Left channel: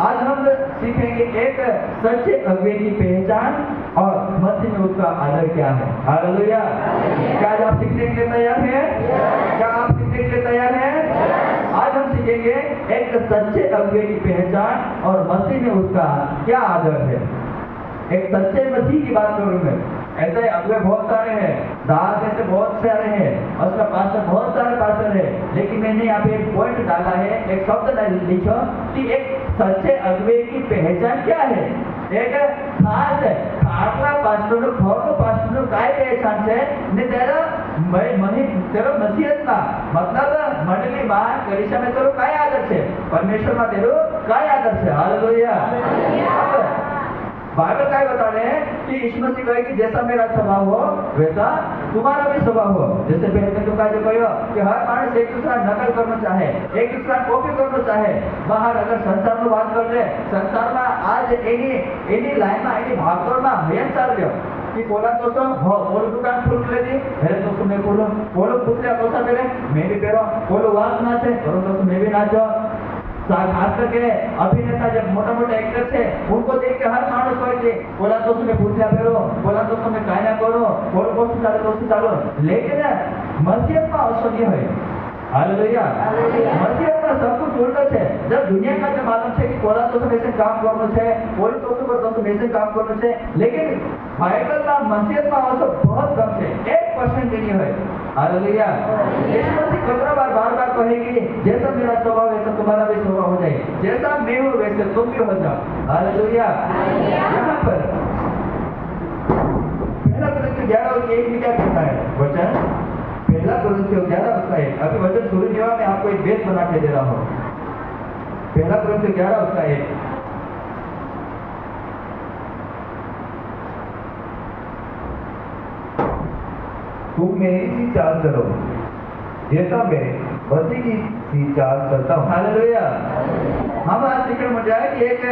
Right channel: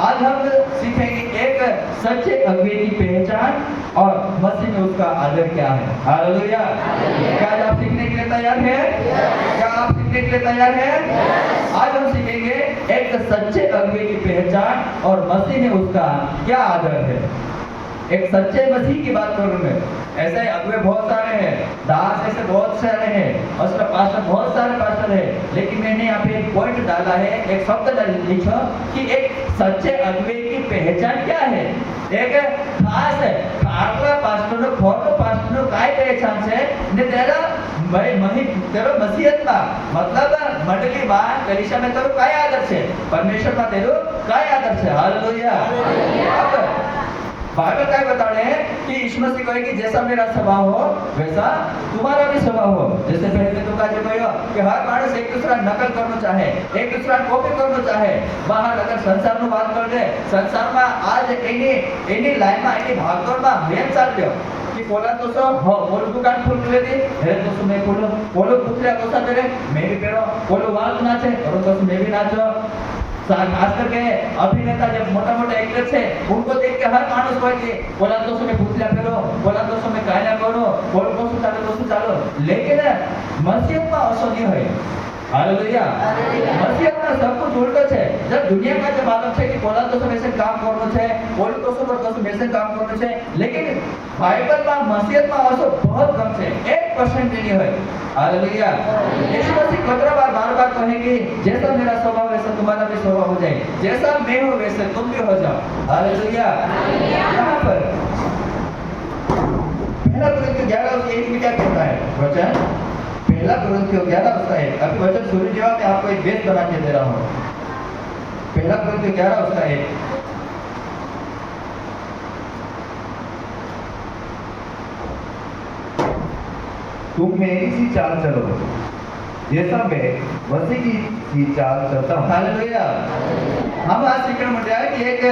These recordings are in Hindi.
आज हम सीखेंगे एक सच्चे अगुवे की पहचान और मसीह में उसका आदर क्या है। हालेलुया। क्या आज आप सीखने के लिए तैयार हैं? क्या आप सीखने के लिए तैयार हैं? आज हम सीखेंगे एक सच्चे अगुवे की पहचान और मसीह में उसका क्या आदर है। एक सच्चे मसीह की बात करूं मैं, ऐसे अगुवे बहुत सारे हैं, दास ऐसे बहुत सारे हैं, असला पास्टर बहुत सारे पास्टर हैं, लेकिन मैंने यहाँ पे एक पॉइंट डाला है, एक शब्द लिखो कि एक सच्चे अगुवे की पहचान क्या है। एक खास है खाटला पास्टर खोटो पास्टर काय पहचान છે ને તેરા તેરો મસીહતમાં मतलब मंडली में कलीसिया में तेरो काय आदर છે, परमेश्वर में तेरो काय आदर છે। हालेलुया। बाइबल क्या बता रहे हैं कि यीशु मसीह कहे कि जैसा मेरा स्वभाव हो वैसा तुम्हारा भी स्वभाव हो। जैसे पहले तुम काजे कहो कि हर मानस एक दूसरा नकल करना चाहे, एक दूसरा कॉपी करना चाहे। बाहर अगर संसार नु बात कर दे, संसार में आज एनी लाइन में एनी भागदौड़ में मेन चल रह्यो कि पोला तो सो हो पोलो दुकान खोल लेती है तो सो मैं पोलो पुतला कोसा करे मैं भी पेरो, पोलो वाल नाचे करो तो मैं भी नाचो। खास करके अभिनेता जब मोटा मोटा एक्टर है उनको देख के हर मानुस कहे कि बोला तो मैं पुतला फेरो, बोला तो मैं काय ना करो, बोलो को चालो। लेकिन मसीहत में ऐसा नहीं है। हालेलुया। मसीहत में सब कुछ उल्टा है। जब दुनिया का जो मालूम है कि बोला तो में से काम करना है, बोली तो पर में से काम करना है, लेकिन बाइबल में मसीहत में ऐसा बहुत कम है, 1% भी नहीं है। हालेलुया। यीशु मसीह कितने बार कहे कि जैसा मेरा स्वभाव वैसा तुम्हारा भी स्वभाव हो जाए, जैसा मैं हूँ वैसे तुम भी हो जाओ। हालेलुया। यहाँ पर पहला कुरिन्थियों 11:1 में क्या कहता है वचन? पहला कुरिन्थियों 11:1। अभी वचन शुरू जवाब मैं आपको एक बेस बना के दे रहा हूँ। पहला कुरिन्थियों 11:1। तुम मेरी सी चाल चलो जैसा मैं मसीह की सी चाल चलता हूँ। हालेलुया। हम आज सीखने मिल रहा है कि एक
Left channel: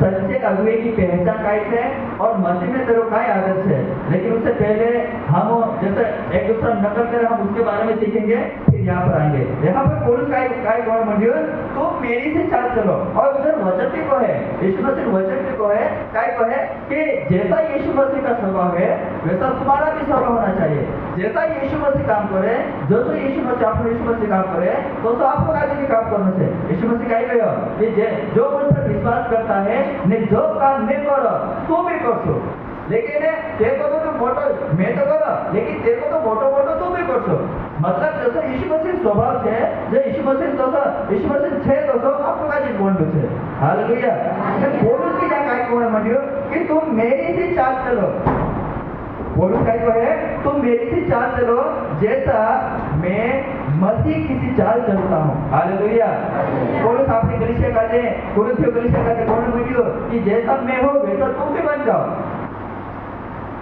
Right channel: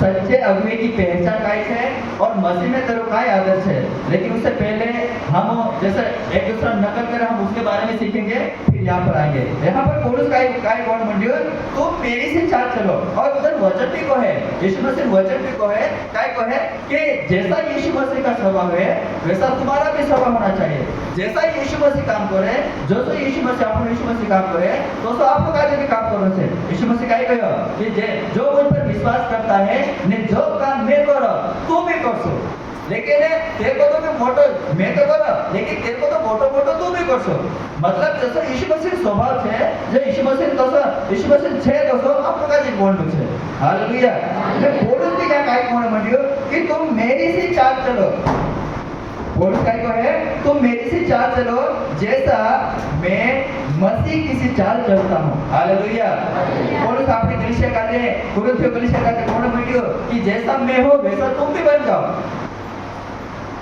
सच्चे अगुवे की पहचान काय है और मसीह में तेरो काय आदर है। लेकिन उससे पहले हम जैसे एक दूसरा नकल करें हम उसके बारे में सीखेंगे, फिर यहाँ पर आएंगे। यहाँ पर पौलुस काय कौन मंडियो तो मेरी से चाल चलो, और उधर वचन भी को है, यीशु मसीह वचन भी को है, काय को है कि जैसा यीशु मसीह का स्वभाव है वैसा तुम्हारा भी स्वभाव होना चाहिए। जैसा यीशु मसीह काम करे, जो यीशु मसीह आपको यीशु मसीह काम करे तो आपको काय भी काम करना चाहिए। यीशु मसीह काय कहो कि जो मुझ पर विश्वास करता है ने जो काम मैं करो तू भी करसो, लेकिन तेरे को तो मोटो मैं तो करो, लेकिन तेरे को तो मोटो तू भी करसो। मतलब जैसा यीशु मसीह स्वभाव है, जो यीशु मसीह यीशु मसीह छे दोस्तों आपको का जी बोल छे। हालेलुया। मैं पौलुस की क्या काय कोण मंडियो कि तुम मेरी सी चाल चलो। पौलुस काय को है तुम मेरी सी चाल चलो जैसा मैं मसीह की सी चाल चलता हूँ। हालेलुया। पौलुस अपने कलीसिया का ने कुरिन्थियों कलीसिया का कोण मंडियो कि जैसा मैं हूँ वैसा तुम भी बन जाओ,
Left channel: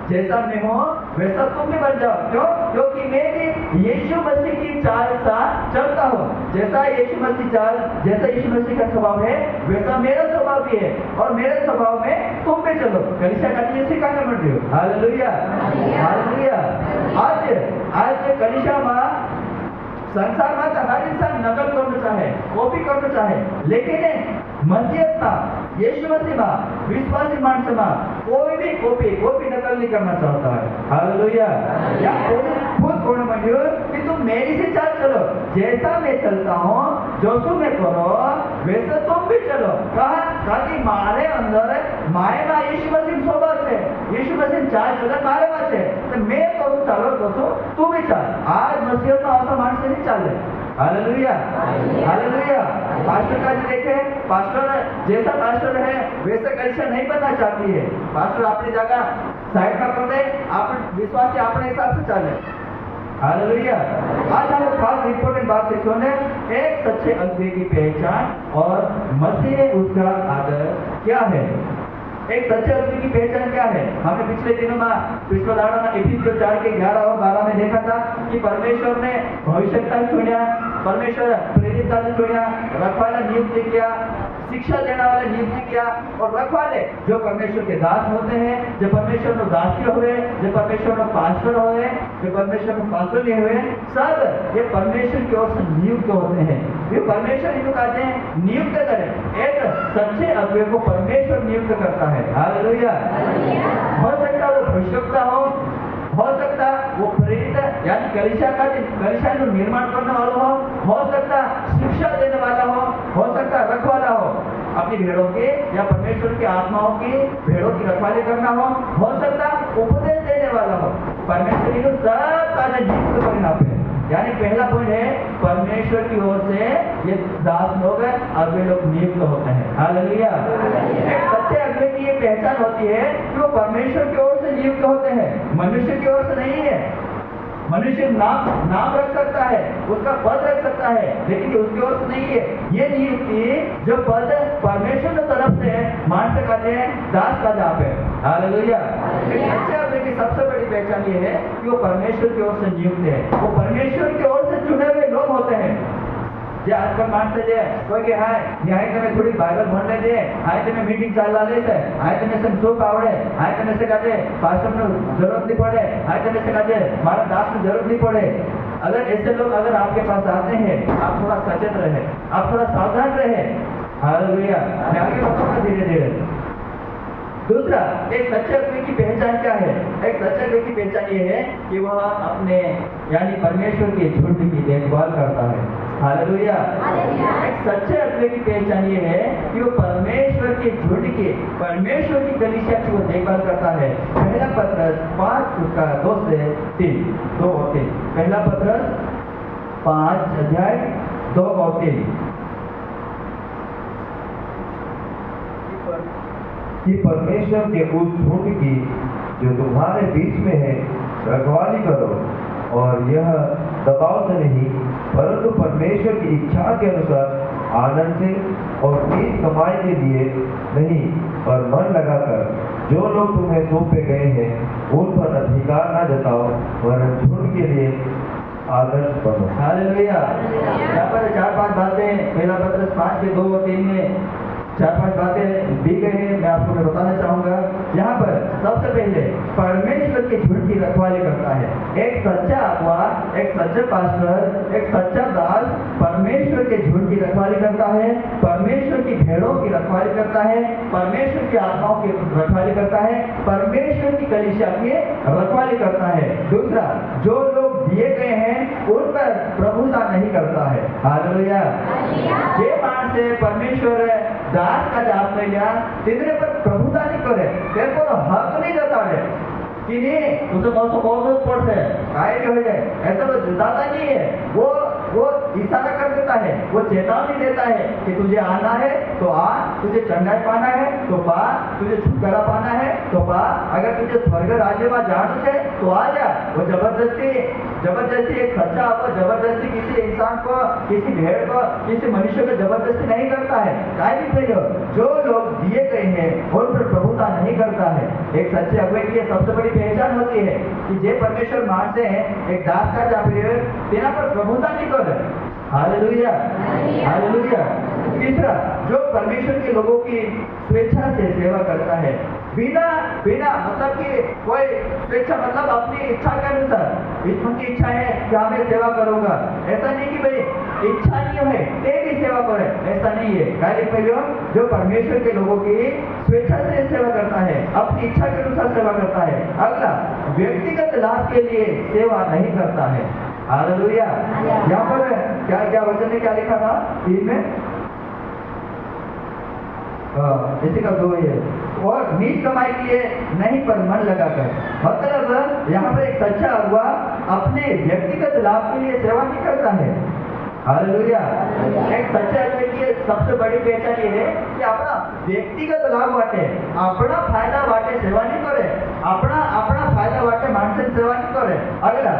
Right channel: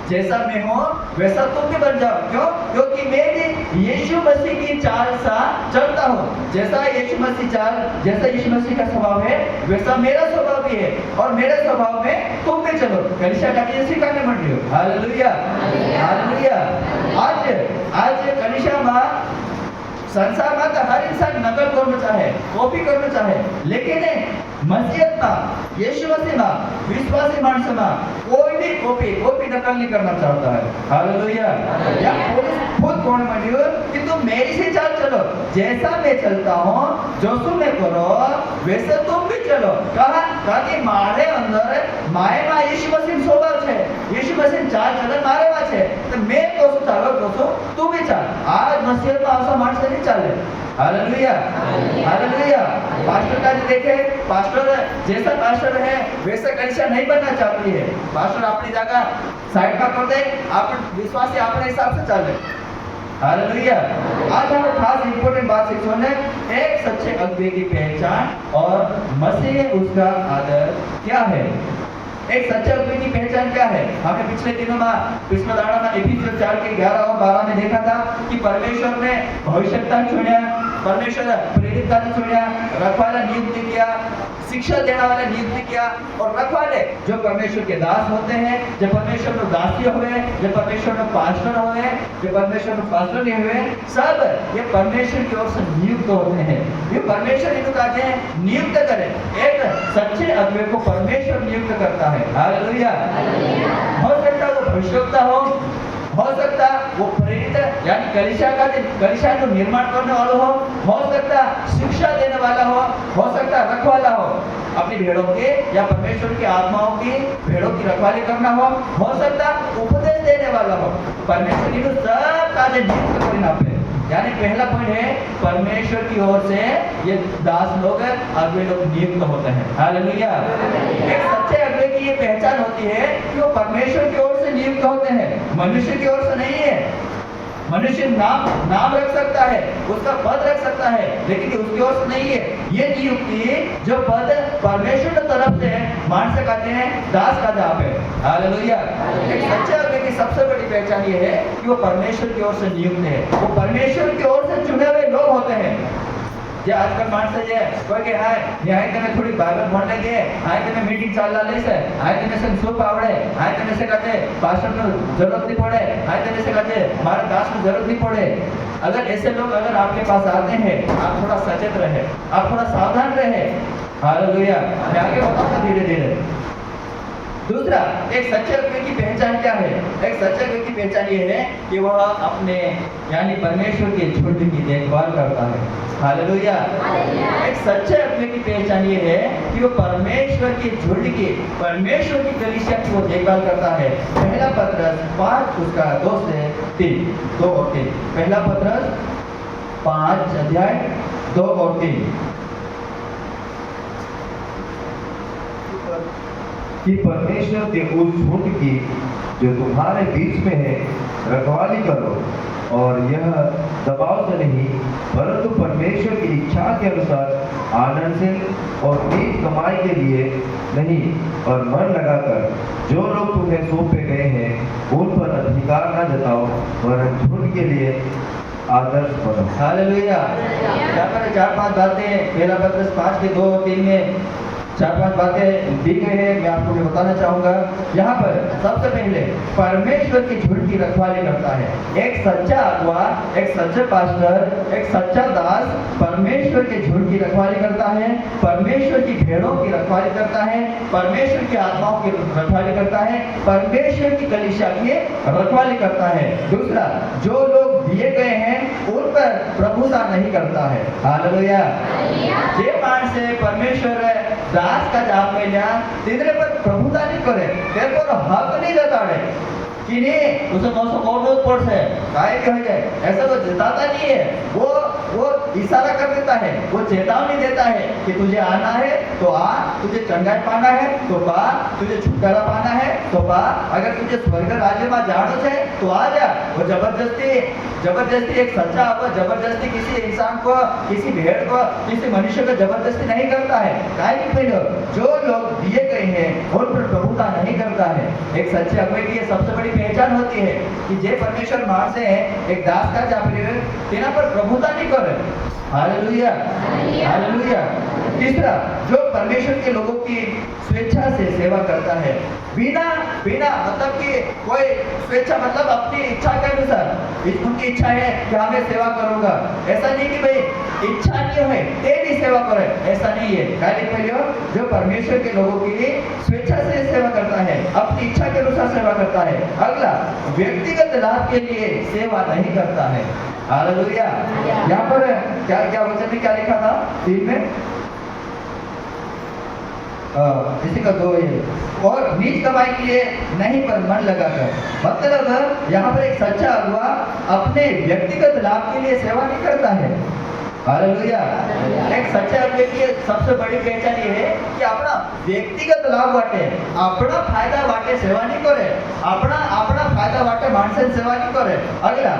जैसा मैं हूँ वैसा तुम भी बन जाओ। क्यों? क्योंकि मैं भी यीशु मसीह की चाल सा चलता हूँ। जैसा यीशु मसीह का स्वभाव है वैसा मेरा स्वभाव भी है, और मेरे स्वभाव में तुम भी चलो। कलीसिया का ये सिखाने मंड रही हो। हालेलुया। हालेलुया। आज कलीसिया में संसार में तो हर इंसान नकल करना चाहे, कॉपी करना चाहे, लेकिन मसीहत में यीशु मसीह में विश्वासी मानस में कोई भी कॉपी नकल नहीं करना चाहता है। हालेलुया। या खुद कौन मंडियो कि तुम मेरी से चाल चलो जैसा मैं चलता हूँ, जो मैं करो वैसे तुम भी चलो। कहा कि मारे अंदर माए में यीशु मसीह स्वभाव है, यीशु मसीह चाल चले मारे में है, तो मैं कसु चालो कसु तू भी चाल। आज मसीहत में ऐसा मानस नहीं चाले। हालेलुया। हालेलुया। पास्टर का जो देखे, पास्टर जैसा पास्टर है वैसा कलीसिया नहीं बनना चाहती है। पास्टर अपनी जगह साइड पर कर दे, आप विश्वासी अपने हिसाब से चले। हालेलुया। आज हम खास इंपॉर्टेंट बात सीखने एक सच्चे अगुवे की पहचान और मसीह उसका आदर क्या है। एक सच्चे अगुवे की पहचान क्या है? हमने पिछले दिनों में पिछले दाड़ा में इफिसियों 4 के 11 और 12 में देखा था कि परमेश्वर ने भविष्यता चुनिया, परमेश्वर प्रेरित का चुनिया, रखवाला नियुक्त किया, शिक्षा देने वाले नियुक्त किया, और रखवाले जो परमेश्वर के दास होते हैं, जो परमेश्वर में दासी हुए, जो परमेश्वर में पास्टर हुए, जो परमेश्वर में पास्टर नहीं हुए, सब ये परमेश्वर की ओर से नियुक्त होते हैं। ये परमेश्वर इनको कहते हैं नियुक्त करें। एक सच्चे अगुवे को परमेश्वर नियुक्त करता है। हालेलुया। हो सकता है वो भविष्यवक्ता हो सकता वो प्रेरित यानी कलीसिया का निर्माण करने वाला हो सकता शिक्षा देने वाला हो सकता रखवाला अपनी भेड़ों के या परमेश्वर की आत्माओं की भेड़ों की रखवाली करना हो सकता उपदेश देने वाला हो। परमेश्वर इनको सब कार्य नियुक्त करना पे, यानी पहला पॉइंट है परमेश्वर की ओर से ये दास लोग अगुवे लोग नियुक्त होते हैं। हालेलुया। एक सच्चे अगुवे की ये पहचान होती है कि वो परमेश्वर की ओर से नियुक्त होते हैं, मनुष्य की ओर से नहीं है। मनुष्य नाम रख सकता है, उसका पद रख सकता है, लेकिन ये उसकी ओर से नहीं है। ये नियुक्ति जो पद परमेश्वर की तरफ से है, मान से कहते हैं दास का जाप है। हालेलुया। एक सच्चे अगुवे की सबसे बड़ी पहचान ये है कि वो परमेश्वर की ओर से नियुक्त है, वो परमेश्वर की ओर से चुने हुए लोग होते हैं। જે આજકાલ માણસે જે કોઈ કે હાય ન્યાય તમે થોડી બાઇબલ ભણ લેજે, હાય તમે મીટિંગ ચાલવા લેશે, હાય તમે સે શું આવડે, હાય તમે से कहते पास्टर नो जरूरत नहीं पड़े, हाय તમે से कहते मारा दास को जरूरत नहीं पड़े। अगर ऐसे लोग अगर आपके पास आते हैं, आप थोड़ा सचेत रहे, आप थोड़ा सावधान रहे। हालेलुया। मैं आगे बताऊंगा धीरे धीरे। दूसरा, एक सच्चे अगुवे की पहचान क्या है? एक सच्चे अगुवे की पहचान ये है कि वह अपने यानी परमेश्वर के झुंड की देखभाल करता है। हालेलुया। एक सच्चे अगुवे की पहचान ये है कि वो परमेश्वर के झुंड की, परमेश्वर की कलीसिया की वो देखभाल करता है। पहला पत्रस 5 उसका 2 से 3, 2 और 3। पहला पत्रस 5 अध्याय 2 और 3 कि परमेश्वर के उस झुंड की जो तुम्हारे बीच में है रखवाली करो, और यह दबाव से नहीं परंतु परमेश्वर की इच्छा के अनुसार आनंद से और नीच कमाई के लिए नहीं, और मन लगाकर जो लोग तुम्हें सौंपे गए हैं उन पर अधिकार न जताओ, वरन झुंड के लिए आदर्श बनो। हालेलुया। यहाँ पर 4-5 बातें पहला पत्रस 5 के 2 और 3 में 4-5 बातें दी गई है, मैं आपको बताना चाहूंगा। यहाँ पर सबसे पहले परमेश्वर की झुंड की रखवाली करता है। एक सच्चा अगुवा, एक सच्चा पास्टर, एक सच्चा दास परमेश्वर के झुंड की रखवाली करता है, परमेश्वर की भेड़ों की रखवाली करता है, परमेश्वर की आत्माओं की रखवाली करता है, परमेश्वर की कलीसिया की रखवाली करता है। दूसरा, जो लोग दिए गए हैं उन पर प्रभुता नहीं करता है। हालेलुया। जे माणसे परमेश्वर दास का जाप में लिया तितरे पर प्रभुता नहीं करे, तेरे पर हक नहीं जताड़े कि नहीं तुझे 900 करोड़ पड़ से काय के हो जाए, ऐसा तो जताता नहीं है। वो इशारा कर देता है, वो चेतावनी देता है कि तुझे आना है तो आ, तुझे चंगाई पाना है तो पा, तुझे छुटकारा पाना है तो पा, अगर तुझे स्वर्ग राज्य में जाना है तो आ जा। वो जबरदस्ती एक सच्चा अब जबरदस्ती किसी इंसान को, किसी भेड़ को, किसी मनुष्य को जबरदस्ती नहीं करता है। काय भी पहले जो लोग दिए गए हैं उन पर प्रभुता नहीं करता है। एक सच्चे अगुवे की सबसे बड़ी पहचान होती है कि जे परमेश्वर मानसे एक दास का जाप तेना पर प्रभुता नहीं करे। हालेलुया। हालेलुया। तीसरा, जो परमेश्वर के लोगों की स्वेच्छा से सेवा करता है, बिना मतलब कि कोई स्वेच्छा मतलब अपनी इच्छा के अनुसार, उनकी इच्छा है कि हमें सेवा करूंगा, ऐसा नहीं कि भाई इच्छा नहीं है ते भी सेवा करे, ऐसा नहीं है। पहले जो परमेश्वर के लोगों की स्वेच्छा से सेवा करता है, अपनी इच्छा के अनुसार सेवा करता है। अगला, व्यक्तिगत लाभ के लिए सेवा नहीं करता है। हालेलुया। यहाँ पर क्या वचन में क्या लिखा था 3 में? इसी का 2 है, और नीच कमाई के लिए नहीं पर मन लगाकर। मतलब यहाँ पर एक सच्चा अगुवा अपने व्यक्तिगत लाभ के लिए सेवा नहीं करता है। हालेलुया। एक सच्चे अगुवे की सबसे बड़ी पहचान ये है कि अपना व्यक्तिगत लाभ वाटे, अपना फायदा वाटे सेवा नहीं करे, अपना फायदा वाटे मानसे सेवा नहीं करे। अगला,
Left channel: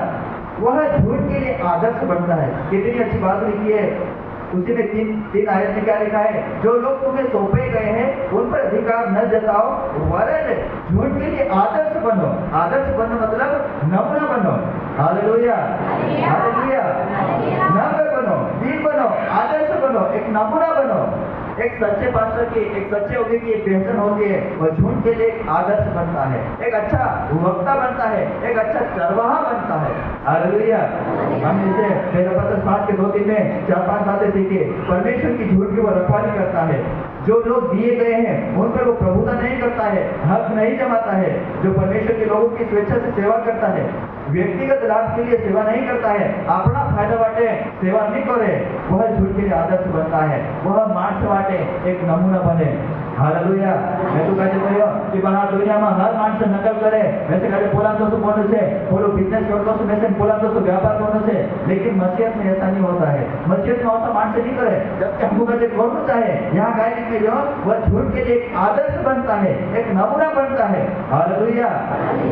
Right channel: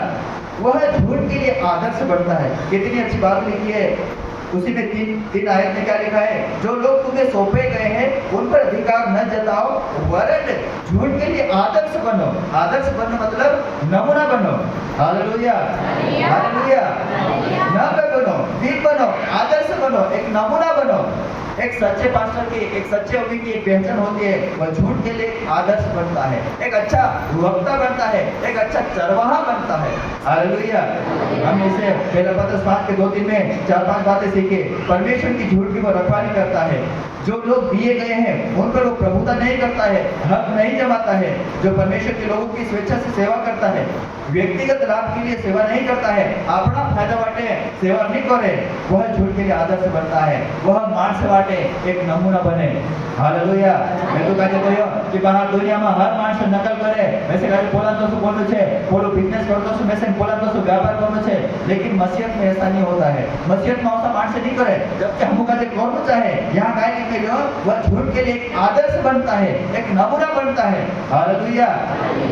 वह झूठ के लिए आदर्श बनता है। कितनी अच्छी बात लिखी है, उसी में 3 आयत में क्या लिखा है? जो लोग तुम्हें सौंपे गए हैं उन पर अधिकार न जताओ, वरन झूठ के लिए आदर्श बनो। आदर्श बनो मतलब नमूना बनो। हालेलुया। हालेलुया। नम्र बनो, वीर बनो, आदर्श बनो, एक नमूना बनो। एक सच्चे पास्टर की, एक सच्चे अगुवे की एक पहचान होती है, वह झूठ के लिए एक आदर्श बनता है, एक अच्छा वक्ता बनता है, एक अच्छा चरवाहा बनता है। हालेलुया। हम इसे पहले पत्रस 5 के 2-3 में 4-5 बातें सीखे। परमेश्वर की झूठ की वो रखवाली करता है। जो लोग दिए गए हैं उन पर वो प्रभुता नहीं करता है, हक नहीं जमाता है। जो परमेश्वर के लोगों की स्वेच्छा से सेवा करता है, व्यक्तिगत लाभ के लिए सेवा नहीं करता है, अपना फायदा वाटे सेवा नहीं करे, वह झूठ के लिए आदर्श बनता है, वह माणस वाटे एक नमूना बने। हालेलुया। मैं तो कहते कहो कि બહાર દુનિયામાં હર માણસ નકલ કરે, वैसे कहते પોલાન તો શું કોનું છે, પોલો બિઝનેસ કરતો છું, वैसे પોલાન તો શું व्यापार करनो છે, लेकिन मसीहत में ऐसा नहीं होता है। मसीहत में ऐसा माणस नहीं करे, जबकि हमको कहते करना चाहे, यहाँ गाय में जो वह झूठ के लिए एक आदर्श बनता है, एक नमूना बनता है। हालेलुया।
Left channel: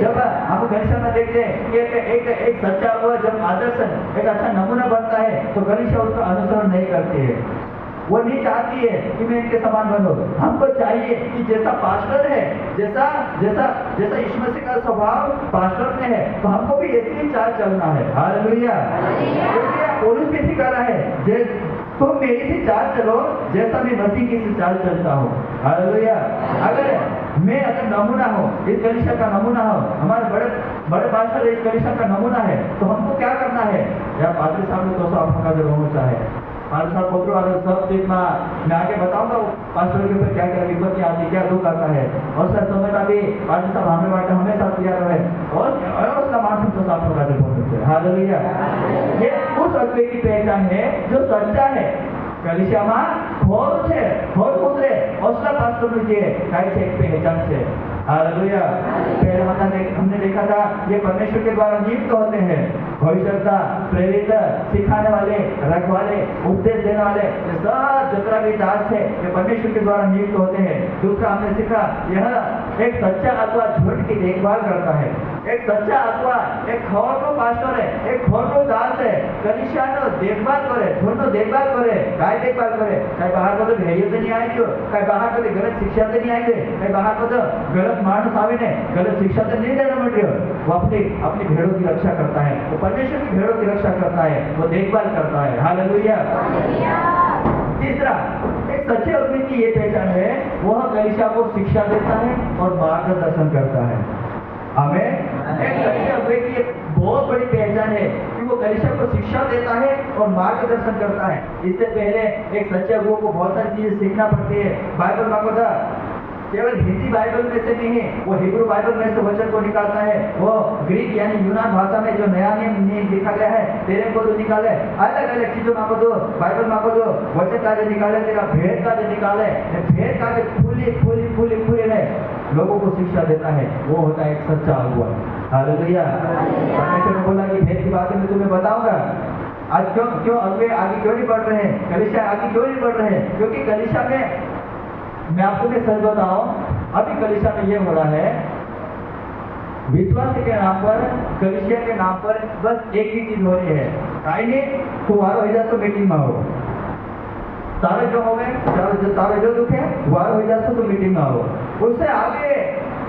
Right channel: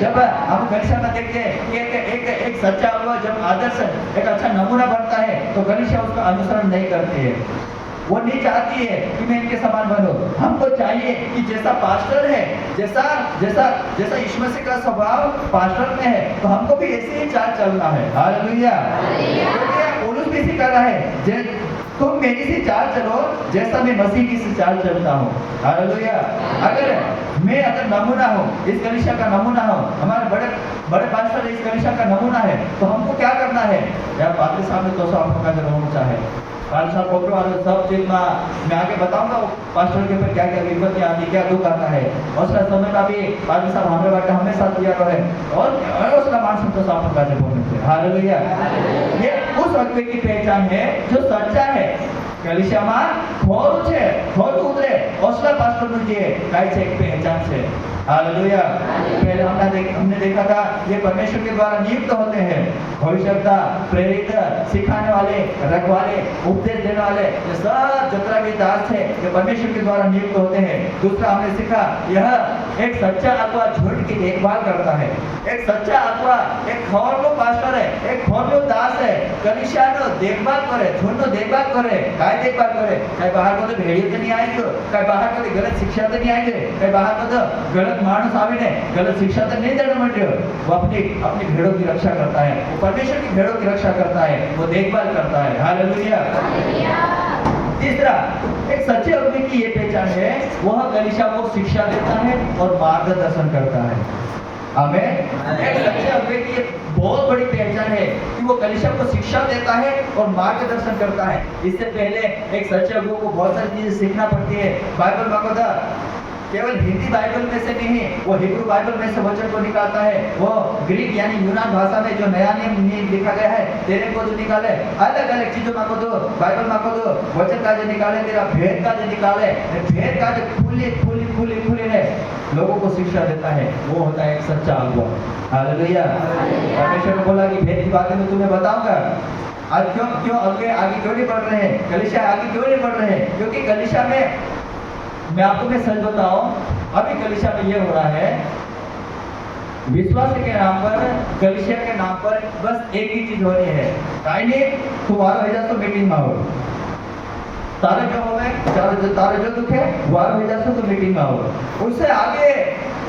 जब हम गलीशा में देखते हैं कि एक सच्चा हुआ जब आदर्श एक अच्छा नमूना बनता है तो गलीशा उसका अनुसरण नहीं करती है, वो नहीं चाहती है कि मैं इनके समान बनूं। हमको चाहिए कि जैसा पास्टर है, जैसा जैसा जैसा यीशु मसीह का स्वभाव पास्टर में है, तो हमको भी ऐसे ही चाल चलना है। हालेलुया। क्योंकि पौलुस भी सिखा रहा है, तुम मेरी सी चाल चलो जैसा मैं मसीह की सी चाल चलता हूँ। हालेलुया। अगर नमूना हो, इस कलीसिया का नमूना हो, हमारे बड़े पास्टर इस कलीसिया का नमूना है, तो हमको क्या करना है? यार पादरी साहब ने तो आपका जो होना चाहे, पादरी साहब पकड़ो और सब चीज में मैं आगे बताऊंगा पास्टर के ऊपर क्या क्या विपत्ति आती, क्या दुख आता है। और उस समय में भी पादरी साहब हमारे बाटे हमेशा तैयार रहे और उसका मानसिक तो साफ का जो बोलते। हालेलुया। ये उस अगुवे की पहचान है जो सच्चा है। कलीसियाમાં ખોરું છે, ખોરું ઉતરે ઓસલા પાસ્ટરનું જે કાય છે એક પહેચાન છે। हालेलुया। पहले हमने देखा था ये परमेश्वर के द्वारा नियुक्त होते हैं, भविष्यवक्ता, प्रेरित, सिखाने वाले, रखवाले, उपदेश देने वाले, ये सब जितना भी दास है ये परमेश्वर के द्वारा नियुक्त होते हैं। दूसरा हमने सीखा यह एक सच्चा अगुवा झूठ की देखभाल करता है। एक सच्चा अगुवा एक खौरनो पास्टर है, एक खौरनो दास है, कलीसियानो देखभाल करे, झूठनो देखभाल करे। काय देखभाल करे? काय બહાર બધું ભેળ્યું તો નહીં આવી ગયો, काय બહાર બધું ગલત શિક્ષા તો નહીં આવી ગઈ, काय બહાર બધું गलत मानस आवीने गलत शिक्षा तो नहीं देने मत। वो अपनी भेड़ों की रक्षा करता है, वो परमेश्वर की भेड़ों की रक्षा करता है, वो देखभाल करता है। हालेलुया। तीसरा एक सच्चे अगुवे की ये पहचान है, वह कलीसिया को शिक्षा देता है और मार्गदर्शन करता है। आमीन। एक सच्चे अगुवे की एक बहुत बड़ी पहचान है कि वो कलीसिया को शिक्षा देता है और मार्गदर्शन करता है। इससे पहले एक सच्चे अगुवे को बहुत सारी चीजें सीखना पड़ती है। बाइबल मांगो था, केवल हिंदी बाइबल में से नहीं है, वो हिब्रू बाइबल में से वचन को निकालता है, वो ग्रीक यानी यूनान भाषा में जो नया नियम लिखा गया है तेरे को तो निकाले, अलग अलग चीजों मांगो दो, बाइबल मांगो दो, वचन का जो निकाले, तेरा भेद का जो निकाले, भेद का जो खुली ने लोगों को शिक्षा देता है, वो होता है एक सच्चा अगुवा। हालेलुया। परमेश्वर ने बोला कि भेद की बातें मैं तुम्हें बताऊंगा। आज क्यों अगुवे आगे क्यों नहीं बढ़ रहे हैं, कलीसिया आगे क्यों नहीं बढ़ रहे हैं? क्योंकि कलीसिया में मैं आपको मैं सच बताऊं, अभी कलीसिया में ये हो रहा है, विश्वास के नाम पर, कलीसिया के नाम पर बस एक ही चीज हो रही है, काई नहीं तुम्हारा हो जाए तो मीटिंग में आओ, तारे जो होवे तारे जो दुख है वारो हो जाए तो मीटिंग में आओ। उससे आगे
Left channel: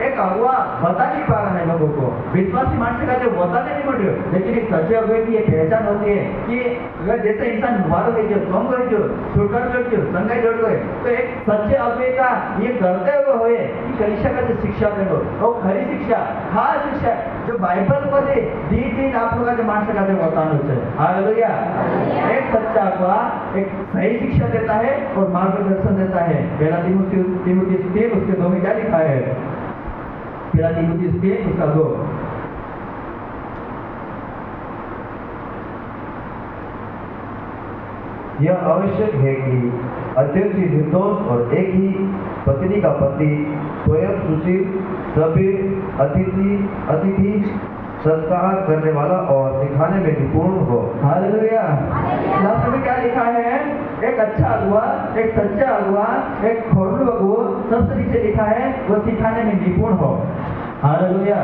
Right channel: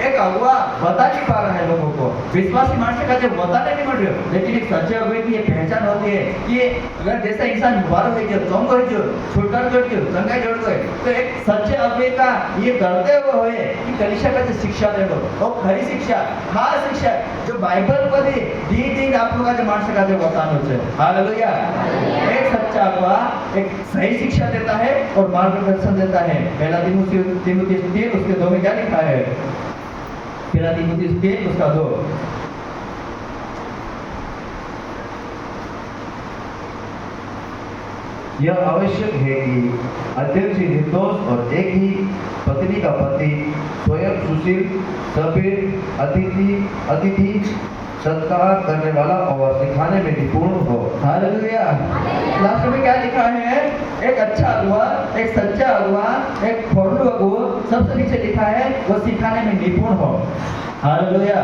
एक अगुवा बता नहीं पा रहा है लोगों को। विश्वासी मानस कहते बताने नहीं मिल रहे, लेकिन एक सच्चे अगुवे की ये पहचान होती है कि अगर जैसे इंसान वारो है जो चौंग है जो छुटकारा जोड़ जो संगाई जोड़ गए, तो एक सच्चे अगुवे का ये करते हुए कि कलीसिया का जो शिक्षा दे दो, और खरी शिक्षा, खास शिक्षा जो बाइबल मध्ये दिन आप लोग जो मानस का जो बतानो है। हालेलुया। एक सच्चा अगुवा एक सही शिक्षा देता है और मार्गदर्शन देता है। पहला तीमुथियुस 3 उसके 2 में क्या लिखा है? पहला तीमुथियुस 3 उसका 2। यह आवश्यक है कि अध्यक्ष निर्दोष और एक ही पत्नी का पति स्वयं सुशील, सभ्य, अतिथि, सत्कार करने वाला और सिखाने में निपुण हो। हालेलुया। लास्ट में क्या लिखा है? एक अच्छा अगुवा, एक सच्चा अगुवा, एक खोरलू अगुवा, सबसे नीचे लिखा है वो सिखाने में निपुण हो। हालेलुया।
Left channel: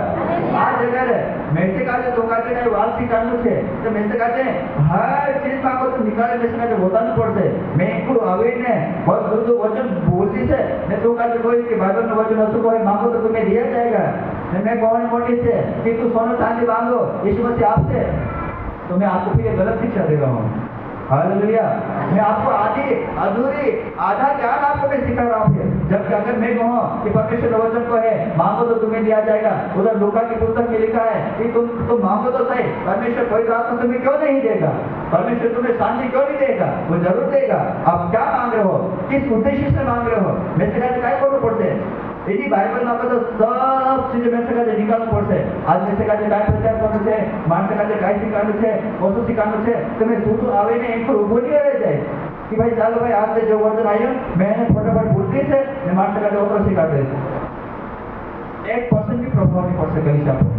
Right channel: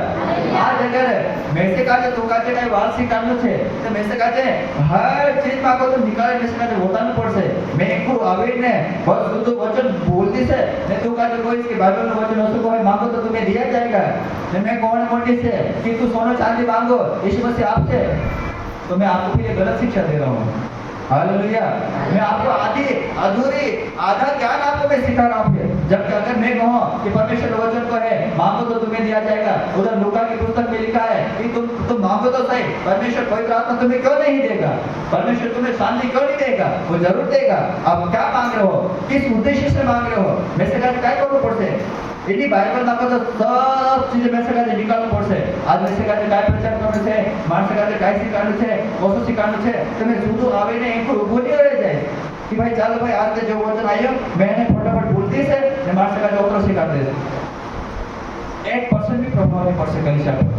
आज अगर मैसे काजे तो काजे काई वाल सिखानु छे तो मैसे काजे हर चीज माको तो निकाले मैसे काजे बतानु पड़से। मैं एकू आवीने बहुत शुद्ध वचन बोलती से ने तो काजे कोई इसके बाइबल में वचन उसको कोई मांगो तो तुम्हें दिया जाएगा। मैं कौन मोटी से कि तू सोना चांदी मांगो यीशु मसीह आपसे, तो मैं आपको फिर ये गलत शिक्षा दे रहा हूँ। हालेलुया। मैं आपको आधी अधूरी आधा ज्ञान आपको मैं सिखा रहा हूँ। जबकि अगर मैं कहूँ कि परमेश्वर के वचन को है मांगो तो तुम्हें दिया जाएगा, उधर लूका की पुस्तक में लिखा है कि तुम मांगो तो सही, परमेश्वर पवित्र आत्मा तुम्हें क्यों नहीं देगा, परमेश्वर तुम्हें शांति क्यों नहीं देगा, वो जरूर देगा। आप क्या मांग रहे हो, किस उद्देश्य से मांग रहे हो, मैसेज काय करવું પડશે એની બાઇબલમાં બધો सब ચીજ મેસેજ નીકાળવું પડશે। આજ મેસેજ काय પ્રચાર કરવાનો છે, માણસ કાજે काय શીખવાનું છે, ઓછું શીખવાનું છે, તમે શું આવીને એક ઊભો નહીં રહી જાય कि भाई ચાલો ભાઈ आज जो वचन आयो मैंने फटाफट बोलती से ने माणस काजे ओतरो શીખા દે 1% भी प्रभाव नहीं पड़ सके कलीसिया पर।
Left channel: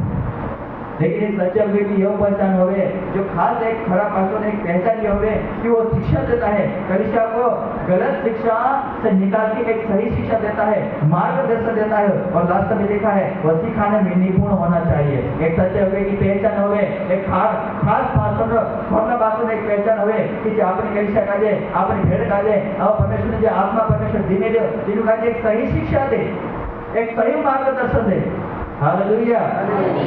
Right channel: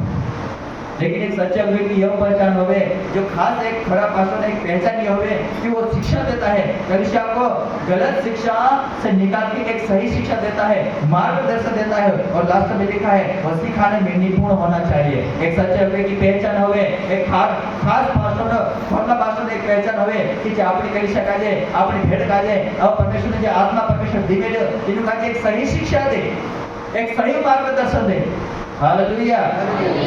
लेकिन एक सच्चे अगुवे की यह पहचान होवे, जो खास एक खरा पास्टर ने एक पहचान ये होवे कि वो शिक्षा देता है, कलीसिया को गलत शिक्षा से निकाल के एक सही शिक्षा देता है, मार्गदर्शन देता है। और लास्ट में लिखा है वो सिखाने में निपुण होना चाहिए। एक सच्चे अगुवे की पहचान होवे, एक खास पास्टर खरना पास्टर ने एक पहचान होवे कि जे अपनी कलीसिया काजे अपनी भेड़ काजे अब परमेश्वर ने जो आत्मा परमेश्वर दीमेलो इनु काजे एक सही शिक्षा दे, एक सही मार्गदर्शन दे। हालेलुया।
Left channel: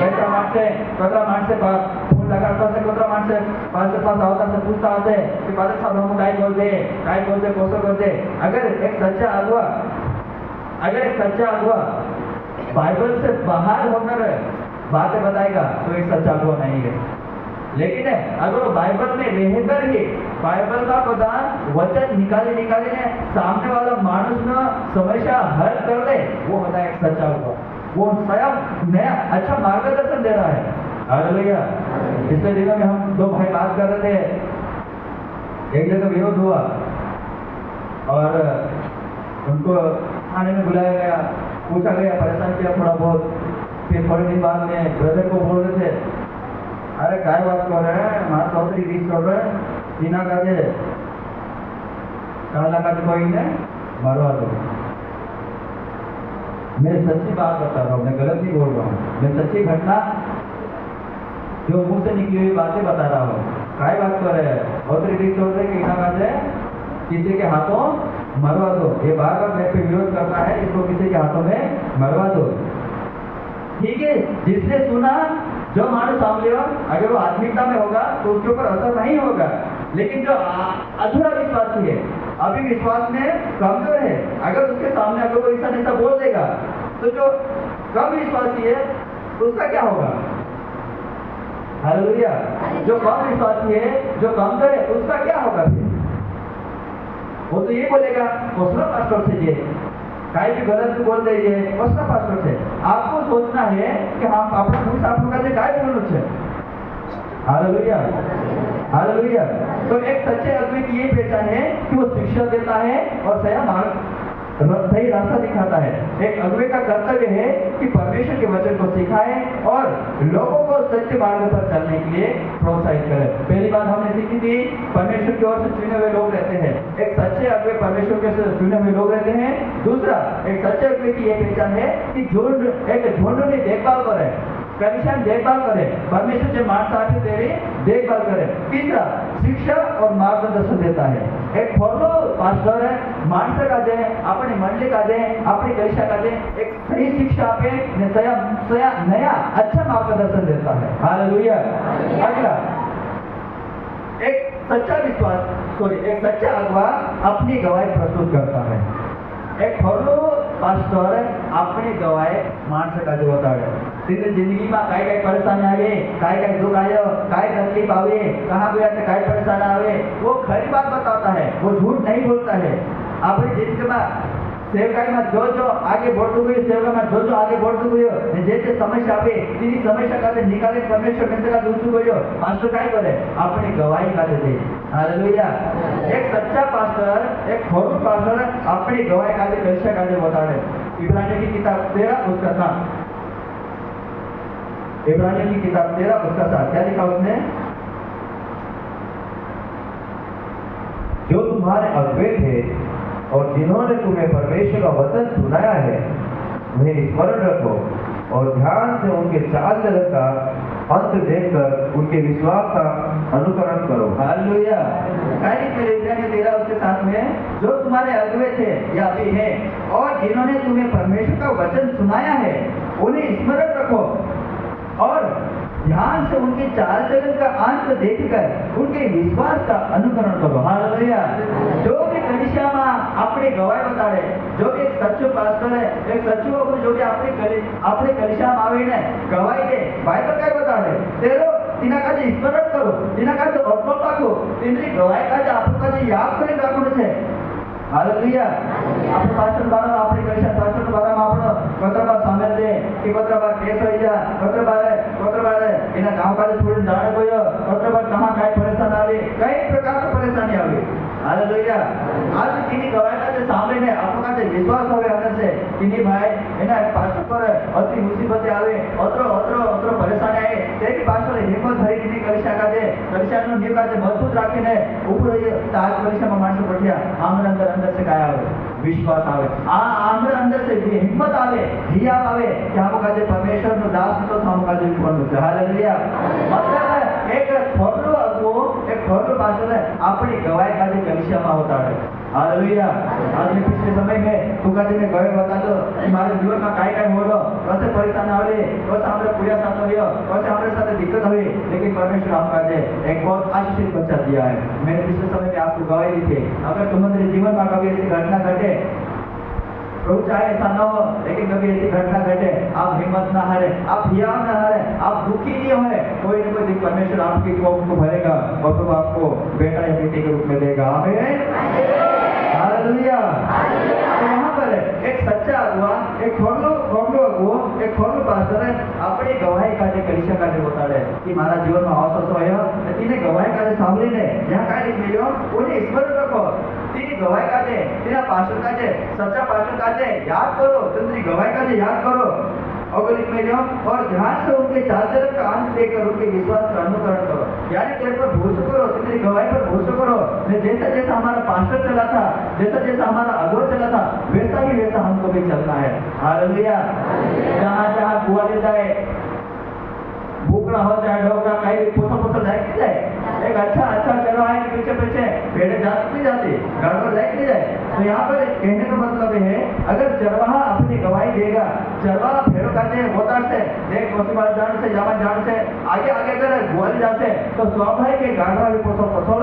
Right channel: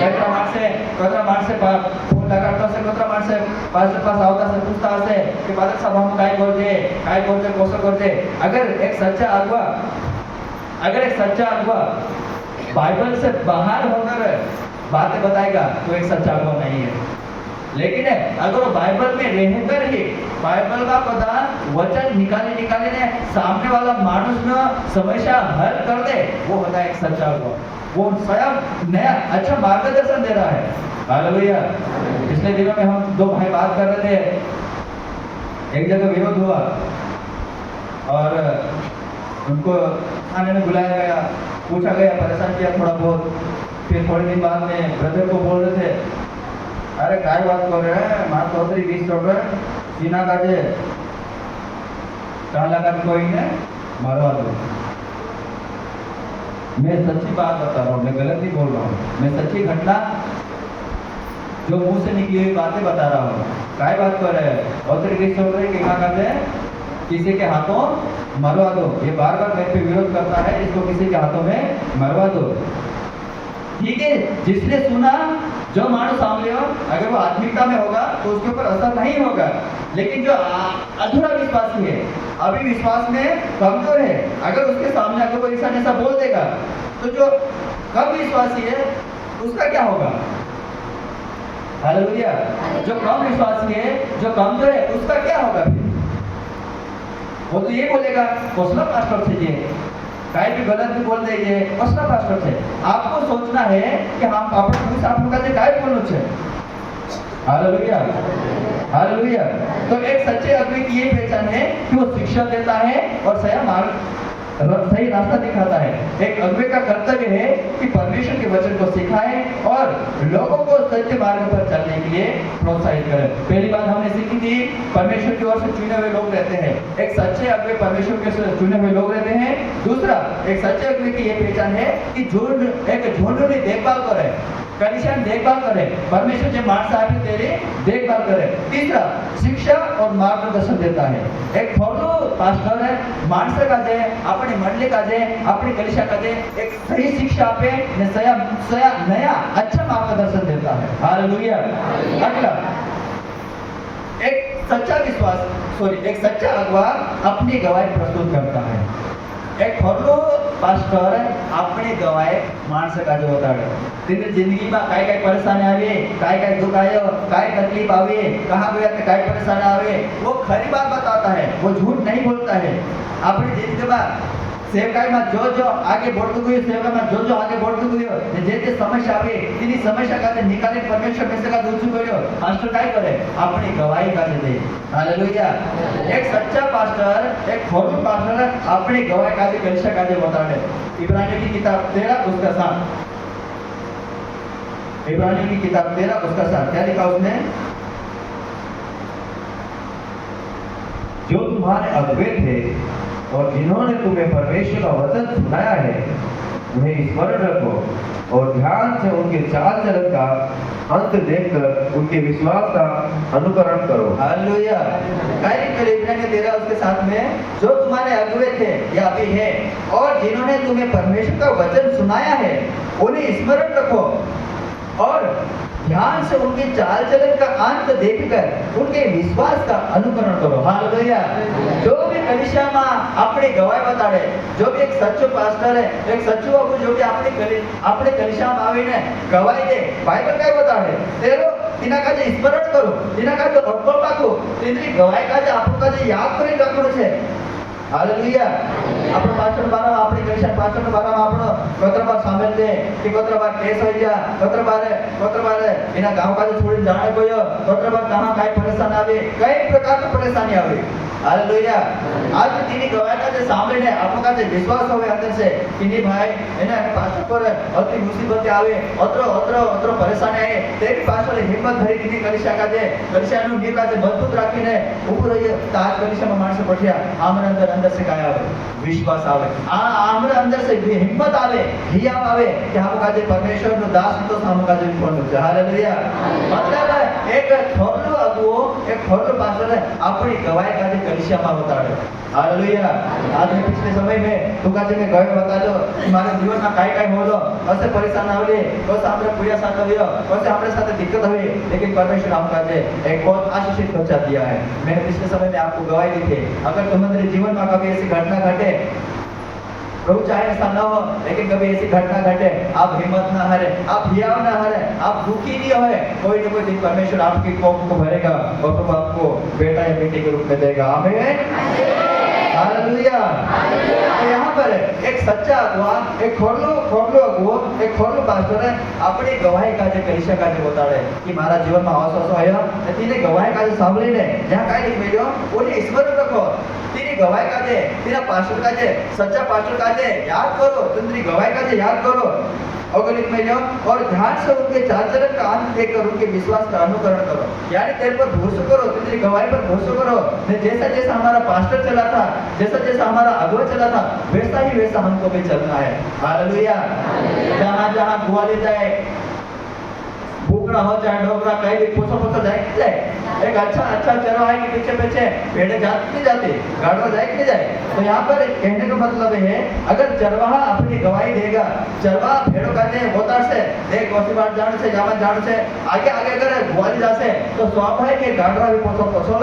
कतरा माणसे फोन लगाडता हशे, कतरा माणसे पास्टर पास आवता हशे, पूछता हशे कि पादक साहब हम काय करजे कसो करजे। अगर एक सच्चा अगुवा बाइबल से बाहर होकर बातें बताएगा तो एक सच्चा अगुवा नहीं है। लेकिन अगर वो बाइबल में रहकर ही बाइबल का प्रदान वचन निकाले ने सामने वाला मानुष न समस्या हल कर दे, वो होता है एक सच्चा अगुवा। वो स्वयं नया अच्छा मार्गदर्शन दे रहा है। हालेलुया। पिछले दिनों में हम दो भाई बात कर रहे थे, एक जगह विरोध हुआ और उनको खाने में बुलाया गया, पूछा गया, परेशान किया थोड़ा बहुत। फिर थोड़े दिन बाद में ब्रदर को बोल रहे थे, अरे क्या बात कर रहे हैं, मार चौधरी 20 चल रहे सीना काजे कहला का कोई ने मरवा दो। मैं सच्ची बात बता रहा हूँ, मैं गलत नहीं बोल रहा हूँ, मैं सच्ची घटना जो मुंह से निकली हुई बातें बता रहा हूँ। काय बात कर रहे हैं, चौधरी 20 चल रहे क्या कहते हैं, किसी के हाथों मरवा दो। ये बार बार मैं पे विरोध करता है, इसको किसी के हाथों में मरवा दो। ठीक है, जिसने सुना जो मानव सामने हो, अगर वो आत्मिकता में होगा तो उसके ऊपर असर नहीं होगा। लेकिन जो अधूरा विश्वासी है, अभी विश्वास में कमजोर है, अगर उसके सामने अगर कोई इंसान ऐसा बोल देगा तो जो कम विश्वासी है उसका क्या होगा। हालेलुया। जो कम विश्वासी है, जो कमजोर है, उसका क्या होगा फिर। वो तो ये बोलेगा कसला पास्टर थे ये, काय भी गलत भी बोल दीजिए, कसला पास्टर थे। आपको सोचना है कि हम अपने पूछ आप लोग से काय बोलना है। हालेलुया। हालेलुया। तो एक सच्चे आदमी की ये पहचान है कि वो शिक्षा देता है और सही रास्ता दिखाता है। एक अगुवे का कर्तव्य है कि परमेश्वर के वचन को सिखाए और लोगों को सच्चे मार्ग पर चलने के लिए प्रोत्साहित करे। पहली बात हमने सीखी थी, परमेश्वर की ओर से चुने हुए लोग रहते हैं। एक सच्चे अगुवे परमेश्वर के चुने हुए लोग रहते हैं। दूसरा, एक सच्चे अगुवे की यह पहचान है कि झुंड में देखभाल करे, कलीसिया देखभाल करे, परमेश्वर जो माणस आके तेरी देखभाल करे। तीसरा, शिक्षा और मार्गदर्शन देता है। एक खोलो पास्टर है, माणस का जे अपनी मंडली का जे अपनी कलीसिया का जे एक सही शिक्षा पे नया अच्छा मार्गदर्शन देता है। हालेलुया। अगला, एक सच्चा अगुवा अपनी गवाही प्रस्तुत करता है। एक खोलो पास्टर अपनी गवाही माणस का जो होता है, तेरी जिंदगी में काय परेशानी आवे, काय दुख आयो, काय तकलीफ आवे, कहाँ गया तो काय परेशानी आवे, वो खरी बात बताता है, वो झूठ नहीं बोलता है। अपनी जिंदगी में सेवकाई में जो आगे बढ़તું ગયું, સેવકામાં जो आगे बढ़તું ગયું, જે સમસ્યા આવે તેની સમસ્યા કાઢે નિકાલે પરમેશ્વર પાસે કાઢે ઊંચું કર્યો, પાસ્ટર काय કરે, अपनी गवाही काढे दे। हालेलुया। एक सच्चा पास्टर, एक खोलू पास्टर अपनी गवाही काढे कलीसिया काढे बताड़े। इब्रानियों की किताब 13 उसका 7, इब्रानियों की किताब 13 उसका 7 क्या लिखा उसने, जो तुम्हारे अगुवे थे और जिन्होंने तुम्हें परमेश्वर का वचन सुनाया है, उन्हें स्मरण रखो और ध्यान से उनके चाल चलन का अंत देखकर उनके विश्वास का अनुकरण करो। हालेलुया। इब्रानियों 13 उसके साथ में, जो तुम्हारे अगुवे थे या अभी है और जिन्होंने तुम्हें परमेश्वर का वचन सुनाया है, उन्हें स्मरण रखो और ध्यान से उनके चाल चलन का अंत देखकर उनके विश्वास का अनुकरण करो। हालेलुया। जो भी कलीसिया में अपनी गवाही बताड़े, जो भी एक सच्चो पास्टर है, एक सच्चो अगुरु जो भी अपने कलीसिया में आવીને गवाही दे, बाइबल क्या बताड़े तेरो तिना काजे स्मरण करो, तिना काजे अटकल राखो, तेनी गवाही काजे आपको काजे याद કરી રાખવું છે। हालेलुया। આપણો પાછળ બારામાં આપણી કલીસિયા પાછળ બારામાં આપણો કોતરબાર સામેલ દે કે કોતરબાર કેસ હોઈ ગયા, કોતરબાર એના ગામ કાજે છોડીને જાણે ગયો, કોતરબાર कहां કાઈ પરેશાન આવે, કઈ પ્રકારની પરેશાની આવે। हालेलुया। आज तेनी गवाही काजे સાંભળીને આપણો કાજે વિશ્વાસ હોવે અંદર से कि नहीं भाई एना पास्टर पर अति मुसीबत आवे, अतरो परेशानी आए, तेरी पास्टर हिम्मत धरी कीधी कलीसिया काजे, कलीसियाનો नींव काजे मजबूत રાખીને ઊભો રહીએ। તો આજ કલીસિયામાં માણસો પઠ્યા, આમના अंदर से काय आवे, विश्वास आवे, आमने अंदर से हिम्मत आवे, हिया आवे कि हम काजे परमेश्वर नो दास तो हम काजे कोनु छे। हालेलुया। मतलब एक थोरलो अगुओ, एक थोरलो पास्टर अपनी गवाही काजे कलीसिया में होताड़े। हालेलुया। आज में पिछले समय में तू काजे में गवाही बता दो कि मारे जीवन में काय होलो, कैसे परेशान आवले, कैसे हमरे पूरा साथ आवियो, कैसे हमरे साथ दिक्कत हुई, लेकिन परमेश्वर हम काजे एक बहुत आशीषित बच्चा दिया है। मैंने पिछले समय में आपको गवाही दी थी, अगर तुम्हारे जीवन में कभी ऐसी घटना घटे, प्रभु चाहे ऐसा न हो, लेकिन कभी ऐसी घटना घटे, आप हिम्मत ना हारे, आप हियाव ना हारे, आप दुखी नहीं होए, कोई न कोई दिन परमेश्वर आपकी कोप को भरेगा और प्रभु आपको बेटा या बेटी के रूप में देगा। आमीन। हालेलुया। यहाँ पर एक सच्चा अगुआ, एक खोरलो अगुओ, एक खोरलो पास्टर है, अपनी गवाही काजे कलीसिया काजे बताड़े कि मारा जीवन में असो आयो, तेने गवाही काजे सांभळीने ज्યાં કાઈ લીખેલો ઓને સ્મરણ રાખો, तेरी गवाही काजे, तेरा पास्टर काजे, सच्चा पास्टर काजे याद करो, तेरी गवाही काजे याद करो, अगलिक महीनों और ध्यान से उनके चाल चलन का अंत देखकर उनके विश्वास का अनुकरण करो। यानी तेरे पर भरोसा करो, तेरी गवाही पर भरोसा करो। जैसा जैसा हमारा पास्टर चला था, जैसा जैसा हमारा अगुआ चला था, वैसा ही वैसा हमको भी चलना है। हालेलुया। जहाँ जहाँ गुआली जाए, भूखड़ा हो चाहे डोगरा कहीं भी पोछा जाए कि जाए, एक अच्छा चरवाहे के पीछे भेड़े जाती नहीं जाती, गाड़वा जाए कि नहीं जाए। तो यहाँ पर कहने का मतलब है, अगर चरवाहा अपनी गवाही देगा, चरवाहा भेड़ों का होता से देख वसीबार जाने से जामा जाने से आगे अगर गुआली जासे तो स्वाभाविक है गाड़वा भी पोछो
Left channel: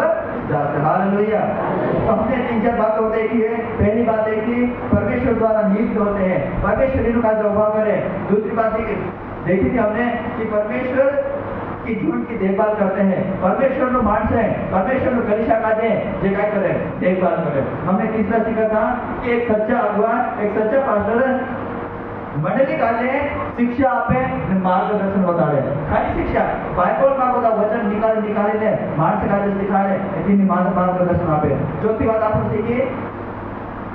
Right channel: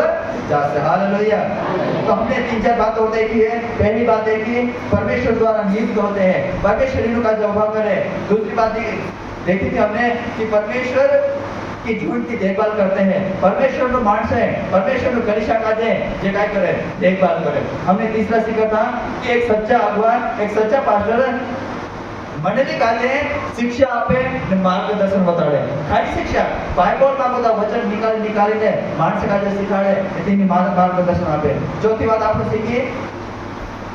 जासे। हालेलुया। तो हमने 3-4 बातें देखी है। पहली बात देखी, परमेश्वर द्वारा नियुक्त होते हैं, परमेश्वर इनको का जवाब करे। दूसरी बात देखी थी हमने कि परमेश्वर की झूठ की देखभाल करते हैं, परमेश्वर नो मानस है, परमेश्वर नो कलीसिया काजे जे काय करे देखभाल करे। हमने तीसरा सीखा था कि एक सच्चा अगुआ, एक सच्चा पास्टर मंडली काजे शिक्षा आपे ने मार्गदर्शन बताड़े। खाली शिक्षा बाइबल में બધા वचन निकालीने मानस काजे सिखाड़े, तेनी मार्गदर्शन आपे। चौथी बात आपने सीखी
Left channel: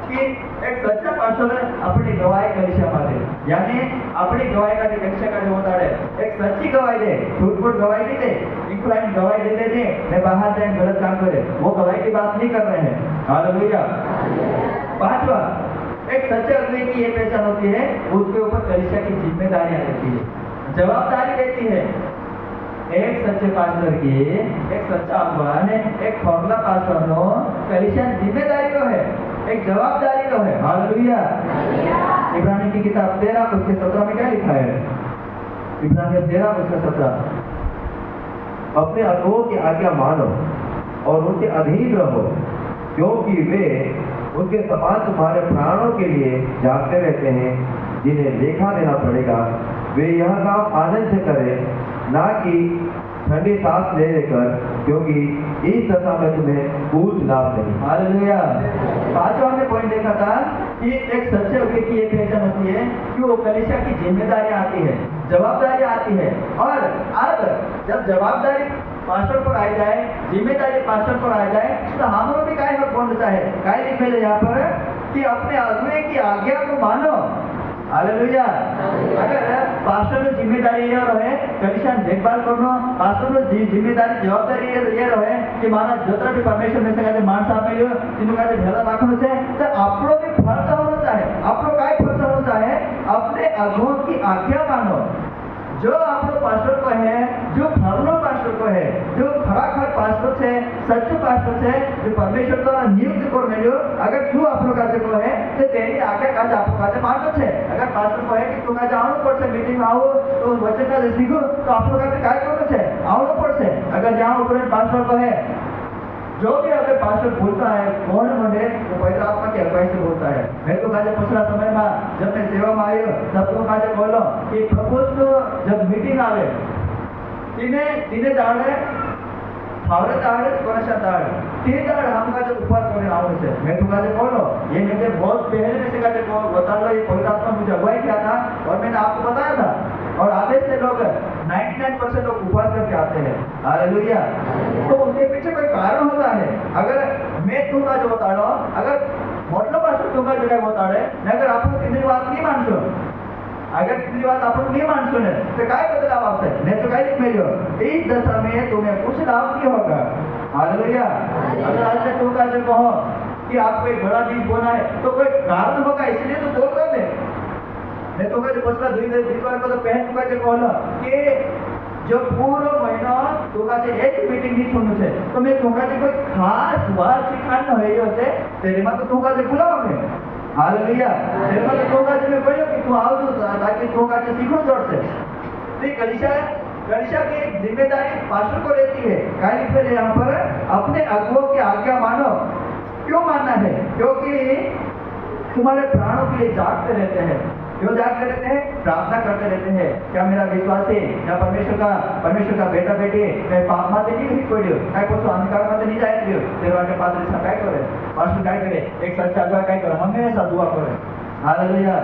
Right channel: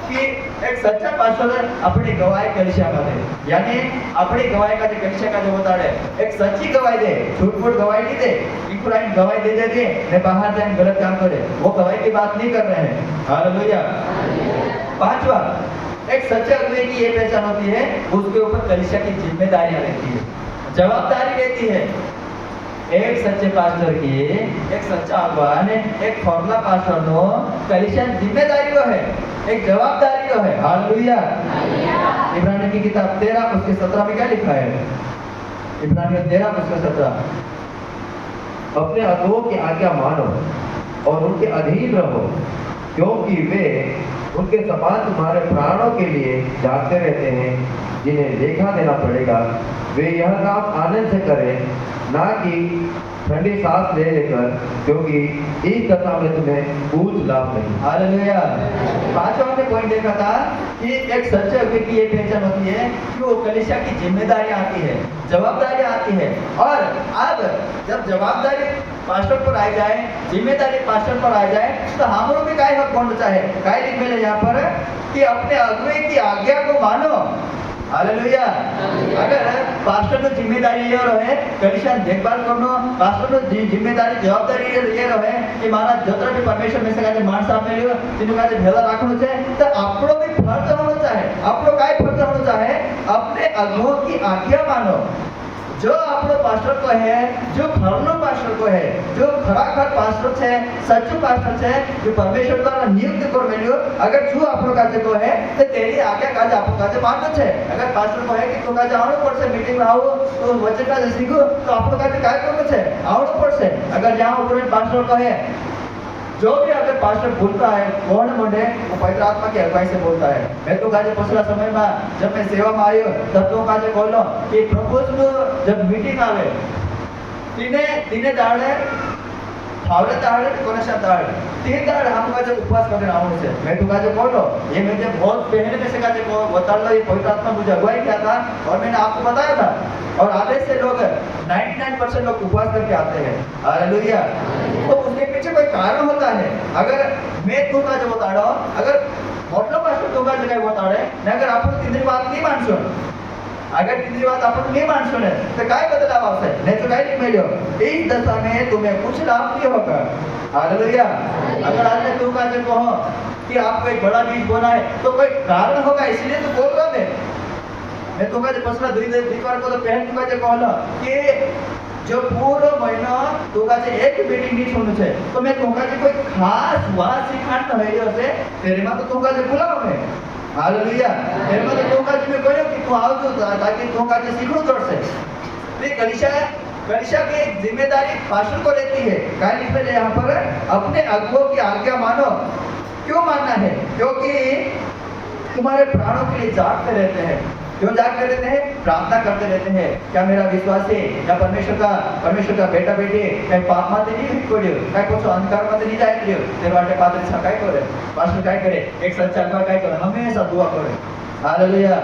कि एक सच्चा पास्टर अपनी गवाही कलीसिया में दे, यानी अपनी गवाही का जो कलीसिया का जो बताड़े, एक सच्ची गवाही दे, झूठ-मूठ गवाही नहीं दे, इनकुराइन गवाही दे ने बाहर जाकर गलत काम करे, वो गवाही की बात नहीं कर रहे हैं। हालेलुया। पांचवा, एक सच्चे अगुवे की ये पहचान होती है, उसके ऊपर कलीसिया की जिम्मेदारियां रहती है, जवाबदारी रहती है। एक सच्चे पास्टर की, एक सच्चा अगुवा ने एक फॉर्मूला पास्टर नो कलीसिया जिम्मेदारी को है, एक जवाबदारी को है। हालेलुया। इब्रानियों की किताब 13 उसके 17 में क्या लिखा है? इब्रानियों 13 उसके 17, अपने अगुओं की आज्ञा मानो और उनके अधीन रहो, क्योंकि वे उनके समान तुम्हारे प्राणों के लिए जागते रहते हैं, जिन्हें लेखा देना पड़ेगा। वे यह काम आनंद से करें, ना कि ठंडी सांस ले लेकर, क्योंकि इस दशा में तुम्हें कुछ लाभ नहीं। हालेलुया। पांचवा हमने पॉइंट देखा था कि एक सच्चे अगुवे की ये पहचान होती है कि वो कलीसिया की जिम्मेदारी आती है, जवाबदारी आती है। और अब जब जवाबदारी पास्टर पर आ जाए, जिम्मेदारी पास्टर पर आ जाए, तो हमरो भी काय हक बन चाहे काय लिख मिले यहाँ पर कि अपने अगुवे की आज्ञा को मानो। हालेलुया। अगर पास्टर की जिम्मेदारी ये रहे कलीसिया देखभाल करनो, पास्टर की जिम्मेदारी जवाबदारी ये रहे कि माना जतरा भी परमेश्वर में से काजे माणस आमेल्यो तिनो काजे भेला राखनो छे, तो आपनो भी फर्ज होनो चाहे, आपनो काय फर्ज होनो चाहे, अपने अगुओं की आज्ञा मानो। जो આપણો પાસ્ટર કો હે જો ખરનો પાસ્ટર કો હે જો ખરાખર પાસ્ટર છે સચ્ચો પાસ્ટર છે જો પરમેશ્વર દ્વારા નિયુક્ત કરવેલો અગર જો આપણો કાજે કો હે તો તેની આગે કાજે આપણો કાજે માનતો છે અગર પાસ્ટર કો હે કે તું કાજે આવડો પડશે મીટિંગ માં આવો તો વચન કાજે શીખો તો આપણો કાજે काय કરવું છે આવડો પડશે અગર જ્યાં ઉપર પાસ્ટર કો હે जो भी अगर पास्टर बोलता है कौन बोले वो पवित्र आत्मा की अगुवाई से बोलता है। मैं तो काजे पिछला समय में जब मैं सेवा में आयो तब तो काजे बोलो कि प्रपोज नो जब मीटिंग आवे तिने दाड़े थावरे दाड़े कोनेशा दाड़े 3 दाड़े हम काजे उपवास करने आवड़े छे। मैं तो काजे बोलो ये मुझे बहुत पहले में से काजे बता लो ये पवित्र आत्मा मुझे अगुवाई किया था और मैंने आपको बताया था और आधे से लोग 99% लोग उपवास करके आते हैं। हालेलुया। तो उसके पीछे कोई कारण होता है। अगर मैं तू का जो बता रहा हूं अगर मतलब पास्टर तू का जगह बता रहे ने अगर आप तीसरी बात नहीं मानसो अगर तीसरी बात आप नहीं मानसो ने तो काय बदलाव आपसे ने तो काय नहीं मिलो इस दशा में तुम्हें कुछ लाभ नहीं होगा। हालेलुया। अगर आज तक तू का जो कहो कि आपको एक बड़ा बीज बोना है तो कोई कारण होगा इसलिए तो बोल रहा मैं तो काजे पछला द्वितीय को तो पहले तो काजे कहलो कि जो पूरा महीना तो काजे एक मीटिंग नहीं सुनने छे तो मैं तो काजे कोई खास बात सिखाण न होयो से तेरे में तो काजे बुलाओगे। हालेलुया। तेरे में तो काजे मैं कहयो कि तू आवजो ताकि तो काजे सीखो जोर से तो कलिशा की एक जिम्मेदारी पास्टर को रहती है। काय लिखे है यहाँ पर अपने अगुओं की आज्ञा मानो। क्यों मानना है? क्योंकि तुम्हारे प्राणों के लिए जागते रहते हैं। क्यों जागते रहते हैं? प्रार्थना करते रहते हैं। क्या मेरा विश्वास है या परमेश्वर का बेटा बेटी मैं पाप माते नहीं हिट पड़ियो काय कुछ अंधकार माते नहीं जाए पड़ियो तेरे वाटे पादरी सा काय करे पास्टर काय करे एक सच्चा अगुवा काय करे हमेशा दुआ करे। हालेलुया।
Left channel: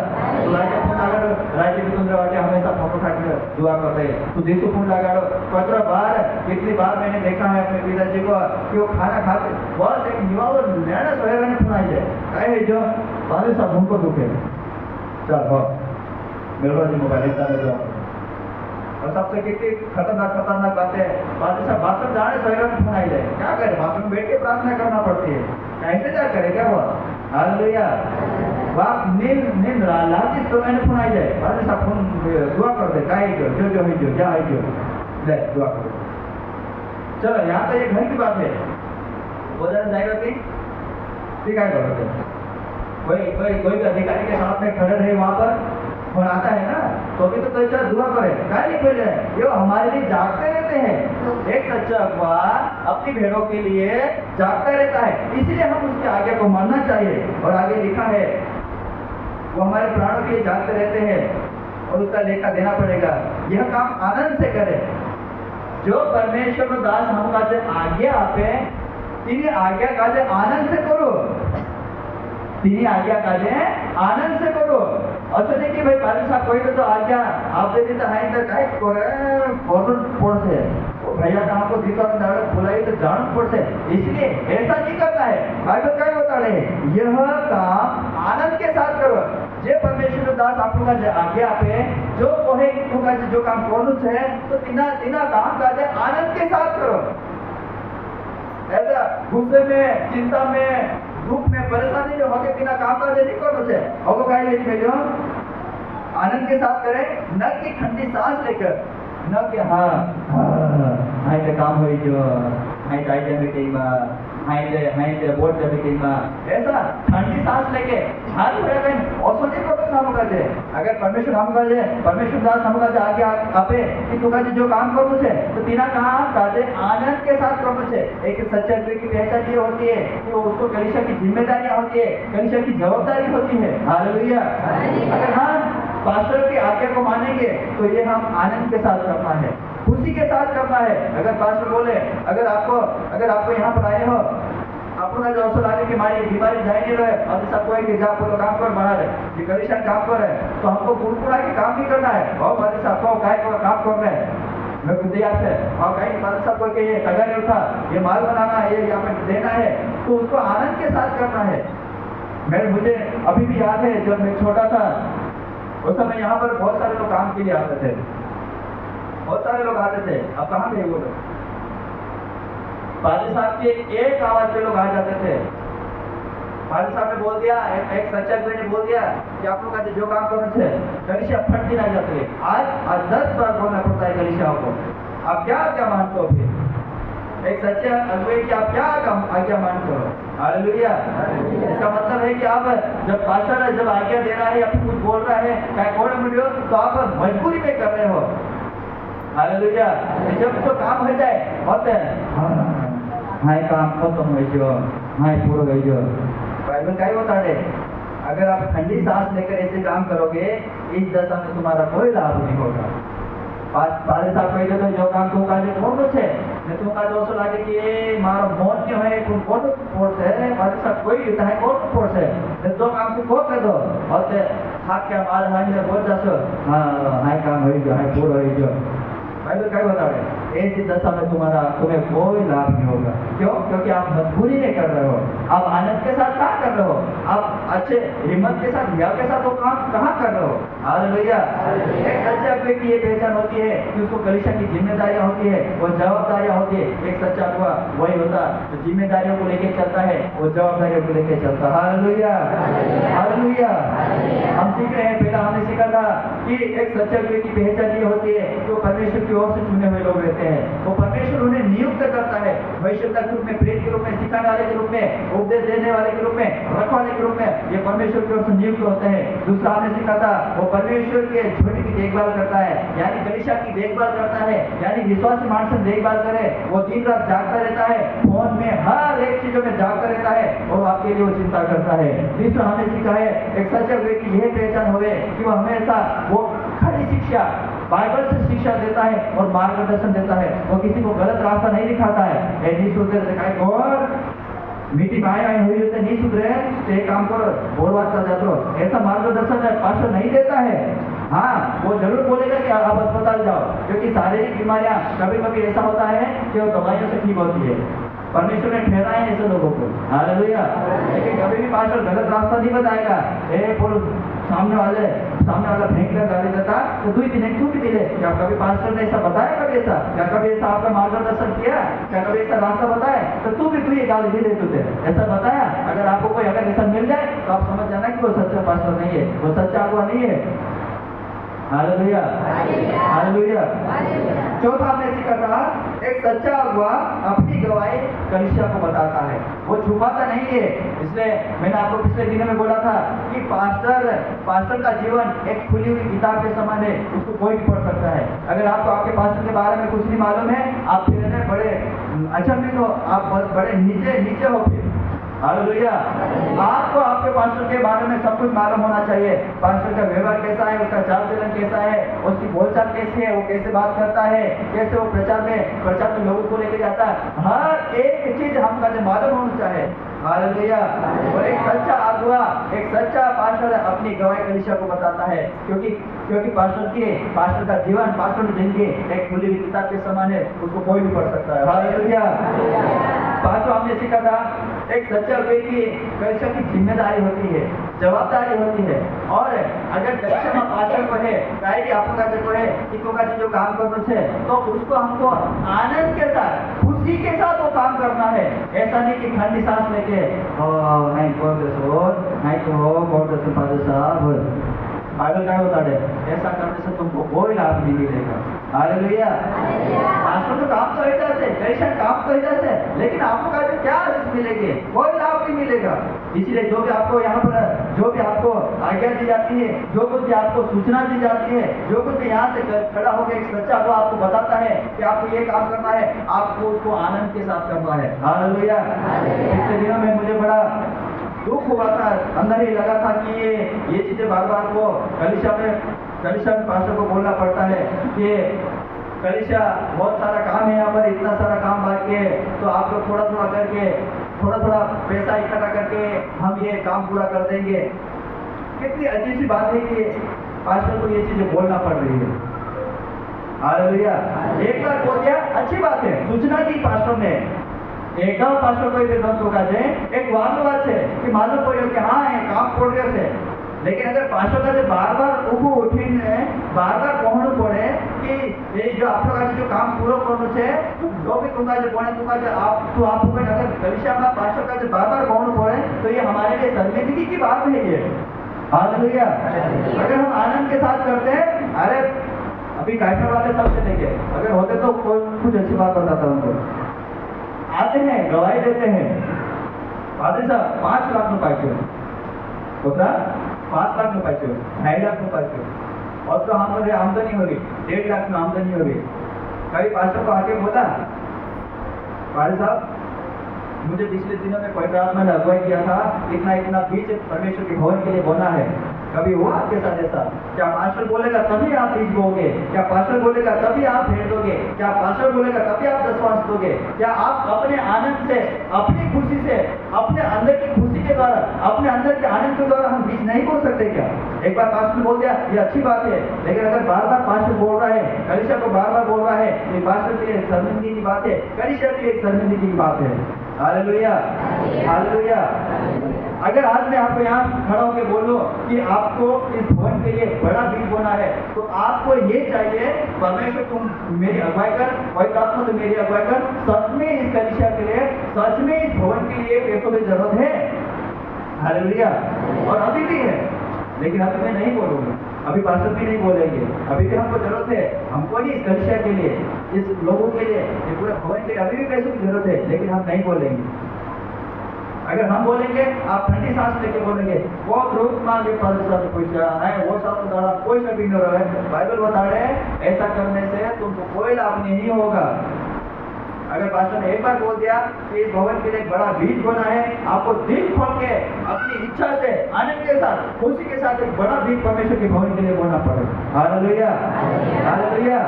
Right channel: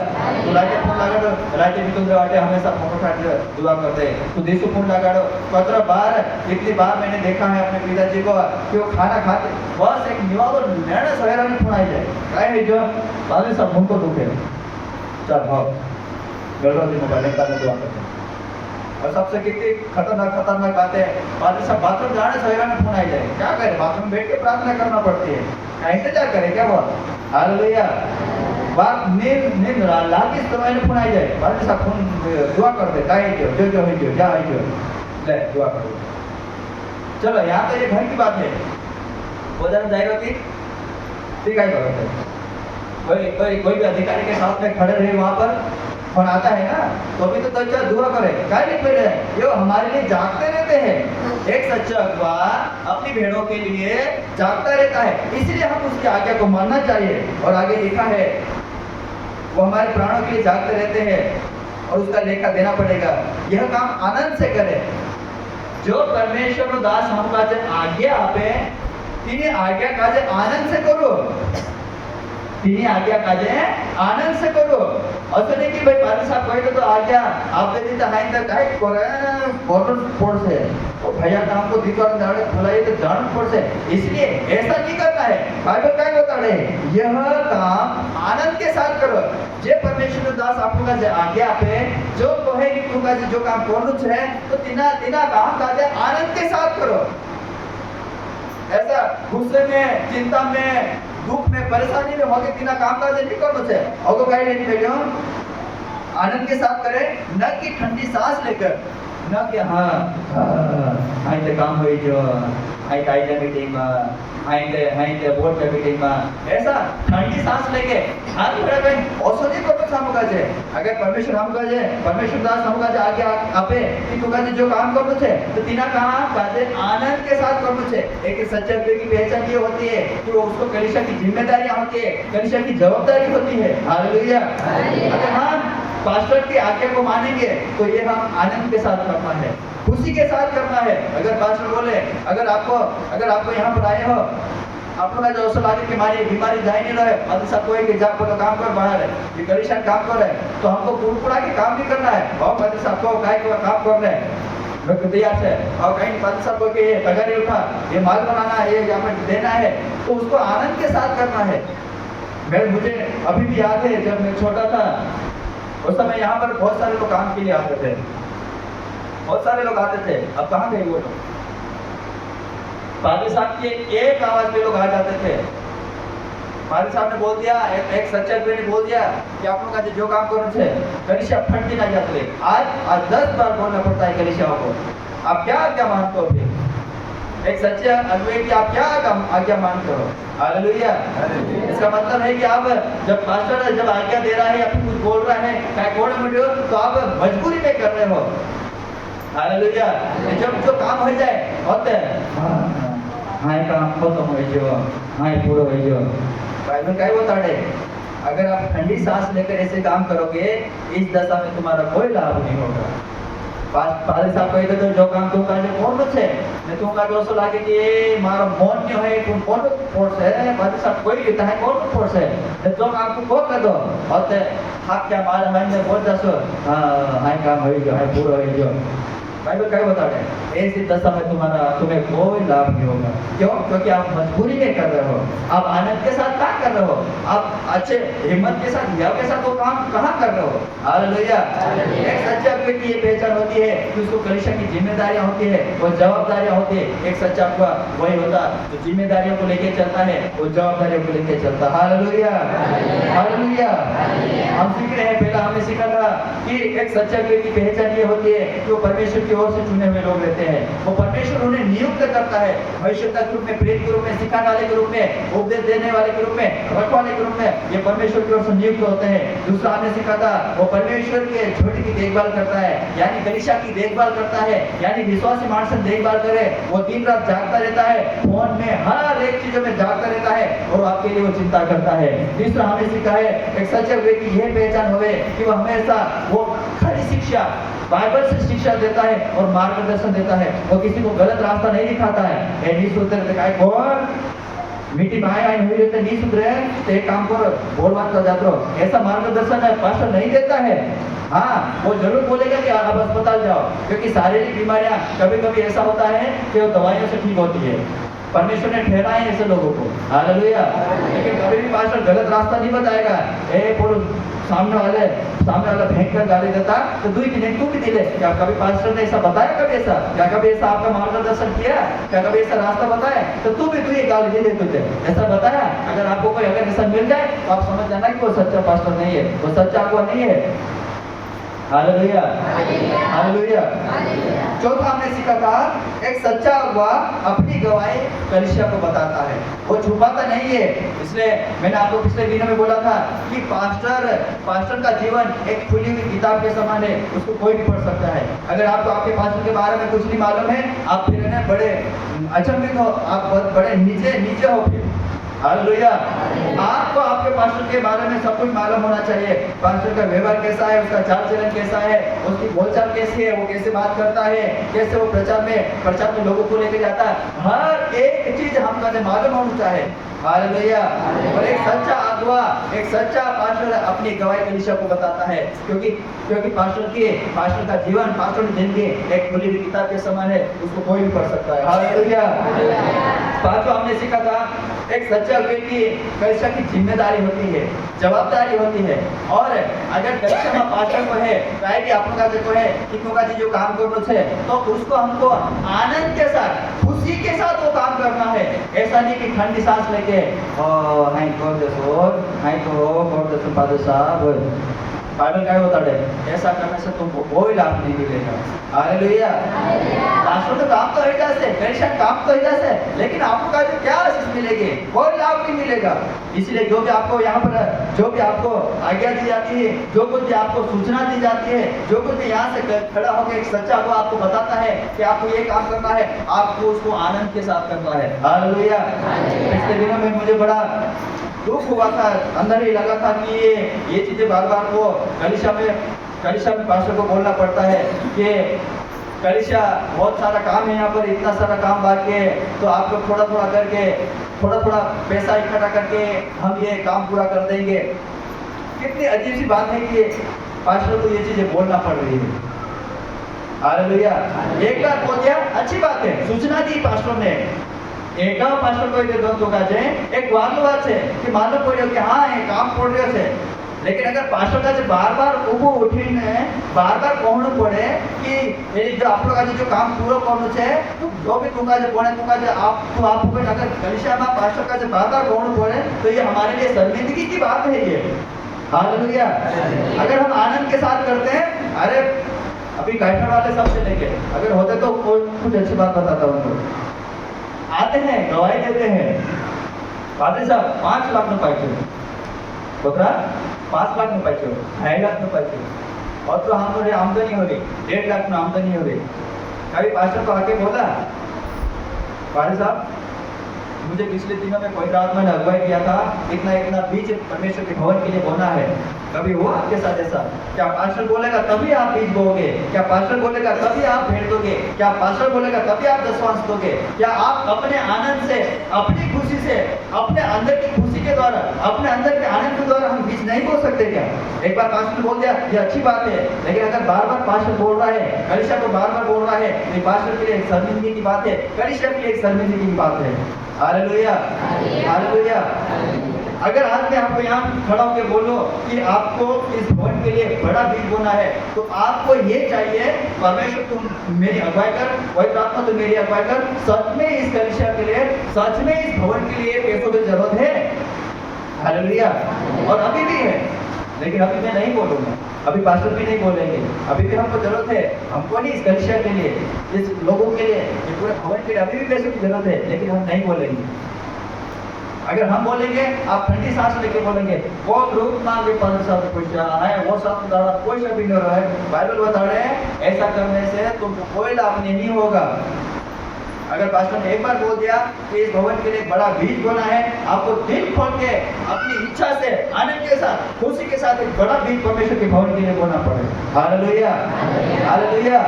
तू लाइटे फोन लगाड़ो लाइटे मित्र वाटे हमेशा फोटो काटलो दुआ करते तू देसो फोन लगाड़ो कतरा बार कितनी बार मैंने देखा है अपने पिताजी को कि वो खाना खाते बस एक निवावर लेना सवेरा ने फोन आई जाए काय है जो बाले सब हमको दुखे चल हाँ गड़बड़ जी मोबाइल निकालने दुआ और सबसे कितनी खतरनाक बातें बातें सब बाथरूम जाने सवेरा में फोन आई जाए क्या करे बाथरूम बैठ के प्रार्थना करना पड़ती है क्या इंतजार करे क्या वो। हालेलुया। बात नींद लागी तो मैंने फोन आई जाए बातें सब फोन दुआ कर दे काय जो है जो क्या है जो ले दुआ कर दो। चलो यहाँ तो ये घर की बात है उधर जाएगा ठीक है कोई भी अधिकारी के साथ में खड़े रहे वहां पर फोन आता है ना तो भी तो चल दुआ करे काय नहीं पहले ये हमारे लिए जागते रहते हैं। एक सच्चा अगुवा अपनी भेड़ों के लिए जागता रहता है इसलिए हम उसकी आज्ञा को मानना चाहिए। और आगे लिखा है वो हमारे प्राणों के लिए जागते रहते हैं और उसका लेखा देना पड़ेगा। यह काम आनंद से करे जो परमेश्वर दास हमका जब आज्ञा आपे तिने आज्ञा काजे आनंद से करो तिनी आज्ञा काजे आनंद से करो। असं नहीं कि भाई पारी साहब कहे तो आज्ञा आप दे देता नहीं तो काय करे बोतल फोड़ से वो भैया का हमको दीवार दाड़े बुलाइए तो जान फोड़ से इसलिए ऐसा नहीं करना है। बाइबल क्या बता रहे यह काम आनंद के साथ करो। जे परमेश्वर दास आपको का आज्ञा पे जो कहे कि तू का जो काम करनु है तो तिना काम काजे आनंद के साथ करो। ऐसा गुस्से में चिंता में दुख में परेशानी में होके तिना काम काज नहीं करनो छे अगो काय लेनी बेलियो आनंद के साथ करे न कि ठंडी सांस लेकर न कि हाँ आई तो काम होई जो आई काइजा मीटिंग में आई ते बोर्ड के मीटिंग में ऐसा ठंडी सांस लेके हाथ पूरा कहीं औषधि को तो हम काजे अगर परमेश्वर हम काजे परमेश्वर दास हम काजे आगे आपे कि तू काजे जो काम करनो छे तो तिना काम काजे आनंद के साथ करनो छे। एक सच्चे अगुवे की पहचान ये होती है कि वो उसको कलीसिया की जिम्मेदारियां होती है कलीसिया की जवाबदारी होती है। हालेलुया। अगर हम पास्टर की आज्ञा को मानेंगे तो ये हम आनंद के साथ करना है खुशी के साथ करना है। अगर पास्टर बोले अगर आपको यहाँ पर आए हो आपको जो औसलाने की बीमारी जाए नहीं रहे और सब कोई के जाओ तो काम कर बाहर है ये कलीसिया काम कर रहे हैं तो हमको कुड़कुड़ा के काम नहीं करना है और पास्टर साहब को काय को काम कर रहे हैं मैं तैयार से और कहीं पास्टर साहब को कि ये टगा नहीं उठा ये माल बनाना है ये यहाँ पर देना है तो उसको आनंद के साथ करना है। मुझे अभी भी याद है जब मैं छोटा था उस समय यहाँ पर बहुत सारे लोग काम के लिए आते थे बहुत सारे लोग आते थे। अब कहाँ गए वो लोग पादी साहब की एक आवाज पे लोग आ जाते थे मालिक साहब ने बोल दिया, एक सच्चा अगुवे ने बोल दिया कि आप लोग का जो काम करो छे कलिसिया फटती ना जाती है। आज 10 बार बोलना पड़ता है कलिसियाओं को। आप क्या मानते हो फिर? एक सच्चे अगुवे की आप क्या आज्ञा मान करो। हालेलुया। इसका मतलब है कि आप जब पास्टर जब आज्ञा दे रहा है या फिर कुछ बोल रहा है तो आप मजबूरी में कर रहे हो। हालेलुया। जब जो काम हो जाए होते हाय काम खत्म हो जो हाय पूरा हो जो बाइबल क्या बता रहे, अगर आप ठंडी सांस लेकर ऐसे काम करोगे इस दशा में तुम्हारा कोई लाभ नहीं होगा। पाले साहब कही तो जो काम तुम काजे कोण छे ने तुम का दोसो लागे कि ए मारो मन ने है कोण फोर्स है पाले साहब कोई कहता है कोण फोर्स है ने जो काम को कर दो होते हाथ क्या मार है ने बोल दसो हाय काम हो जो हाय पूरा हो जो। बाइबल क्या बता रहे हैं, ऐसी दशा में तुम्हें कोई लाभ नहीं होगा। क्यों? क्योंकि आप मजबूरी में कर रहे हो, आप आनंद के साथ क्या कर रहे हो, आप अच्छे हिम्मत के साथ याव के साथ वो काम कहाँ कर रहे हो। हालेलुया। एक सच्चे अगुवे की ये पहचान होती है कि उसको कलीसिया की जिम्मेदारियां होती है, वो जवाबदारियां होती है। एक सच्चा अगुवा वही होता जो जिम्मेदारियों को लेके चलता है, वो जवाबदारियों को लेके चलता। हालेलुया। हालेलुया। हम सीख रहे हैं, पहला हमने सीखा था कि एक सच्चे अगुवे की पहचान ये होती है कि वो परमेश्वर की ओर से चुने हुए लोग रहते हैं। वो परमेश्वर उन्हें नियुक्त करता है भविष्यता के रूप में, प्रेरित के रूप में, सिखाने वाले के रूप में, उपदेश देने वाले के रूप में, रखवाले के रूप में। ये परमेश्वर की ओर से नियुक्त होते हैं। दूसरा हमने सीखा था वो परमेश्वर के झोली की देखभाल करता है, यानी कलीसिया की देखभाल करता है, यानी विश्वासी मानस देखभाल करे। वो दिन रात जागता रहता है, फोन में हर एक चीजों में जागता रहता है और आपके लिए वो चिंता करता है। तीसरा हमने सीखा है एक सच्चे अगुवे की यह पहचान होवे कि वो हमेशा वो खरी शिक्षा बाइबल से शिक्षा देता है और मार्गदर्शन देता है। वो किसी को गलत रास्ता नहीं दिखाता है। ए नहीं सुधरे दिखाए कौन मीठी भाई आई हुई होते नहीं सुधरे तो एक काम करो बोल बात कर जाते हो, ऐसा मार्गदर्शन है पास्टर नहीं देता है। हाँ, वो जरूर बोलेगा कि आप अस्पताल जाओ, क्योंकि शारीरिक बीमारियां कभी कभी ऐसा होता है कि वो दवाइयों से ठीक होती है। परमेश्वर ने ठहराए हैं ऐसे लोगों को। हालेलुया। लेकिन कभी भी पास्टर गलत रास्ता नहीं बताएगा। ए बोलो सामने वाला भयंकर गाली देता तो तू भी दिले। क्या कभी पास्टर ने ऐसा बताया? कभी ऐसा क्या कभी ऐसा आपका मार्गदर्शन किया? क्या कभी ऐसा रास्ता बताया? तो तू ये गाली दे दे तुझे ऐसा बताया? अगर आपको कोई अगर ऐसा मिल जाए तो आप समझ जाना कि वो सच्चा पास्टर नहीं है, वो सच्चा अगुवा नहीं है। हालेलुया। हालेलुया। चौथा हमने सीखा था एक सच्चा अगुवा अपनी गवाही कलीसिया को बताता है, वो छुपाता नहीं है। इसलिए मैंने आपको पिछले दिनों में बोला था कि पास्टर का जीवन एक खुली हुई किताब के समान है, उसको कोई भी पढ़ सकता है। अगर आपको आपके पास्टर के बारे में कुछ नहीं मालूम है, आप फिर ना बड़े अचंभित हो, आप बहुत बड़े नीचे हो फिर। हालेलुया। आपको आपके पास्टर के बारे में सब कुछ मालूम होना चाहिए। पास्टर का व्यवहार कैसा है, उसका चाल चलन कैसा है, उसकी बोलचाल कैसी है, वो कैसे बात करता है, कैसे वो प्रचार में लोगों को लेकर जाता है, हर एक चीज हमको मालूम होना चाहिए। हालेलुया। और एक सच्चा अगुवा, एक सच्चा पास्टर अपनी गवाही कलीसिया को बताता है, क्योंकि पास्टर का जीवन, पास्टर की जिंदगी एक खुली हुई किताब के समान है, उसको कोई भी पढ़ सकता है। हालेलुया। पांचवा हमने सीखा था एक सच्चा अगुवे की कलीसिया की जिम्मेदारी होती है, जवाबदारी होती है। और अगर कलीसिया में पास्टर को है चाहे कि आपका जो है इनको का जो काम करना है तो उसको हमको आनंद के साथ, खुशी के साथ वो काम करना है। ऐसा नहीं कि ठंडी सांस लेके बाइबल क्या होता है, ऐसा करने से तुमको कोई लाभ नहीं मिलेगा। हालेलुया। पास्टर तो काम तो ही जैसे, कलीसिया काम तो ही जैसे, लेकिन आपको का जो क्या आशीष मिलेगी, कोई लाभ नहीं मिलेगा। इसलिए जो भी आपको यहाँ पर जो भी आपको आज्ञा दी जाती है, जो कुछ भी आपको सूचना दी जाती है, जो कुछ भी यहाँ से खड़ा होकर एक सच्चा को आपको बताता है कि आपको ये काम करना है, आपको उसको आनंद के साथ करना है। हालेलुया। पिछले दिनों में मुझे बड़ा दुख हुआ था, अंदर ही लगा था कि ये चीजें बार बार वो कलीसिया में पास्टर को बोलना पड़ता है कि कलीसिया बहुत सारा काम है, यहाँ पर इतना सारा काम बाकी है, तो आप लोग थोड़ा थोड़ा पैसा इकट्ठा करके हम ये काम पूरा कर देंगे। कितनी अजीब सी बात है कि पास्टर को ये चीजें बोलना पड़ रही है। हालेलुया। एक बार बोल दिया अच्छी बात है, सूचना दी पास्टर ने, एक पास्टर को एक वालो है कि मालूम पड़ो कि हाँ ये काम पड़ रहे थे। लेकिन अगर पास्टर का बार बार ऊपर उठीने बार बार कहणु पड़े कि ये जो आप लोग आज जो काम पूरा करनो छे जो भी तुमका जो बोले तुमका जो आप तो आपको अगर कलीसिया में पास्टर का जो बार बार कहणु पड़े तो ये हमारे लिए शर्मिंदगी की बात है ये। हालेलुया। अगर हम आनंद के साथ करते हैं, अरे अभी कैफर वाले सब चलेंगे, अगर होते तो कुछ अच्छी बात बताता हूँ उनको। आते हैं गवाही देते हैं, पादरी साहब 5 लाख में पाइचे होता 5 लाख में पाइचे 2.5 लाख में पाइचे और तो हमारे आमदनी हो गई 1.5 लाख में आमदनी हो गई। कभी पास्टर को आके बोला, पादरी साहब मुझे पिछले दिनों में कोई रात मैंने अगुवाई किया था, इतना इतना बीज परमेश्वर के भवन के लिए बोना है, कभी हुआ आपके साथ ऐसा? क्या पास्टर बोलेगा तभी आप बीज बोओगे? क्या पास्टर बोलेगा तभी आप भेंट दोगे? क्या पास्टर बोलेगा तभी आप दशवांश दोगे? क्या आप अपने आनंद से, अपनी खुशी से, अपने अंदर की खुशी के द्वारा, अपने अंदर के आनंद के द्वारा हम बीज नहीं बोल सकते क्या? एक बार पास्टर ने बोल दिया ये अच्छी बात है, लेकिन अगर बार बार पास्टर बोल रहा है, कलीसिया को बार बार बोल रहा है, तो ये पास्टर के लिए एक शर्मिंदगी की बात है, कलीसिया के लिए एक शर्मिंदगी की बात है। Hallelujah, hallelujah. अगर आज मैं आपको यहाँ खड़ा होकर बोलूं कि आपको इस भवन के लिए बड़ा बीज बोना है, तो आपको ये चाहिए परमेश्वर तुम मेरी अगुवाई कर, पवित्र आत्मा तुम मेरी अगुवाई कर, सच में इस कलीसिया के लिए, सच में इस भवन के लिए पैसों की जरूरत है। हालेलुया। और अभी भी है, लेकिन अभी मैं नहीं बोलूंगा, अभी पास्टर भी नहीं बोलेंगे, अभी भी हमको जरूरत है, हमको नहीं इस कलीसिया के लिए, इस लोगों के लिए, ये पूरे भवन के लिए अभी भी पैसों की जरूरत है, लेकिन हम नहीं बोलेंगे। अगर हम बोलेंगे, आप ठंडी सांस लेके बोलेंगे वो ग्रुप में भी 500 पैसा है, वो सब कोई भी नहीं हो रहा है, बाइबल बता रहे हैं ऐसा करने से तुमको कोई लाभ नहीं होगा। अगर पास्टर ने एक बार बोल दिया कि इस भवन के लिए बड़ा बीज बोना है, आपको दिल खोल के अपनी इच्छा से, आनंद के साथ, खुशी के साथ एक बड़ा बीज परमेश्वर के भवन के लिए बोना पड़ेगा। Hallelujah, hallelujah.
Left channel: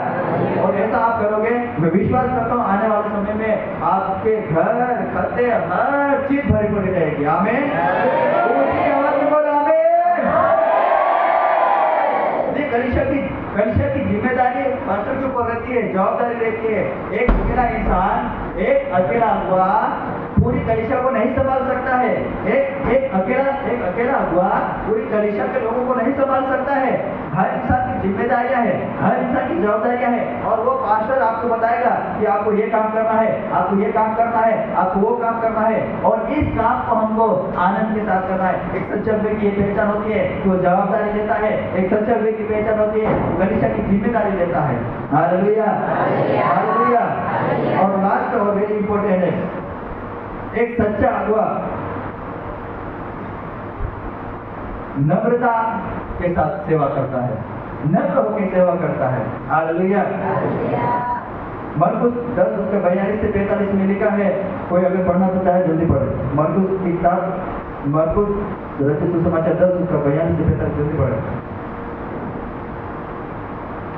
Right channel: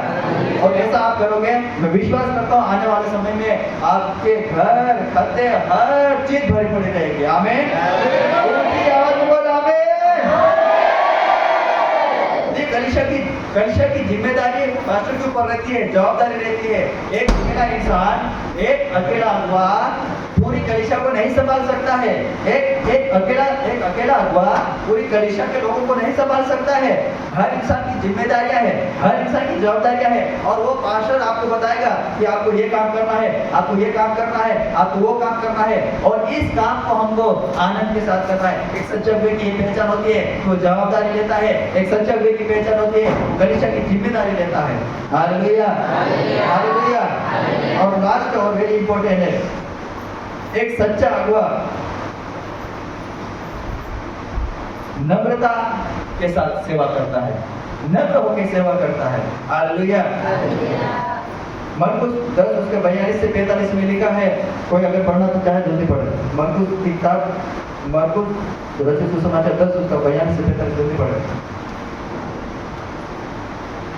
और ऐसा आप करोगे, मैं विश्वास करता हूँ आने वाले समय में आपके घर, खत्ते, हर चीज भरी पड़ी रहेगी। आमीन। उनकी आवाज में बोल आमीन। ये कलीसिया की जिम्मेदारी पास्टर के ऊपर रहती है, जवाबदारी रहती है। एक अकेला इंसान, एक अकेला अगुवा पूरी कलीसिया को नहीं संभाल सकता है। एक अकेला अगुवा पूरी कलीसिया के लोगों को नहीं संभाल सकता है। हर इंसान की जिम्मेदारियां हैं, हर इंसान की जवाबदारियां हैं, और वो पास्टर आपको बताएगा कि आपको ये काम करना है, आपको ये काम करना है, आपको वो काम करना है, और इस काम को हमको आनंद के साथ करना है। एक सच्चे अगुवे की पहचान होती है कि वो जवाबदारी लेता है, एक सच्चे अगुवे की पहचान होती है कलीसिया की जिम्मेदारी लेता है। Hallelujah, hallelujah. और लास्ट और वेरी इंपॉर्टेंट है, एक सच्चा अगुवा नम्रता के साथ सेवा करता है, नम्र होकर सेवा करता है। हालेलुया। मरकुस 10 उसके 42 से 45 में लिखा है, कोई अगर पढ़ना तो चाहे जल्दी पढ़े। मरकुस की किताब, मरकुस रचित सुसमाचार 10 उसका 42 से 45 जल्दी पढ़े।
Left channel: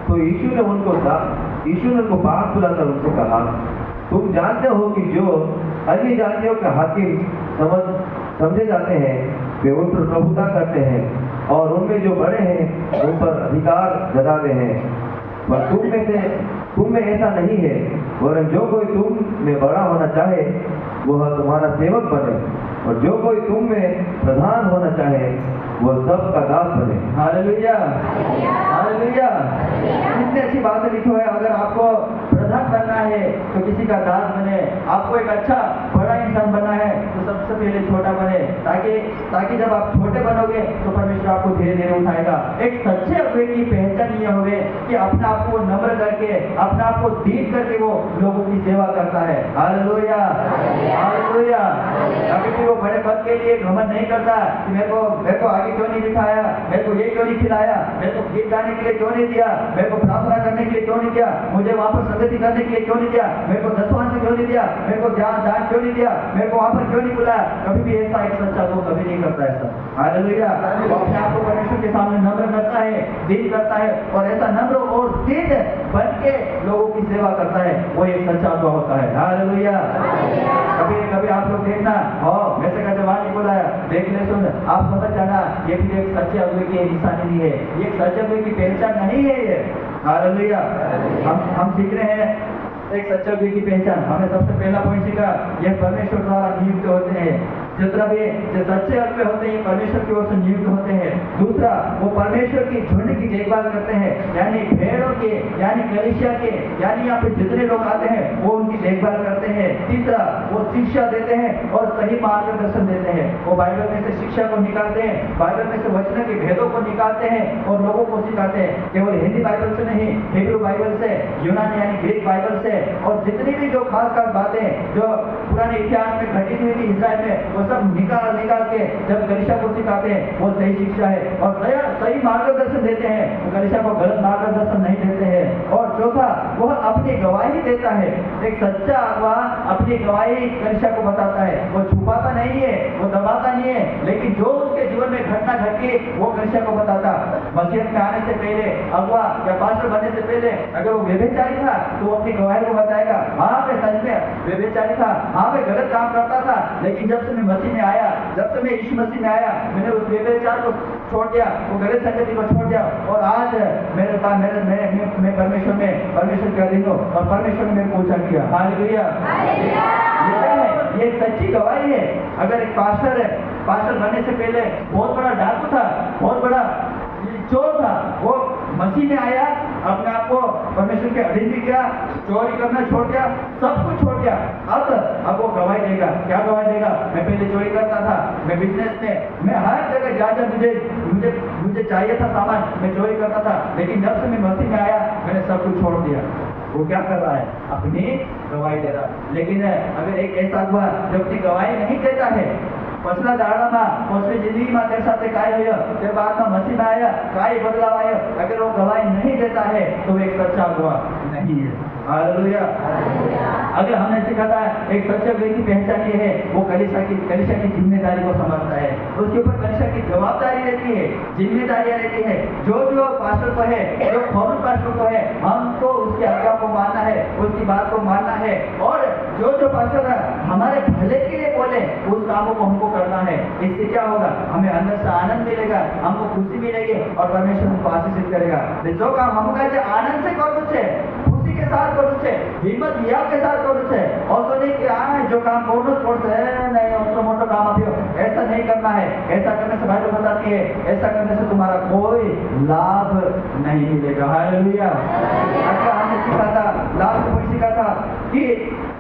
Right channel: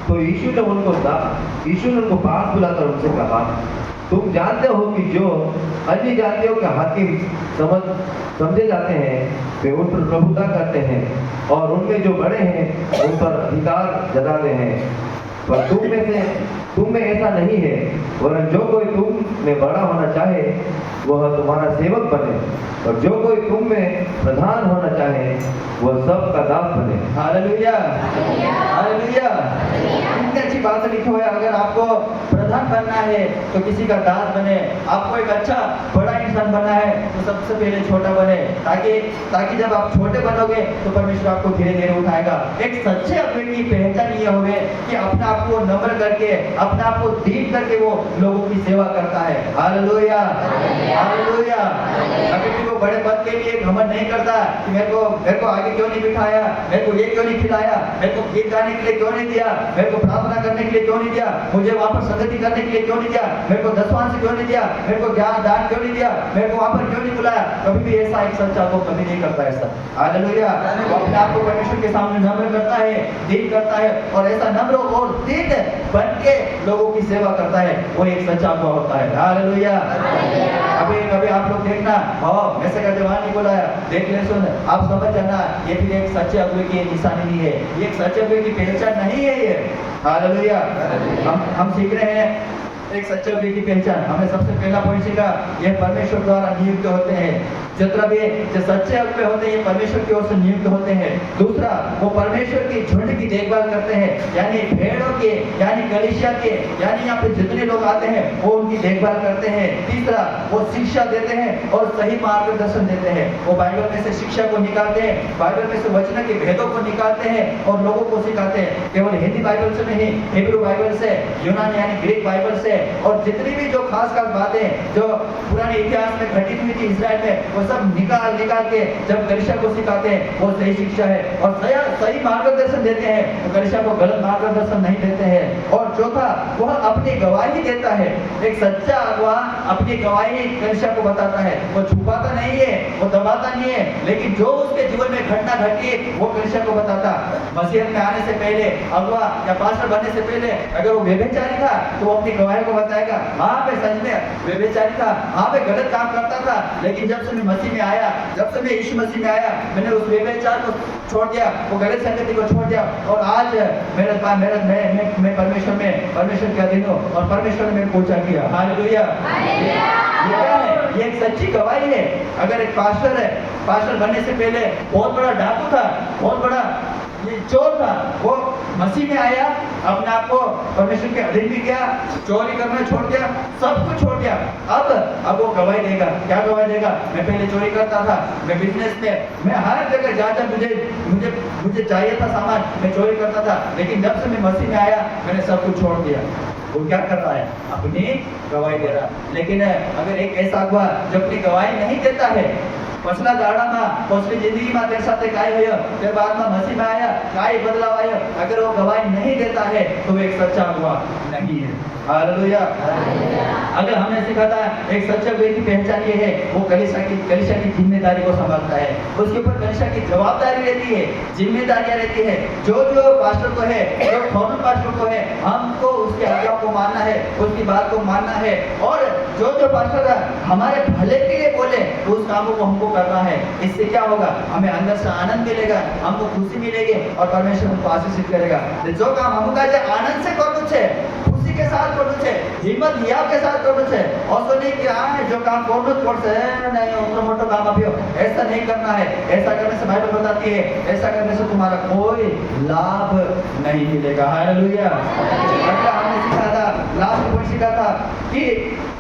तो यीशु ने उनको पास बुलाकर उनसे कहा, तुम जानते हो कि जो अन्य जातियों के हाकिम समझे जाते हैं वे उन पर प्रभुता करते हैं और उनमें जो बड़े हैं उन पर अधिकार जताते हैं, पर तुम में ऐसा नहीं है, वरन जो कोई तुम में बड़ा होना चाहे वह तुम्हारा सेवक बने, और जो कोई तुम में प्रधान होना चाहे वह सबका दास बने। Hallelujah, hallelujah. कितनी अच्छी बात लिखी हुई है। अगर आपको प्रधान बनना है तो किसी का दास बने, आपको एक अच्छा बड़ा इंसान बनना है तो सबसे पहले छोटा बने, ताकि जब आप छोटे बनोगे तो परमेश्वर आपको धीरे धीरे उठाएगा। एक सच्चे अगुवे की पहचान ये होवे कि अपने आप को नम्र करके, अपने आप को दीन करके वो लोगों की सेवा करता है। Hallelujah, hallelujah. कभी भी वो बड़े पद के लिए घमंड नहीं करता कि मेरे को आगे क्यों नहीं बिठाया, मेरे को ये क्यों नहीं खिलाया, मेरे को गीत गाने के लिए क्यों नहीं दिया, मेरे को प्रार्थना करने के लिए क्यों नहीं दिया, मुझे वहां पर संगति करने के लिए क्यों नहीं दिया, मेरे को दशवांश क्यों नहीं दिया, मेरे को ज्ञान दान क्यों नहीं दिया, मेरे को वहां पर क्यों नहीं बुलाया। कभी भी ऐसा एक सच्चा को कभी नहीं करता ऐसा। हालेलुया। वो अपने आप को परमेश्वर के सामने नम्र करता है, दीन करता है, और ऐसा नम्र और दीन बन के लोगों की सेवा करता है, वो एक सच्चा अगुवा होता है। हालेलुया। कभी आप लोग देखना, वैसे का जवान नहीं बुलाया, देख ले सुन, आप समझ जाना ये भी एक सच्चे अगुवे की निशानी नहीं है, ये एक सच्चे अगुवे की पहचान नहीं है ये। हालेलुया। हम सीख रहे हैं एक सच्चे अगुवे की पहचान। हमने सबसे पहला पॉइंट सीखा, ये परमेश्वर द्वारा नियुक्त होते हैं। जितना भी जो सच्चे अगुवे होते हैं परमेश्वर की ओर से नियुक्त होते हैं। दूसरा, वो परमेश्वर की झुंड की देखभाल करते हैं, यानी भेड़ों के, यानी कलीसिया के, यानी यहाँ पे जितने लोग आते हैं वो उनकी देखभाल करते हैं। तीसरा, वो शिक्षा देते हैं और सही मार्गदर्शन देते हैं। वो बाइबल में से शिक्षा को निकालते हैं, बाइबल में से वचन के भेदों को निकालते हैं और लोगों को सिखाते हैं। केवल हिंदी बाइबल से नहीं, हिब्रू बाइबल से, यूनानी यानी ग्रीक बाइबल से, और जितनी भी जो खास खास बातें जो पुराने इतिहास में घटित हुई थी इस्राएल में, वो सब निकाल के जब कलीसिया को सिखाते हैं वो सही शिक्षा है और सही मार्गदर्शन देते हैं। वो कलीसिया को गलत मार्गदर्शन नहीं देते हैं। और चौथा, वह अपनी गवाही देता है। एक सच्चा अगुवा अपनी गवाही कलीसिया को बताता है, वो छुपाता नहीं है, वो दबाता नहीं है, लेकिन जो उसके जीवन में घटना घटी वो कलीसिया को बताता। मसीहत में आने से पहले अगुवा या पास्टर बनने से पहले अगर वो व्यभिचारी था तो वो अपनी गवाही को बताएगा, हाँ मैं सच में व्यभिचारी था, हाँ मैं गलत काम करता था, लेकिन जब से मैं मसीह में आया, जब से मैं यीशु मसीह में आया, मैंने उस व्यभिचार को छोड़ दिया, वो गलत संगति को छोड़ दिया और आज मेरे पास मैं परमेश्वर के अधीन हूँ और परमेश्वर ने मेरे को ऊंचा किया। हालेलुया। ये क्या है? ये एक सच्ची गवाही है। अगर एक पास्टर है, पास्टर बनने से पहले बहुत बड़ा डाकू था, बहुत बड़ा ये चोर था, वो मसीह में आया, अपने आप को परमेश्वर के अधीन भी किया, चोरी करना छोड़ दिया, सब कुछ छोड़ दिया। अब वो गवाही देगा। क्या गवाही देगा? मैं पहले चोरी करता था, मैं बिजनेस में, मैं हर जगह जा मुझे चाहिए था सामान, मैं चोरी करता था, लेकिन जब से मैं मसीह में आया मैंने सब कुछ छोड़ दिया। वो क्या कर रहा है? अपनी गवाही दे रहा है। लेकिन अगर एक ऐसा अगुवा जो अपनी गवाही नहीं देता है, पछला दाड़ाમાં पछली जिंदगीમાં तेरे साथ काय हुआ, तेरे बाद में मसीह में आया, काय बदलाव आया, अगर वो गवाही नहीं देता है तो वो एक सच्चा अगुवा नहीं है। हालेलुया। अगर हमने सीखा था एक सच्चे अगुवे की पहचान ये है, वो कलीसिया की जिम्मेदारी को संभालता है, उसके ऊपर कलीसिया की जवाबदारी रहती है, जिम्मेदारियां रहती है। जो पास्टर को है, जो फॉर्मल पास्टर को है, हमको उसके आज्ञा को मानना है, उसकी बात को मानना है, और जो पास्टर हमारे भले के लिए बोले उस कामों को हमको करना है। इससे क्या होगा? हमें अंदर से आनंद मिलेगा, हमको खुशी मिलेगी और परमेश्वर हमको आशीषित करेगा। जो काम हमका जे आनंद से करना है, खुशी के साथ करना है, हिम्मत हियाव के साथ करना है, और तो नहीं कि हाँ जो काम करना पड़ता है, नहीं उतना मोटा काम अभी ऐसा नहीं करना है। ऐसा करने से बाइबल बताती है, ऐसा करने से तुम्हारा कोई लाभ नहीं मिलेगा। हालेलुया। अगला हमने सीखा था, लास्ट में सीखा था कि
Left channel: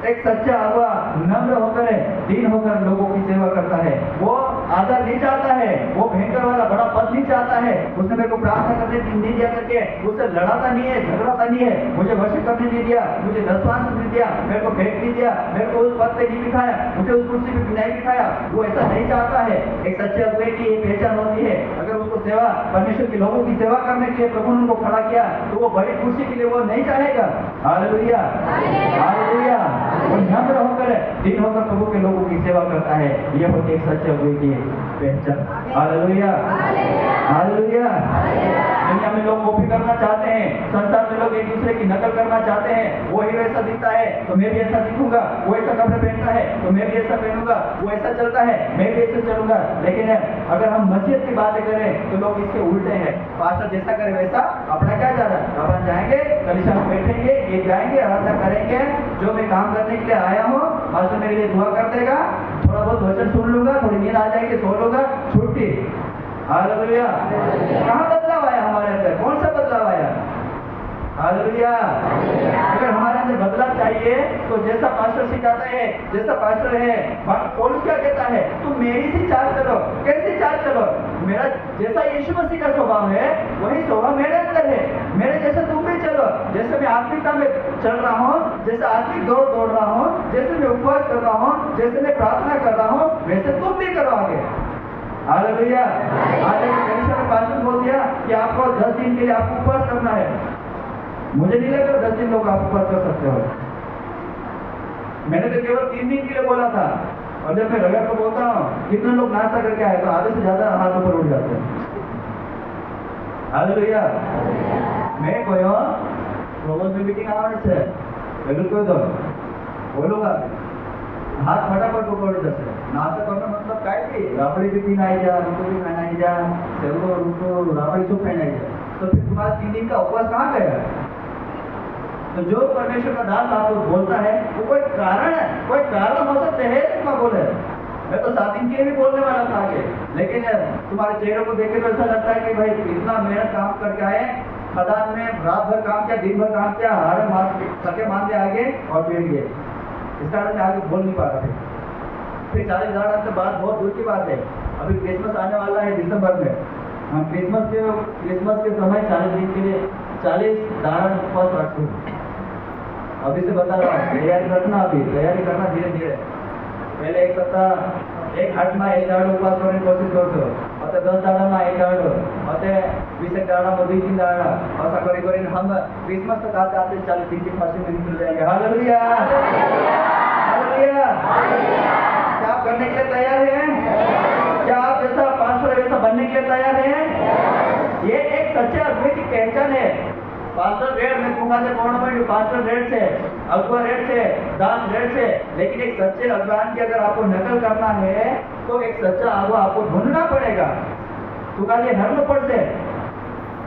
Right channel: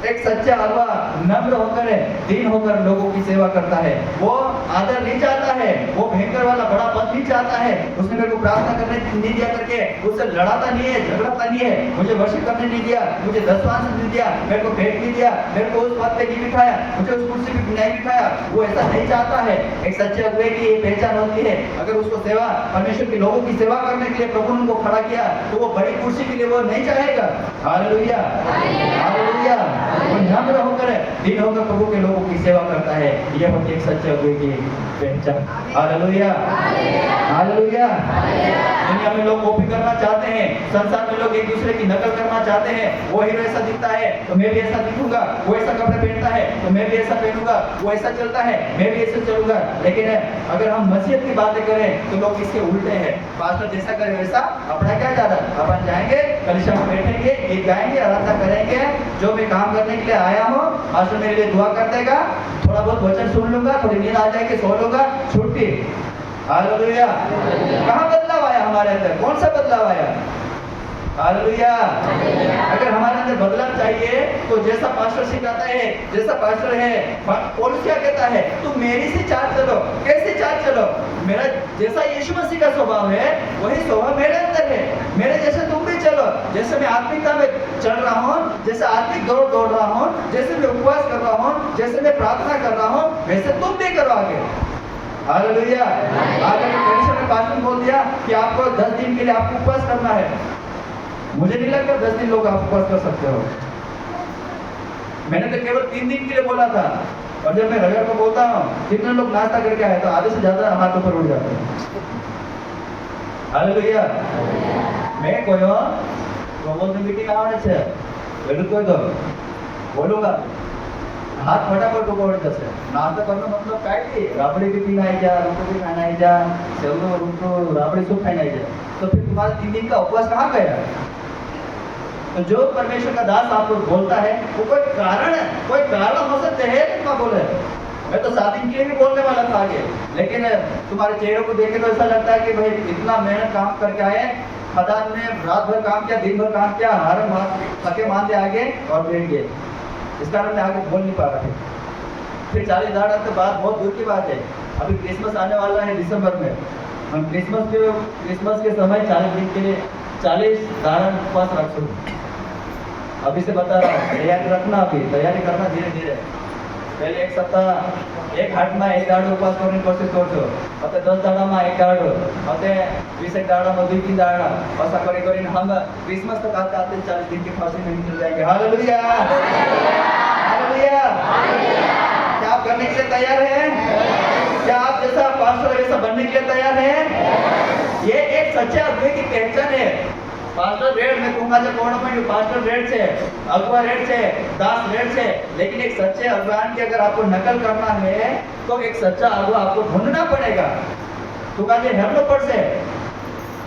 एक सच्चा अगुवा नम्र होकर, दीन होकर लोगों की सेवा करता है। वो आदर नहीं चाहता है, वो भयंकर वाला बड़ा पद नहीं चाहता है। उसने मेरे को प्रार्थना करने नहीं दिया करके उससे लड़ाता नहीं है, झगड़ाता नहीं है, मुझे वर्शिप करने नहीं दिया, मुझे दसवांश नहीं दिया, मेरे को भेंट नहीं दिया, मेरे को उस पद पे नहीं बिठाया, मुझे उस कुर्सी पे नहीं बिठाया। वो ऐसा नहीं चाहता है। एक सच्चे अगुवे की ये पहचान होती है। अगर उसको सेवा, परमेश्वर के लोगों की सेवा करने के लिए प्रभु ने उनको खड़ा किया तो वो बड़ी कुर्सी के लिए वो नहीं चाहेगा। हालेलुया। हालेलुया। वो नम्र होकर, दीन होकर प्रभु के लोगों की सेवा करता है। यह होती है एक सच्चे अगुवे की पहचान। हालेलुया। हालेलुया। दुनिया में लोग कॉपी करना चाहते हैं, संसार में लोग एक दूसरे की नकल करना चाहते हैं। वो हीरो ऐसा दिखता है तो मैं भी ऐसा दिखूंगा, वो ऐसा कपड़े पहनता है तो मैं भी ऐसा पहनूंगा, वो ऐसा चलता है मैं भी ऐसे चलूंगा। लेकिन अगर हम मसीहत की बातें करें तो लोग इसके उल्टे हैं। पास्टर जैसा करे वैसा अपना क्या जा रहा है? अपन जाएंगे, कलीसिया में बैठेंगे, गीत गाएंगे, आराधना करेंगे, जो मैं काम करने के लिए आया हूँ, पास्टर मेरे लिए दुआ कर देगा, थोड़ा बहुत वचन सुन लूंगा, थोड़ी नींद आ जाएगी, सो लूंगा, छुट्टी। हालेलुया। कहाँ बदलाव आया हमारे अंदर? कौन सा बदलाव आया? हालेलुया। अगर हमारे अंदर बदलाव चाहिए तो जैसा पास्टर सिखाता है, जैसा पास्टर है, पौलुस क्या कहता है? तुम मेरी सी चाल चलो। कैसी चाल चलो? मेरा जैसा यीशु मसीह का स्वभाव है वही स्वभाव मेरे अंदर है, मेरे जैसे तुम भी चलो। जैसे मैं आत्मिकता में चल रहा हूँ, जैसे आत्मिक दौड़ रहा हूँ, जैसे मैं उपवास कर रहा हूँ, जैसे मैं प्रार्थना कर रहा हूँ, वैसे तुम भी करो आगे। हालेलुया। आज अगर कलीसिया में पास्टर बोल दिया कि आपको 10 दिन के लिए आपको उपवास करना है, मुझे नहीं लगता 10 दिन लोग आप उपवास कर सकते हो। मैंने तो केवल 3 दिन के लिए बोला था, और जब मैं रविवार को बोलता हूँ कितने लोग नाश्ता करके आए तो आधे से ज्यादा हाथ ऊपर उठ जाते हैं। हालेलुया। मैं कोई प्रबोधन मीटिंग आवाने छे એટલું કહી દો બોલુંगा हाथ फटाफट ऊपर उठ जाते। नाश्ता करना मतलब काय थी? राबड़ी भी पीना आई जा, रोटी भी खाना आई जा, सेवलो रोटो राबड़ी सब खाना आई जा। तो फिर तुम्हारा 3 दिन का उपवास कहाँ गया? तो जो परमेश्वर का दास आपको बोलता है वो कोई कारण हो सकते हैं, बोले मैं तो 7 दिन के लिए भी बोलने वाला था आगे, लेकिन तुम्हारे चेहरों को देख के तो ऐसा लगता है कि भाई इतना मेहनत काम करके आए, खदान में रात भर काम किया, दिन भर काम किया, हारे मार थके मान दे आगे और बैठ गए। इस कारण मैं आगे बोल नहीं पा रहा था। फिर 40 दाड़ा तो बात बहुत दूर की बात है। अभी क्रिसमस आने वाला है दिसंबर में, हम क्रिसमस के समय 40 दिन के लिए 40 दाड़ा उपवास रखूँ। अभी से बता रहा हूँ, तैयारी रखना, अभी तैयारी करना धीरे धीरे। पहले एक सप्ताह एक हाट में 1 दाड़ो उपवास करने की कोशिश करते हो, और 10 दाड़ा में 1 दाड़ो, और 20 दाड़ा में 2-3 दाड़ा, ऐसा करी हम क्रिसमस तक आते आते 40 दिन की फांसी में निकल जाएंगे। Hallelujah, hallelujah. क्या आप करने के लिए तैयार हैं? क्या आप जैसा पास्टर वैसा बनने के लिए तैयार हैं? ये एक सच्चे आदमी की पहचान है। पास्टर रेड में कहूँगा जो कौन में पास्टर रेड से, अगुआ रेड से, दास रेड से, लेकिन एक सच्चे अगुआन की अगर आपको नकल करना है तो एक सच्चा अगुआ आपको ढूंढना पड़ेगा। तो कहा हेलो पर से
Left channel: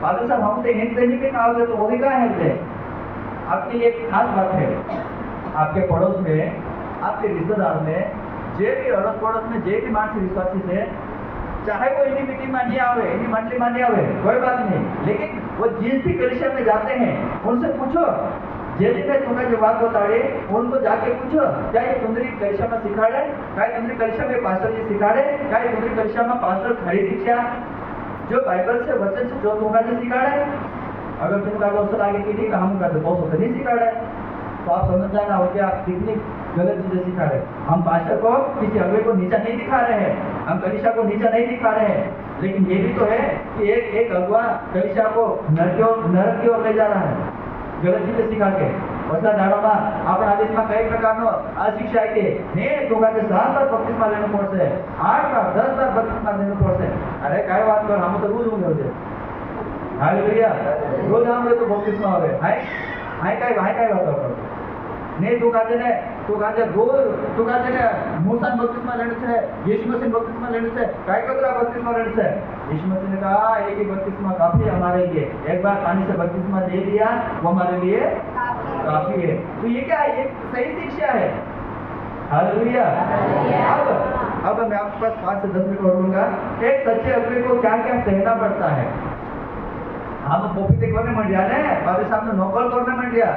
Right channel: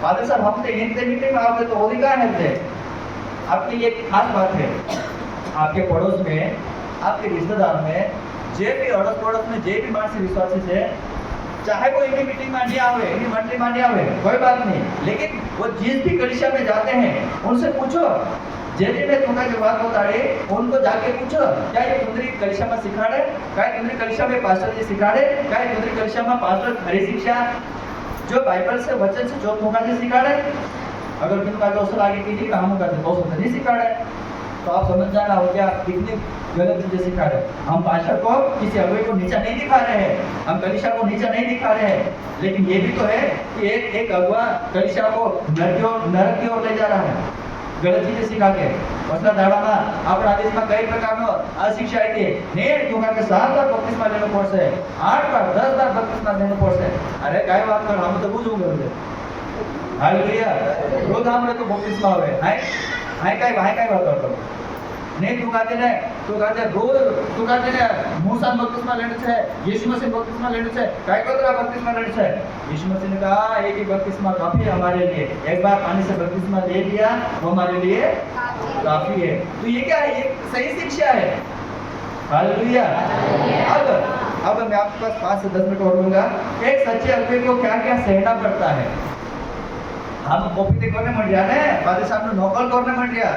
फादर साहब हमसे हिंदी मीटिंग में आओगे तो वो भी कहाँ है? आपके लिए एक खास बात है, आपके पड़ोस में, आपके रिश्तेदार में, जे भी अड़ोस पड़ोस में जे भी मानसी विश्वासी से, चाहे वो इन्हीं मीटिंग में नहीं आवे, इन्हीं मंडली में नहीं आवे, कोई बात नहीं, लेकिन वो जिस भी कलीसिया में जाते हैं उनसे पूछो, जैसे मैं तुम्हें जो बात बता रही उनको जाके पूछो, क्या ये तुम्हारी कलीसिया में सिखाड़े? क्या तुम्हारी कलीसिया में पास्टर जी सिखाड़े? क्या तुम्हारी कलीसिया में पास्टर खरी शिक्षा जो बाइबल से वचन से जो तुमका जी सिखाड़े? अगर किन का दोस्त आगे की नहीं हम करते तो नहीं सिखाड़े, तो आप समझ जाना हो क्या कितनी गलत चीजें सिखा रहे हैं। हम पास्टर को किसी अगुवे को नीचा नहीं दिखा रहे हैं, हम कलीसिया को नीचा नहीं दिखा रहे हैं, लेकिन ये भी तो है कि एक अगुआ कलीसिया को नरक की ओर ले जा रहा है गलत चीजें सिखा के। उसका दाड़ा में अपना देश में कई प्रकार अशिक्षा है ने दूंगा के 7 बार बपतिस्मा लेना पड़से, 8 बार 10 बार बपतिस्मा लेना पड़से। अरे काय बात कर, हम तो रोज होंगे। हालेलुया, रोज हम तो बपतिस्मा हो गए हाय काय बात करतो नहीं? तू कहते ने रोज तू कहते ने मूसा बपतिस्मा लेने से, यीशु मसीह बपतिस्मा लेने से, काय कोतरा बपतिस्मा लेने से? यीशु मसीह ने कहा एक ही बपतिस्मा काफी है हमारे लिए, एक बार पानी से बपतिस्मा ले लिया वो हमारे लिए काफी है। तो ये क्या है? ये सही शिक्षा है। हालेलुया। अब मैं आपके पास 5 से 10 मिनट और दूंगा। एक सच्चे अगुवे को क्या क्या सहना पड़ता है। हम कॉपी करने मंड गया ना, फादर साहब ने नकल करने मंड गया।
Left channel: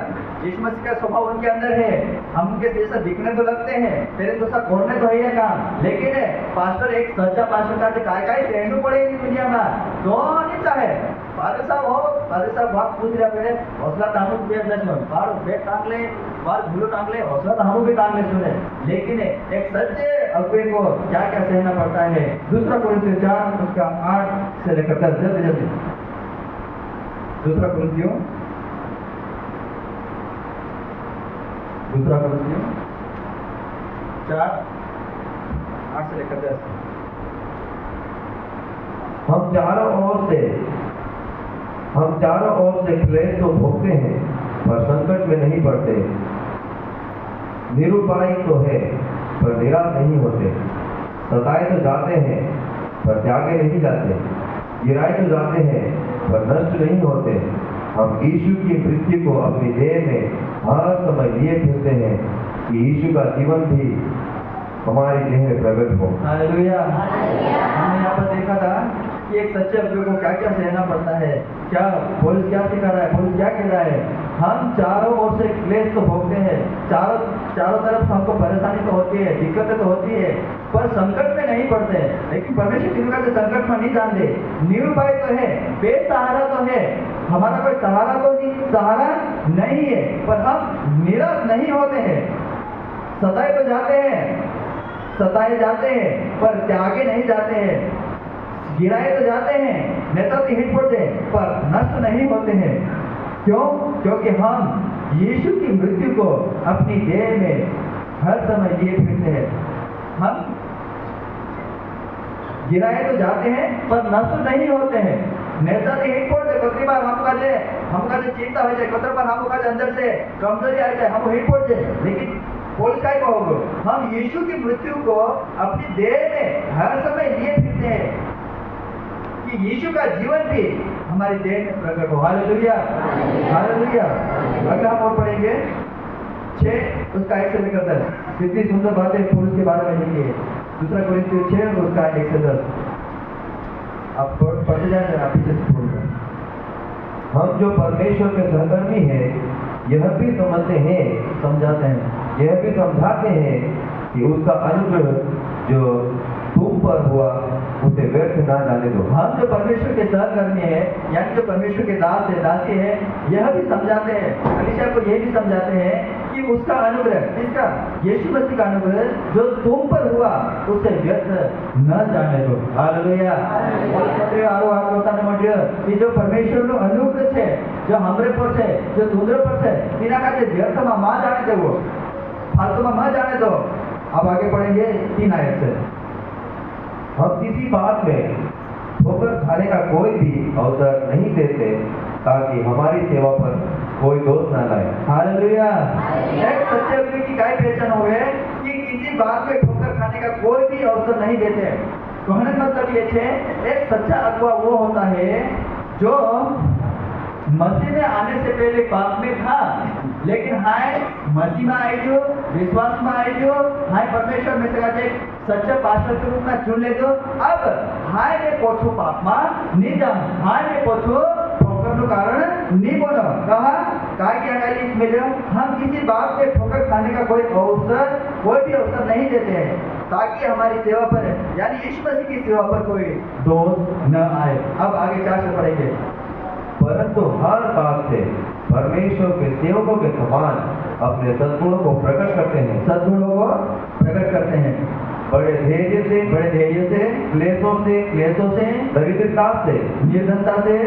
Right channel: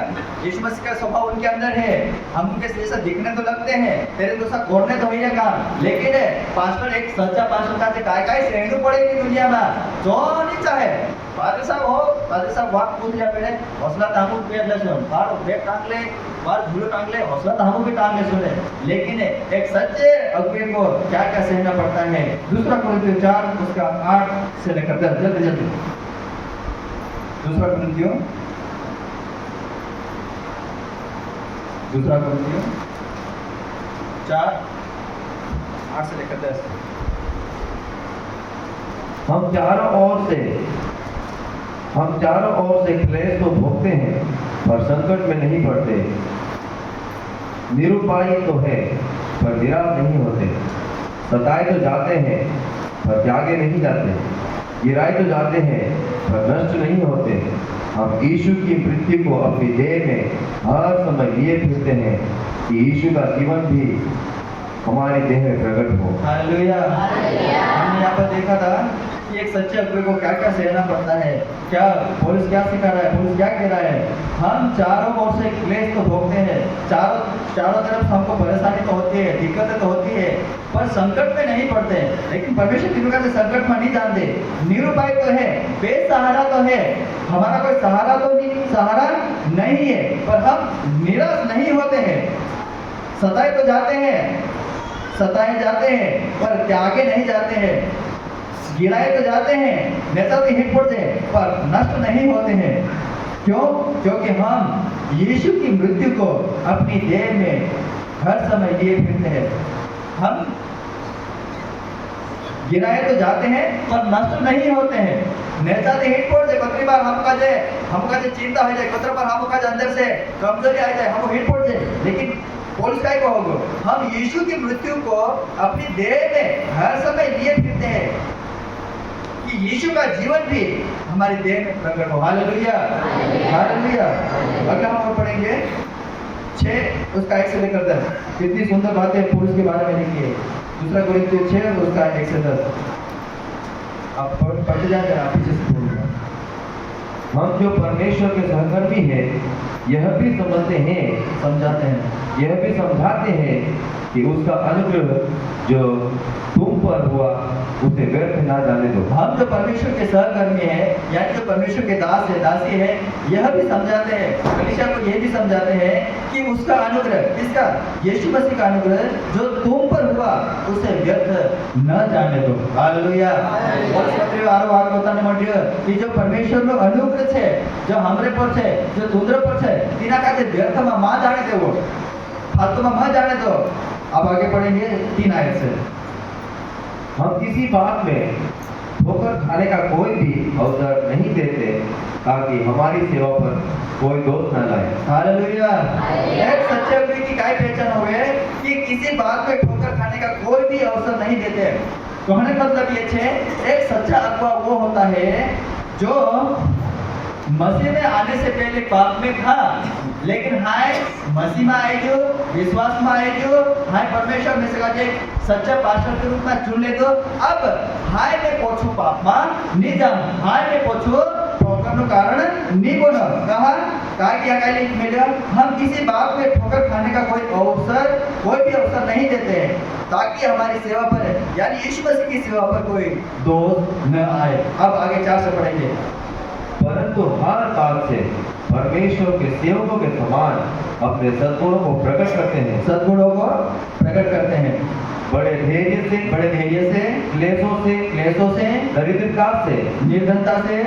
यीशु मसीह का स्वभाव उनके अंदर है, हम उनके जैसा दिखने तो लगते हैं, तेरे तो सब करने तो है काम, लेकिन पास्टर एक सच्चा पास्टर का काय सहनु पड़ेगी दुनिया में जो नहीं चाहे। फादर साहब वाक पूछ लिया पहले हौसला तामू पे दर्शन बार बैग टांग ले, बार झूलो टांग ले, हौसला तामू भी टांग ले सुने, लेकिन एक सच्चे अगुवे को क्या क्या सहना पड़ता है। दूसरा कुरिन्थियों 4 उसका 8 से लेकर 10 जल्दी दूसरा कुरिन्थियों 4 8 से लेकर 10। हम चारों ओर से क्लेश तो भोगते हैं पर संकट में नहीं पड़ते, निरुपाय तो है पर निराश नहीं होते, सताए तो जाते हैं पर त्यागे नहीं जाते, गिराए तो जाते हैं पर नष्ट नहीं होते। हम यीशु की मृत्यु को अपनी देह में हर समय लिए फिरते हैं कि यीशु का जीवन भी हमारे देह में प्रकट हो। हालेलुया। हमने यहाँ पर देखा था कि एक सच्चे अगुवे को क्या क्या सहना पड़ता है। क्या पुलिस क्या सिखा रहा है, पुलिस क्या कह रहा है? हम चारों ओर से क्लेश तो भोगते हैं, चारों तरफ हमको परेशानी तो होती है, दिक्कतें तो होती है, पर संकट में नहीं पड़ते। लेकिन परमेश्वर की कृपा से संकट में नहीं जानते, निरुपाय तो है, बेसहारा तो है, हमारा कोई सहारा नहीं है, पर हम निराश नहीं होते हैं। सताए तो सताए जाते हैं पर त्यागे नहीं जाते हैं, गिराए तो जाते हैं, नेता तो हिट पड़ते पर नष्ट नहीं होते हैं। क्यों? क्योंकि हम यीशु की मृत्यु को अपनी देह में हर समय लिए फिरते हैं। हम गिराए तो जाते हैं पर नष्ट नहीं होते हैं। नेता तो हिट पड़ जाए, कतरी बार हमका जे चिंता हो जाए, कतरी बार हमका अंदर से कमजोरी आ जाए, हम हिट पड़ जाए, लेकिन पुलिस काय कहोगे? हम यीशु की मृत्यु को अपनी देह में हर समय लिए फिरते हैं कि यीशु का जीवन भी हमारे देह में प्रकट हो। Hallelujah, hallelujah. अगला हम और पढ़ेंगे 6 उसका 1 से लेकर 10। कितनी सुंदर बातें पुरुष के बारे में लिखी है। दूसरा कोरिन्थियों 6 उसका 1 से 10। आप पढ़ते जाते हैं, आप पीछे से पढ़ूंगा। हम जो परमेश्वर के सहकर्मी हैं यह भी समझते हैं, समझाते हैं, यह भी समझाते हैं कि उसका अनुग्रह जो तुम पर हुआ उसे व्यर्थ ना जाने दो। हम जो परमेश्वर के सहकर्मी हैं, यानी जो परमेश्वर के दास है, दासी है, यह भी समझाते हैं, कलीसिया को यह भी समझाते हैं कि उसका अनुग्रह, किसका? यीशु मसीह का अनुग्रह जो तुम पर हुआ उसे व्यर्थ न जाने दो। हालेलुया। और पत्र आरो आगे बताने मध्य कि जो परमेश्वर નો अनुग्रह છે, जो हमरे पर છે, जो तुंद्र पर છે, तिना का के व्यर्थ में मा जाने दो, फालतू में मत जाने दो। अब आगे पढ़ेंगे 3 आयत से। हम किसी बात में ठोकर खाने का कोई भी अवसर नहीं देते ताकि हमारी सेवा पर कोई दोष न लाए। हालेलुया। एक सच्चे व्यक्ति की काय पहचान हुए कि किसी बात में ठोकर खाने का कोई भी अवसर नहीं देते। कहने का मतलब ये है, एक सच्चा अगुवा वो होता है जो मसीह में आने से पहले पाप में था, लेकिन हाय मसीह में आए जो, विश्वास में आए जो, हाय परमेश्वर में से सच्चा पास्टर के रूप में चुन ले दो। अब हाय में पोछू पाप में नहीं जा, हाय में पोछू ठोकर नु कारण नहीं बोलो। कहा काय क्या काय लिख मिले, हम किसी बात में ठोकर खाने का कोई भी अवसर नहीं देते हैं ताकि हमारी सेवा पर, यानी यीशु मसीह की सेवा पर कोई दोष न आए। अब आगे 4 से पढ़ेंगे। परंतु हर बात से परमेश्वर के सेवकों के समान अपने सद्गुणों को प्रकट करते हैं, सद्गुणों को प्रकट करते हैं, बड़े धैर्य से, क्लेशों से, दरिद्रता से, निर्धनता से,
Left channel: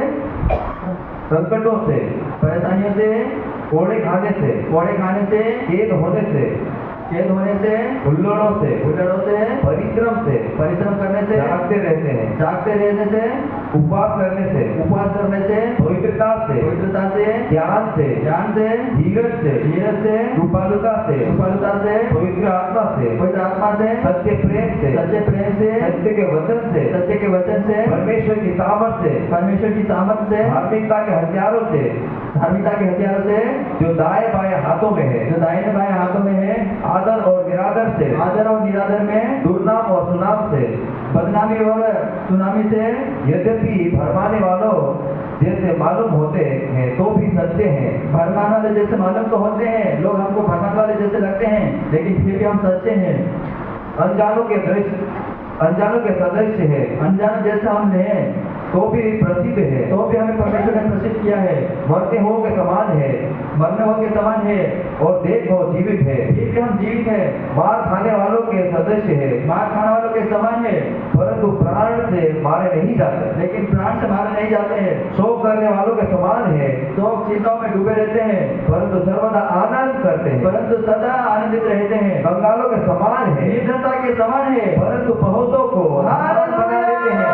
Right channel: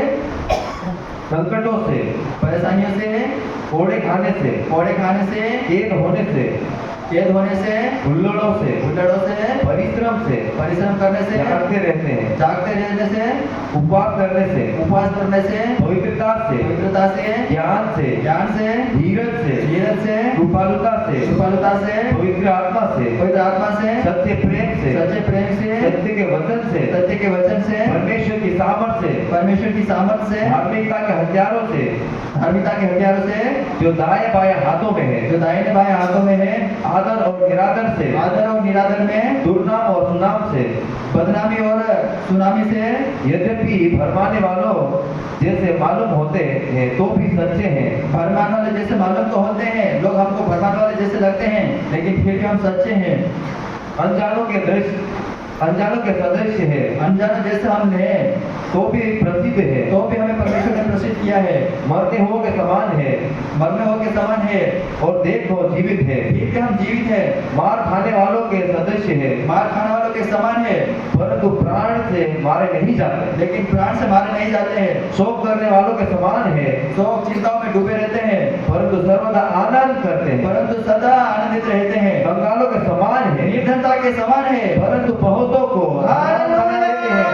संकटों से, परेशानियों से, कोड़े खाने से, कैद होने से, हुल्लड़ों से, परिश्रम करने से, जागते रहने से, उपवास करने से, पवित्रता से, ज्ञान से, धीरज से, कृपालुता से, पवित्र आत्मा से, सत्य प्रेम से, सत्य के वचन से, परमेश्वर की सामर्थ से, धार्मिकता के हथियारों से, जो दाएं बाएं हाथों में है, आदर और निरादर में, दुर्नाम और सुनाम से, बदनामी और सुनामी से, यद्यपि भरमाने वालों जैसे मालूम होते हैं तो भी सच्चे हैं। भरमाने वाले जैसे मालूम तो होते हैं, लोग हमको भरमाने वाले जैसे लगते हैं, लेकिन फिर भी हम सच्चे हैं। अनजानों के सदृश है, अनजानों जैसे हम हैं तो भी प्रसिद्ध है, तो भी हमें परमेश्वर ने प्रसिद्ध किया है। मरते हो के समान है, और देखो जीवित है, फिर भी हम जीवित है। मार खाने वालों के सदृश है, मार खाने वालों के समान है, परंतु प्राण से मारे नहीं जाते, लेकिन प्राण से मारे नहीं जाते हैं। शोक करने वालों के समान है, शोक चिंताओं में डूबे रहते हैं, परंतु सर्वदा आनंद करते हैं, परंतु सदा आनंदित रहते हैं। कंगालों के समान है, निर्धनता के समान है, परंतु बहुतों को आनंद बना देते हैं।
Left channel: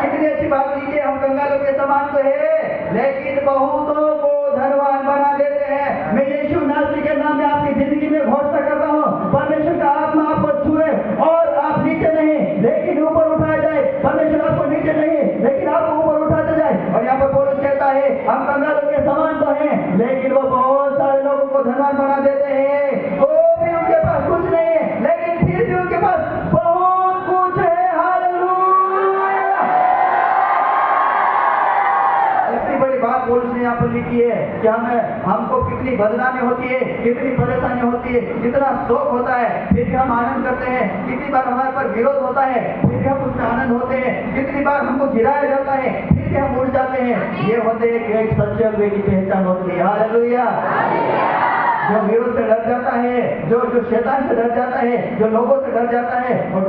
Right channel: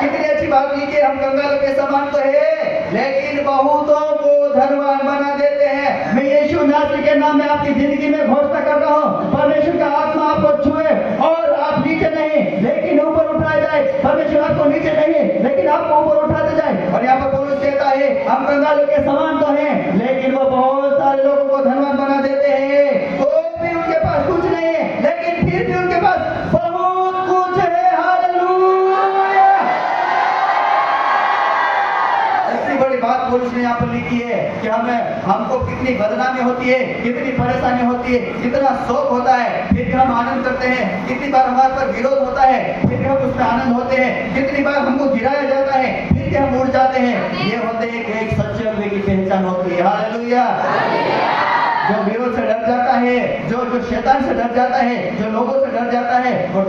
कितनी अच्छी बात की कि हम कंगालों के समान तो है, लेकिन बहुतों को धनवान बना देते हैं। मैं यीशु नासरी के नाम में आपकी जिंदगी में घोषणा कर रहा हूँ, परमेश्वर का आत्मा आपको छुए और आप नीचे नहीं लेकिन ऊपर उठाए जाए। परमेश्वर आपको नीचे नहीं लेकिन आपको ऊपर उठाते जाए। और यहाँ पर पौलुस कहता है हम कंगालों के समान तो हैं, लेकिन वो बहुत सारे लोगों को धनवान बना देते हैं। तो भी उनके पास कुछ नहीं है, लेकिन फिर भी उनके पास बहुत कुछ है। हालेलुया। इतनी बड़ी बात पौलुस ने यहाँ पर लिखी है कि हमको कितनी बदनामी होती है, कितनी परेशानी होती है, कितना शोक होता है, फिर भी हम आनंद करते हैं। कितनी बार हमारे पर विरोध होता है, फिर भी हम उसमें आनंद होते हैं। कितनी बार हमको गिराया जाता है, फिर भी हम उड़ जाते हैं। ये होते हैं कि एक सच्चे व्यक्ति की पहचान होती है। हालेलुया। जो विरोध से डर जाता है, जो शैतान से डर जाता है, जो लोगों से डर जाता है और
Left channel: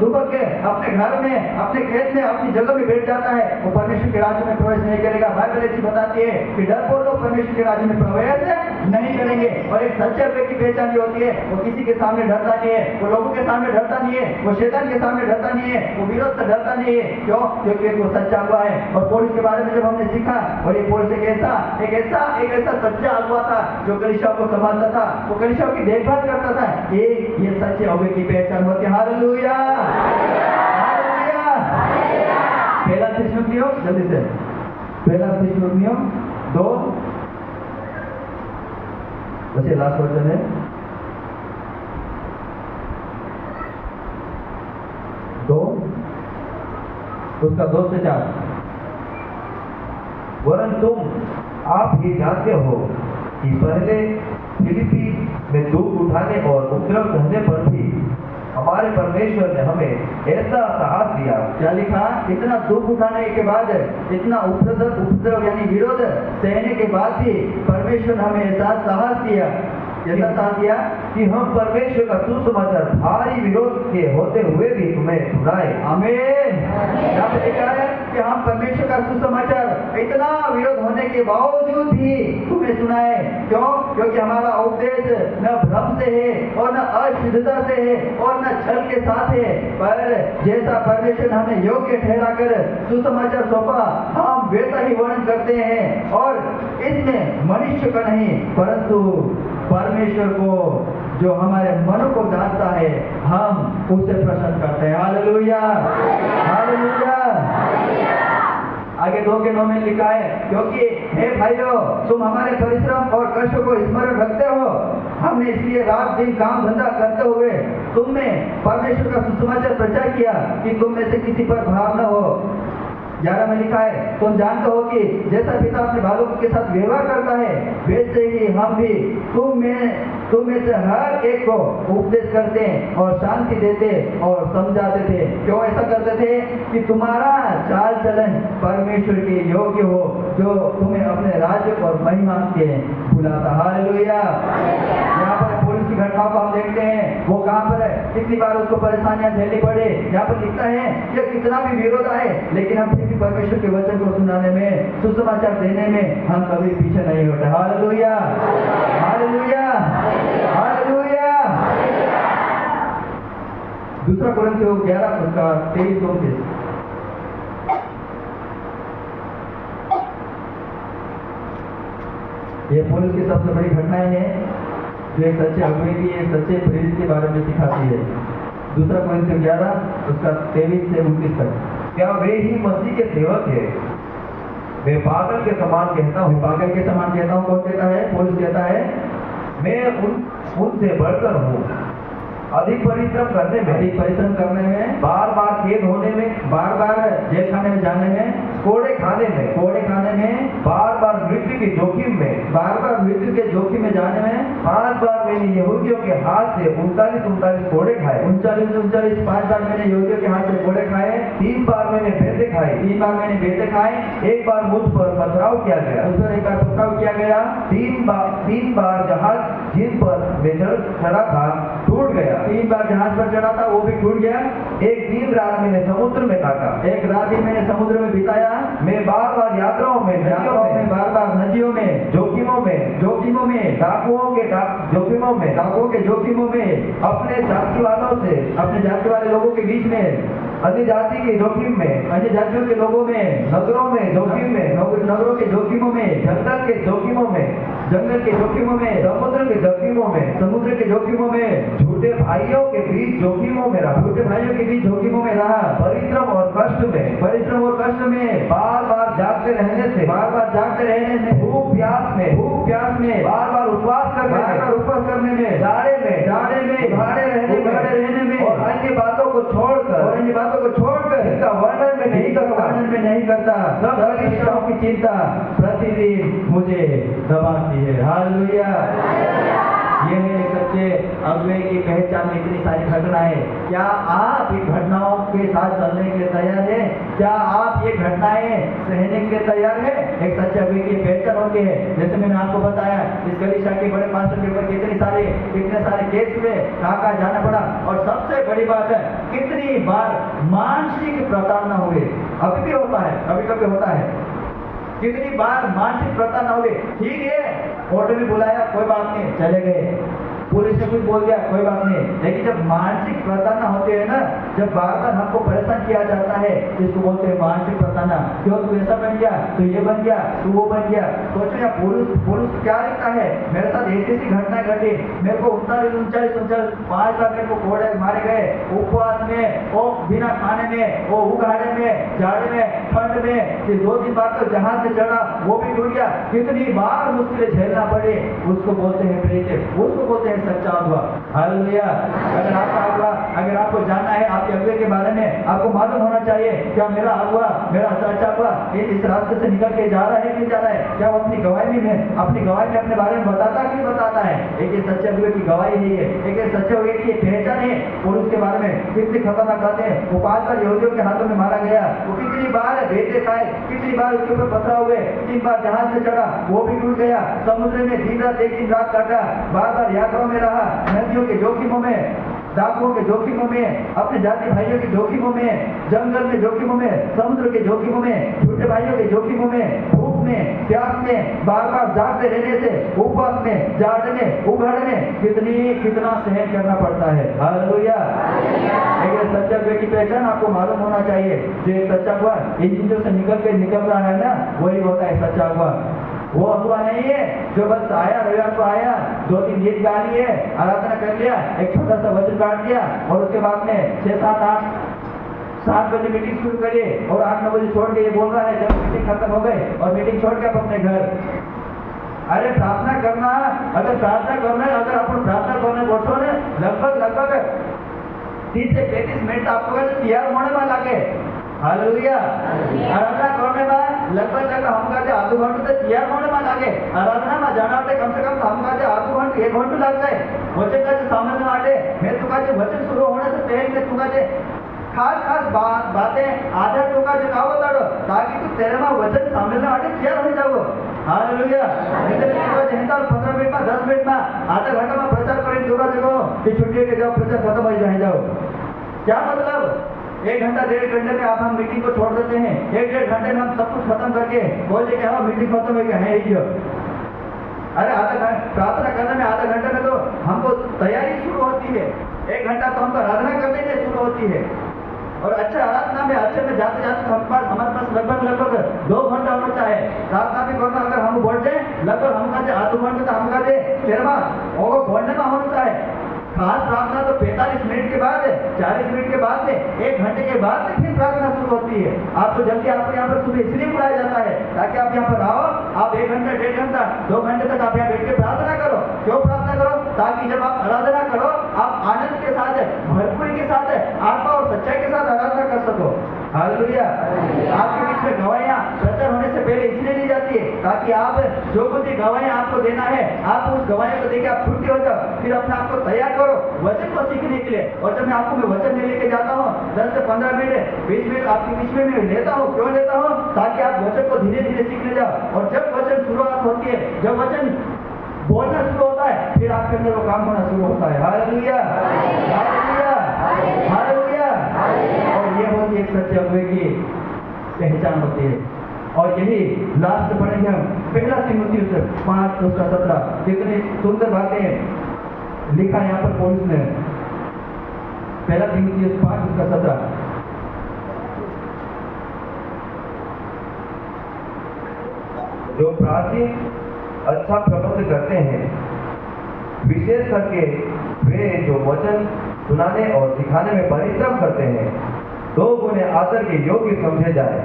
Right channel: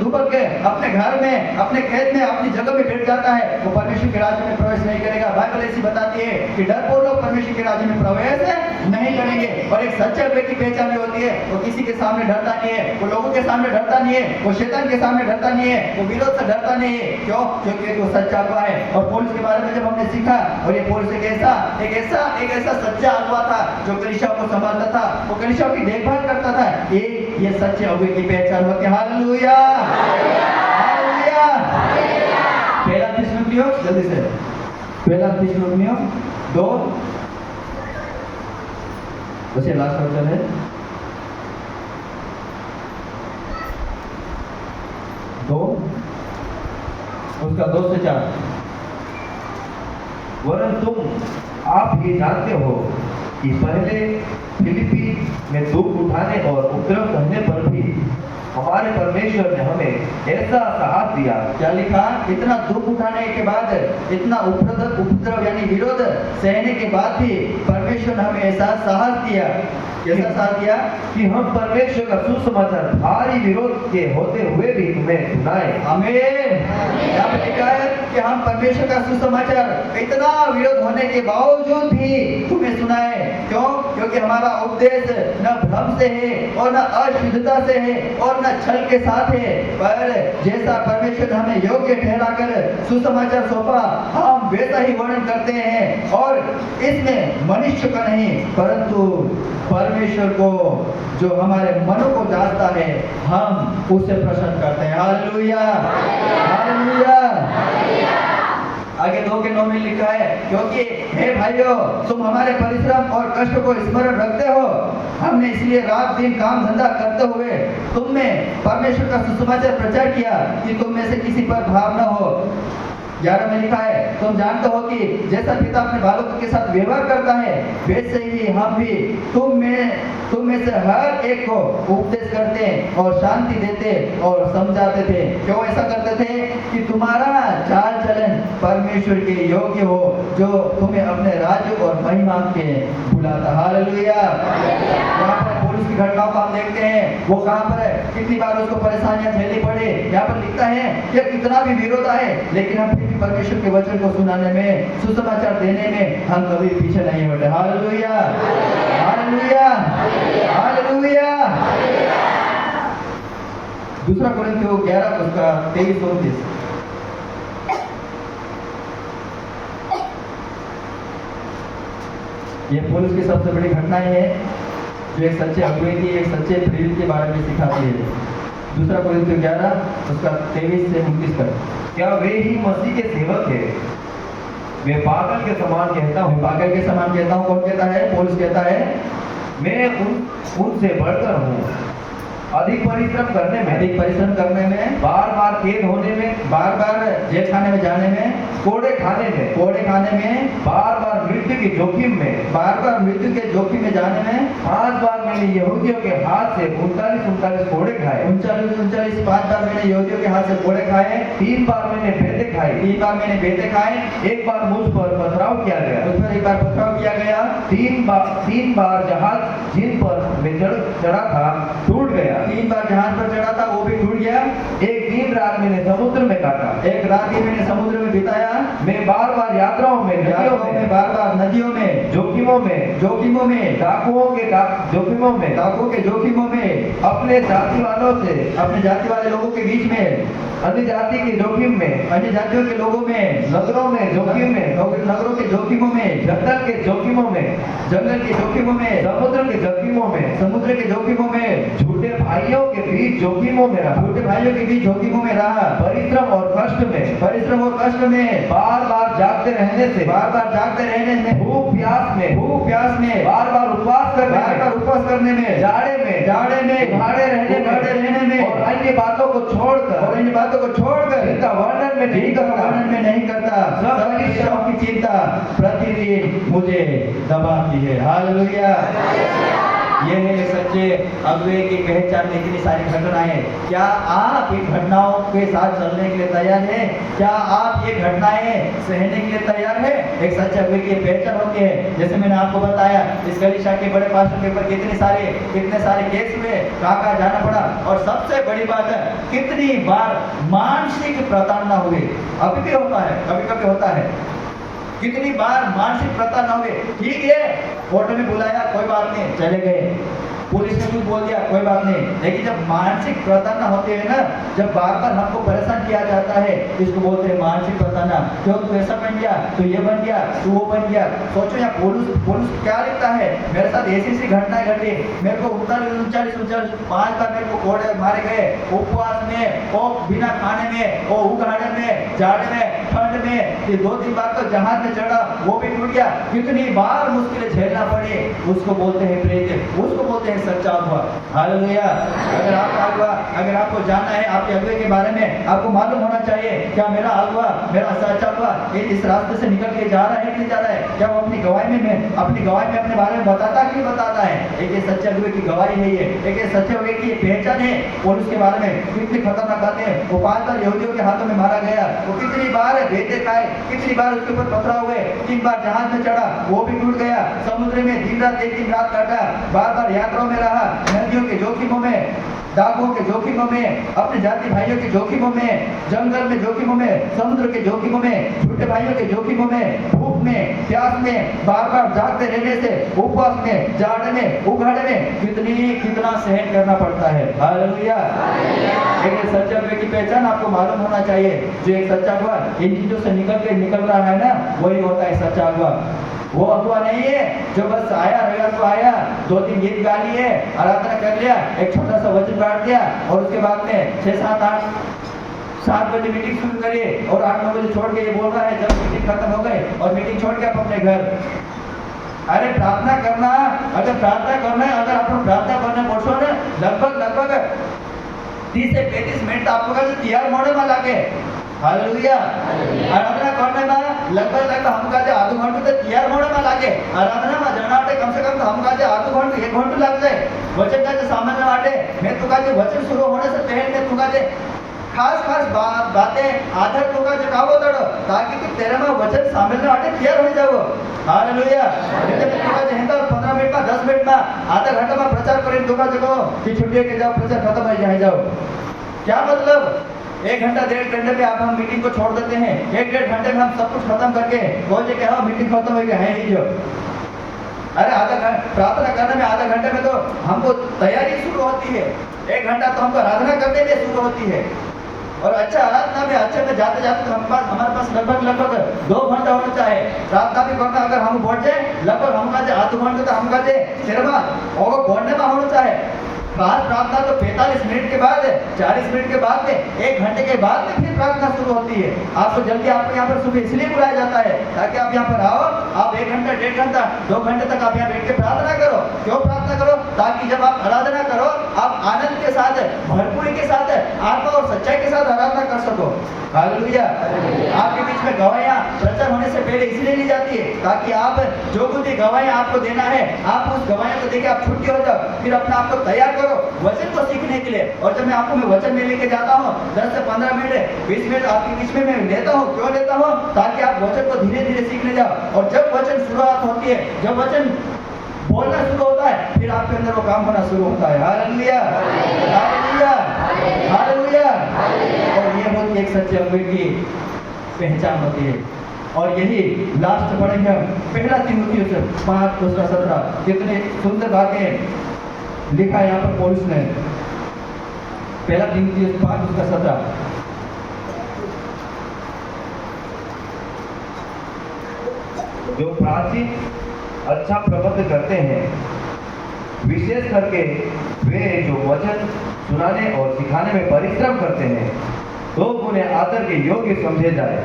दुबक के अपने घर में, अपने खेत में, अपनी जगह में बैठ जाता है, वो परमेश्वर के राज्य में प्रवेश नहीं करेगा। बाइबल ऐसी बताती है कि डरपोक लोग परमेश्वर के राज्य में प्रवेश नहीं करेंगे। और एक सच्चे व्यक्ति की पहचान भी होती है, वो किसी के सामने डरता नहीं है, वो लोगों के सामने डरता नहीं है, वो शैतान के सामने डरता नहीं है, वो विरोध से डरता नहीं है। क्यों? क्योंकि वो सच्चा अगुवा है। और पौलुस के बारे में जब हमने सीखा, और ये पौलुस एक ऐसा सच्चा अगुवा था जो कलीसियाओं को संभालता था, वो कलीसियाओं की देखभाल करता था। ये सच्चे अगुवे की पहचान होती है। हालेलुया। हालेलुया। पहला थिस्सलुनीकियों, जल्दी से, पहला थिस्सलुनीकियों 2 बस ये लास्ट वचन है, 2 उसका 2 से 4। वरन तुम आप ये जानते हो कि पहले फिलिपी में दुख उठाने और उपद्रव सहने पर भी हमारे परमेश्वर ने हमें ऐसा साहस दिया। क्या लिखा? इतना दुख उठाने के बाद, इतना उपद्रव यानी विरोध सहने के बाद भी परमेश्वर ने हमें ऐसा साहस दिया। कैसा साहस दिया? कि हम परमेश्वर का सुसमाचार भारी विरोध के होते हुए भी तुम्हें सुनाए। आमीन। यहाँ पे लिखा है कि हम परमेश्वर का सुसमाचार इतना विरोध होने के बावजूद भी तुम्हें सुनाए। क्यों? क्योंकि हमारा उपदेश न भ्रम से है और न अशुद्धता से है और न छल के साथ है, पर जैसा परमेश्वर ने हमें योग्य ठहरा कर सुसमाचार सौंपा, हम वैसा ही वर्णन करते हैं। और इसमें मनुष्य का नहीं परंतु परमेश्वर को, जो हमारे मनों को जानता है, हम उससे प्रसन्न करते हैं। Hallelujah, hallelujah. आगे 2:9 में लिखा है, क्योंकि हे भाइयों, तुम हमारे परिश्रम और कष्ट को स्मरण रखते हो। हमने इसलिए रात दिन काम धंधा करते हुए तुम में परमेश्वर का सुसमाचार प्रचार किया कि तुम में से किसी पर भार न हो। 11 में लिखा है, तुम जानते हो कि जैसा पिता अपने बालकों के साथ व्यवहार करता है, वैसे ही हम भी तुम में से हर एक को उपदेश करते और शांति देते और समझाते थे। क्यों ऐसा करते थे? कि तुम्हारा चाल चलन परमेश्वर के योग्य हो, जो तुम्हें अपने राज्य और महिमा के बुलाता। हालेलुया। यहाँ पर पुरुष की घटनाओं को हम देखते हैं, वो कहाँ पर है, कितनी बार उसको परेशानियां झेलनी पड़े। यहाँ पर लिखता है कि कितना भी विरोध आए, लेकिन हम फिर भी परमेश्वर के वचन को सुनाने में, सुसमाचार देने में हम कभी पीछे नहीं हटे। Hallelujah, hallelujah, hallelujah. 2 कोरिन्थियों 11 उसका 23-29। ये पौलुस की सबसे बड़ी घटनाएं हैं जो एक सच्चे अगुवे की, एक सच्चे प्रेरित के बारे में सिखाती है। 2 कोरिन्थियों 11 उसका 23 से 29 तक। क्या वे ही मसीह के सेवक है? मैं पागल के समान कहता हूँ। पागल के समान कहता हूँ। कौन कहता है? पौलुस कहता है, मैं उनसे बढ़कर हूँ। अधिक परिश्रम करने में, बार बार कैद होने में, बार बार जेल खाने में जाने में, कोड़े खाने में, बार बार मृत्यु के जोखिम में, जाने में, 5 बार मैंने यहूदियों के हाथ से 39 कोड़े खाए। 5 बार मैंने यहूदियों के हाथ से कोड़े खाए। 3 बार मैंने बेटे खाए। 1 बार मुझ पर पथराव किया गया। 3 बार जहाज जिन पर मैं चढ़ा था टूट गया। 3 बार जहाज पर चढ़ा था, वो भी टूट गया। 1 दिन रात मैंने समुद्र में काटा। 1 रात ही मैंने समुद्र में बिताया। मैं बार बार यात्राओं में, बार बार नदियों में, जोखिमों में, डाकुओं के जोखिमों में, अपने जाति वाले लोगों के बीच में, अन्य जातियों के लोगों में, नगरों के जोखिमों में, जंगल के जोखिमों में, समुद्र के जोखिमों में, झूठे भाइयों के बीच जोखिमों में रहा। परिश्रम और कष्ट में, बार बार जागते रहने से, भूख प्यास में, बार बार उपवास करने में, जाड़े में, भाड़े रहने में, और अन्य बातों को छोड़कर इनका वर्णन में नहीं करता। सब परिश्रम की चिंता प्रतिदिन मुझे दबाती है। हालेलुया। ये है सच्चे अगुवे की पहचान में इतनी सारी घटनाएं। क्या आप इन घटनाओं के साथ चलने के लिए तैयार हैं? क्या आप ये घटनाएं सहने के लिए तैयार हैं? एक सच्चे अगुवे की पहचान होती है। जैसे मैंने आपको बताया, इस गलीशा के बड़े पास्टर के ऊपर कितने सारे केस हुए, कहाँ जाना पड़ा, और सबसे बड़ी बात है, कितनी बार मानसिक प्रताड़ना हुई। अभी भी होता है, कभी होता है। कितनी बार मानसिक प्रताड़ना हुई। ठीक है, कोर्ट में बुलाया, कोई बात नहीं, चले गए। पुलिस ने कुछ बोल दिया कोई बात नहीं, लेकिन जब मानसिक प्रताड़ना होती है ना, जब बार बार हमको परेशान किया जाता है, इसको बोलते हैं मानसिक प्रताड़ना। क्यों तू ऐसा बन गया, तू ये बन गया, तू वो बन गया। सोचो यहाँ पुलिस क्या लिखता है, मेरे साथ ऐसी घटनाएं घटी, मेरे को 39 5 बार मेरे को कोड़े मारे गए, उपवास में, वो बिना खाने में, वो उघाड़े में, जाड़े में, ठंड में, 2-3 बार तो जहाज में चढ़ा, वो भी टूट गया, कितनी बार मुश्किलें झेलना पड़ी। उसको बोलते हैं प्रेरित, उसको बोलते हैं सच्चा अगुआ। हालेलुया। अगर आपका अगुआ, अगर आपको जानना है आपके अगुए के बारे में, आपको मालूम होना चाहिए क्या मेरा अगुआ, मेरा सच्चा अगुआ इस रास्ते से निकल के जा रहा है कि नहीं जा रहा है, क्या वो अपनी गवाही में अपने बारे में बताता कि नहीं बताता है। एक ये सच्चे अगुए की गवाही है, ये एक ये सच्चे अगुए की पहचान है। और उसके बारे में कितनी खतरनाक बातें हैं। वो 5 बार यहूदियों के हाथों में मारा गया, वो कितनी बार बेटे खाए, कितनी बार उसके ऊपर पथराव हुए, 3 बार जहाज में चढ़ा, वो भी टूट गया, समुद्र में दिन रात 1 दिन रात काटा, बार यात्राओं में रहा, नदियों के जोखिमों में, डाकुओं के जोखिमों में, अपने जाति भाइयों के जोखिमों में, जंगल में जोखिमों में, समुद्र के जोखिमों में, झूठे भाइयों के जोखिमों में, भूख में, प्यास में, बार जागते रहने से, उपवास में, जाड़े में, उघाड़े में कितना सहन करना पड़ता है। हालेलुया। एक सच्चा अगुए की पहचान आपको मालूम होना चाहिए। जो एक सच्चा अगुआ इन चीजों से निकल रहा है ना, वही होता है सच्चा अगुआ। वो अगुआ नहीं है जो बस आया, रविवार को आया, 2-3 गीत गा लिए, आराधना कर लिया, एक छोटा सा वचन बांट दिया और उसके बाद में 7 बजे मीटिंग शुरू करिए और 8-9 बजे छोड़ के ये बोल रहा है जब मीटिंग खत्म हो गई और मीटिंग छोड़ के आप अपने घर। अरे प्रार्थना करना, अगर प्रार्थना करना है, अगर आप प्रार्थना करना बोलो ना, लगभग 30 से 35 मिनट आपको तैयार होने वाला के। हालेलुया। आराधना करने में लगभग हमका आधो घंटे तक तैयार होने में लागे। आराधना में जाना कम से कम हमका आधो घंटे 1 घंटे लग जाए। वचन का सामान्य वाटे मैं तुका वचन शुरू होने से पहले मैं तुका खास बातें आधार तुका का बताड़ो ताकि तू तेरे में वचन सामने वाटे तैयार हो जाओ। हालेलुया। नहीं तो तुका हिंदा 15 मिनट में 10 मिनट में आधा घंटा में प्रचार करें तुका जगो कि छुट्टी के जाओ प्रचार खत्म हो जाए। क्या मतलब 1 घंटा 1.5 घंटे में आप हम मीटिंग को छोड़ देते हैं। 1-1.5 घंटे में हम सब कुछ खत्म करके बोलते कि हाँ मीटिंग खत्म हो गया है ही जो। अरे आधा घंटा प्रार्थना करने में आधा घंटे में तो हमको तैयारी शुरू होती है। 1 घंटा तो हमको आराधना करने में शुरू होती है और अच्छा आराधना में अच्छे में जाते तो हमारे पास लगभग 2 घंटा होना चाहिए। प्रार्थना भी करना अगर हम बढ़ जाए लगभग हमका आधो घंटे तो हमका शेरमा और बढ़ने में होना चाहिए। खास प्रार्थना तो 45 मिनट के बाद 40 मिनट के बाद में 1 घंटे के बाद में फिर प्रार्थना शुरू होती है। आपको जल्दी आपको यहाँ पर सुबह इसलिए बुलाया जाता है ताकि आप यहाँ पर आओ, आप 1 घंटा 1.5 घंटा 2 घंटे तक आप यहाँ बैठ के प्रार्थना करो। क्यों प्रार्थना करो? ताकि जब आप आराधना करो आप आनंद के साथ, भरपूरी के साथ, आत्मा और सच्चाई के साथ आराधना कर सको। हालेलुया। आपके बीच में गवाहियां प्रचार होने से पहले इसलिए ली जाती है ताकि आप जो कुछ भी गवाहियां आपको देना है आप उस गवाहियों को देके आप छुट्टी हो जाओ, फिर अपने आप को तैयार करो वचन को सीखने के लिए। और जब मैं आपको वचन में लेके जाता हूँ 10 से 15 मिनट 20 मिनट आपके बीच में मैं लेता हूँ। क्यों लेता हूँ? ताकि आप वचन को धीरे धीरे सीखने जाओ। और जब वचन शुरुआत होती है, जब वचन बोलना शुरू होता है, फिर आपके अंदर वो काम होना शुरू होता है। Hallelujah, hallelujah, hallelujah. और ये होती है एक सच्चे अगुए की पहचान होती है। और यही लास्ट पढ़ेंगे हम 1 तीमुथियुस 5:17। कितनी सुंदर बातें लिखा है यहाँ पर पौलुस ने। 1 तीमुथियुस 5:17। जो प्राचीन अच्छा प्रबंध करते हैं, विशेष करके वे जो वचन सुनाने और सिखाने में परिश्रम करते हैं, तो उन्हें आदर के योग्य समझे जाए।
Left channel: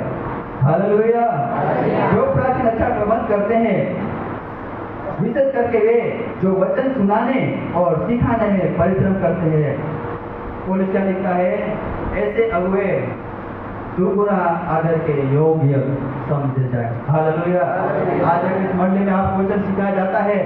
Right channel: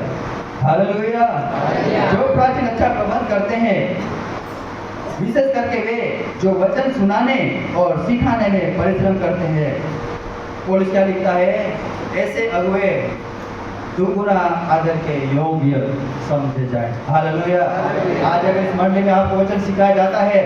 हालेलुया। जो प्राचीन अच्छा प्रबंध करते हैं, विशेष करके वे जो वचन सुनाने और सिखाने में परिश्रम करते हैं। पौलुस क्या लिखता है? ऐसे अगुए दुगुना आदर के योग्य समझे जाए। हालेलुया। आज अगर इस मंडली में आपको वचन सिखाया जाता है,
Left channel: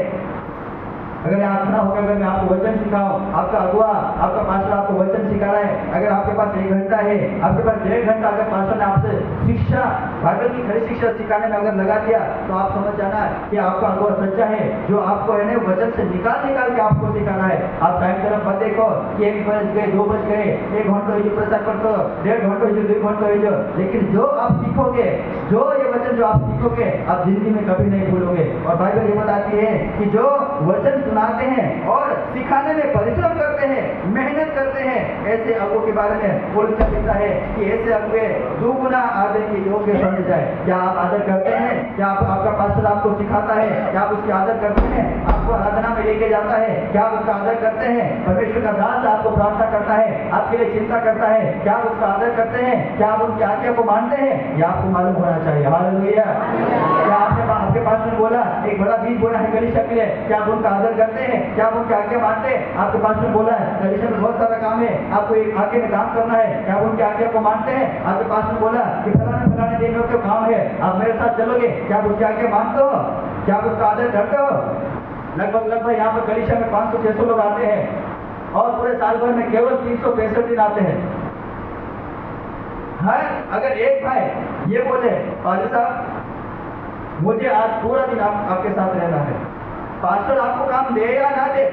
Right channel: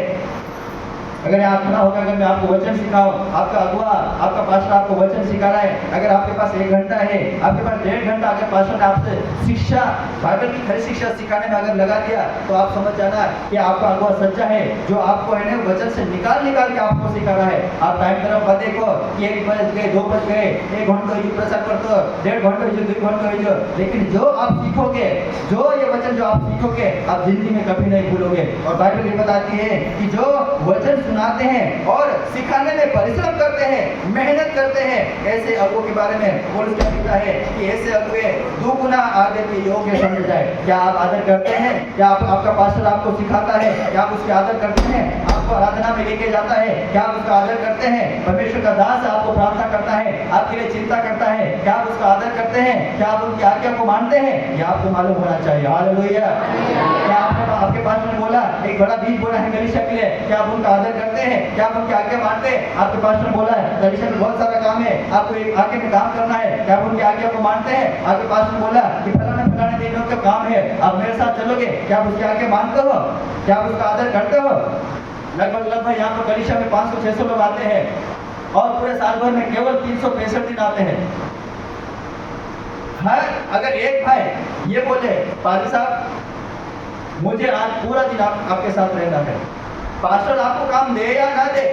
अगर यहाँ खड़ा होकर अगर मैं आपको वचन सिखाऊं, आपका अगुआ आपका पास्टर आपको वचन सिखा रहा है, अगर आपके पास 1 घंटा है, आपके पास 1.5 घंटा अगर पास्टर ने आपसे शिक्षा, बाइबल की खरी शिक्षा सिखाने में अगर लगा दिया तो आप समझ जाना कि आपका अगुआ सच्चा है, जो आपको है ना वचन से निकाल के आपको सिखा रहा है। आप टाइम तरफ मत देखो कि 1 बज गए 2 बज गए, 1 घंटा जो प्रचार करते हो, 1.5 घंटा जो 2 घंटा जो, लेकिन जो आप सीखोगे, जो ये वचन जो आप सीखोगे आप जिंदगी में कभी नहीं भूलोगे। और बाइबल ये बताती है कि जो वचन सुनाते हैं और सिखाने में परिश्रम करते हैं, मेहनत करते हैं, ऐसे अगुओं के बारे में पौलुस क्या कहता है कि ऐसे अगुए दुगुना आदर के योग्य समझे जाए। क्या आप आदर करते हैं? क्या आपका पास्टर आपको सिखाता है? क्या आप उसकी आदर करते हैं? आपको आराधना में लेके जाता है, क्या आप उसका आदर करते हैं? परमेश्वर का दास आपको प्रार्थना करता है, आपके लिए चिंता करता है, क्या आप उसका आदर करते हैं? क्या आप उनकी आज्ञा को मानते हैं? यह आपको मालूम होना चाहिए। हालेलुया। क्या आपके पास में बोला एक बड़ा बीज बोला है गलीशा के लिए, क्या आप उनका आदर करते हैं? क्या आप उनकी आज्ञा मानते हैं? आपके पास में बोला है गलीशा में बहुत सारा काम है, आपको एक आगे में काम करना है, क्या आप उनकी आज्ञा को मानते हैं? आपके पास में बोला कि फलाने दिन का काम है, आप मेरे साथ चलोगे, क्या आप उसकी आज्ञा मानते हो? क्या आप उसका आदर करते हो? लगभग यहाँ पर गलीशा में 500-600 लोग आते हैं और पूरे साल भर में केवल 365 दिन आते हैं। हर अगर एक भाई ये बोले पादरी साहब मुझे आज पूरा दिन आपके साथ रहना है, पास्टर आपको काम दे या ना दे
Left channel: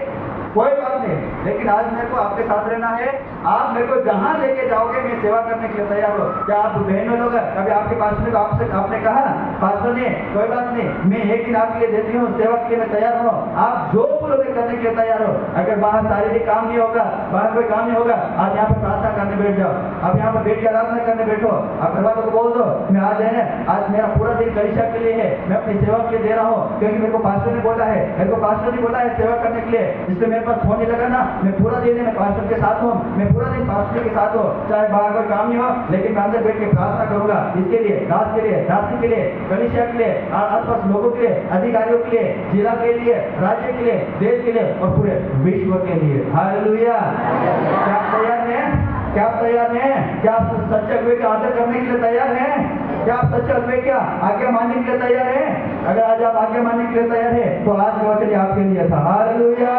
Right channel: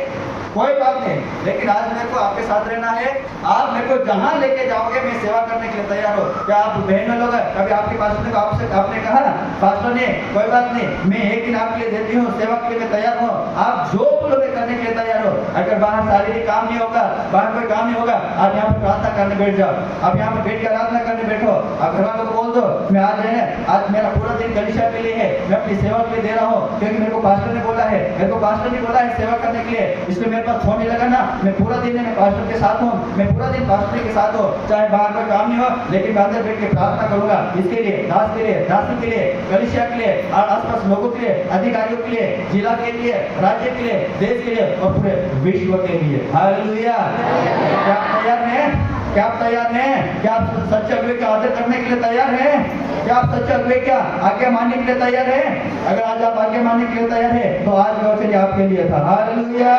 कोई बात नहीं, लेकिन आज मेरे को आपके साथ रहना है, आप मेरे को जहां लेके जाओगे मैं सेवा करने के लिए तैयार हो। क्या आप बहनों लोग कभी आपके पास्टर को आपने कहा पास्टर ने कोई बात नहीं, मैं एक दिन आपके लिए देती हूँ, सेवा के लिए मैं तैयार हूँ, आप जो बोलोगे करने के लिए तैयार हो। अगर बाहर शारीरिक काम नहीं होगा, बाहर कोई काम नहीं होगा, आप यहाँ पर प्रार्थना करने बैठ जाओ, आप यहाँ पर बैठ कर आराधना करने बैठो, आप घर वालों को बोल दो मैं आज है ना, आज मेरा पूरा दिन गलीशा के लिए है, मैं अपनी सेवा के लिए दे रहा हूँ, क्योंकि मेरे को पास्टर ने बोला है, मेरे को पास्टर ने बोला है सेवा करने के लिए, इसलिए मेरे पास फोन नहीं लगाना, मैं पूरा दिन मैं पास्टर के साथ हूँ, मैं पूरा दिन पास्टर के साथ हूँ, चाहे बाहर कोई काम नहीं हो, लेकिन मैं अंदर बैठ के प्रार्थना करूंगा, इसके लिए, दास के लिए, दासी के लिए, गलीशा के लिए, और आसपास लोगों के लिए, अधिकारियों के लिए, जिला के लिए, राज्य के लिए, देश के लिए और पूरे विश्व के लिए। हालेलुया। क्या आप तैयार हैं? क्या आप तैयार हैं? क्या आप सच्चे अगुवे का आदर करने के लिए तैयार हैं? क्या आप सच्चे अगुवे क्या आज्ञा मानने के लिए तैयार हैं? अगर आज आप आज्ञा मानने के लिए तैयार हैं तो आज का वचन आपके लिए था। हालेलुया।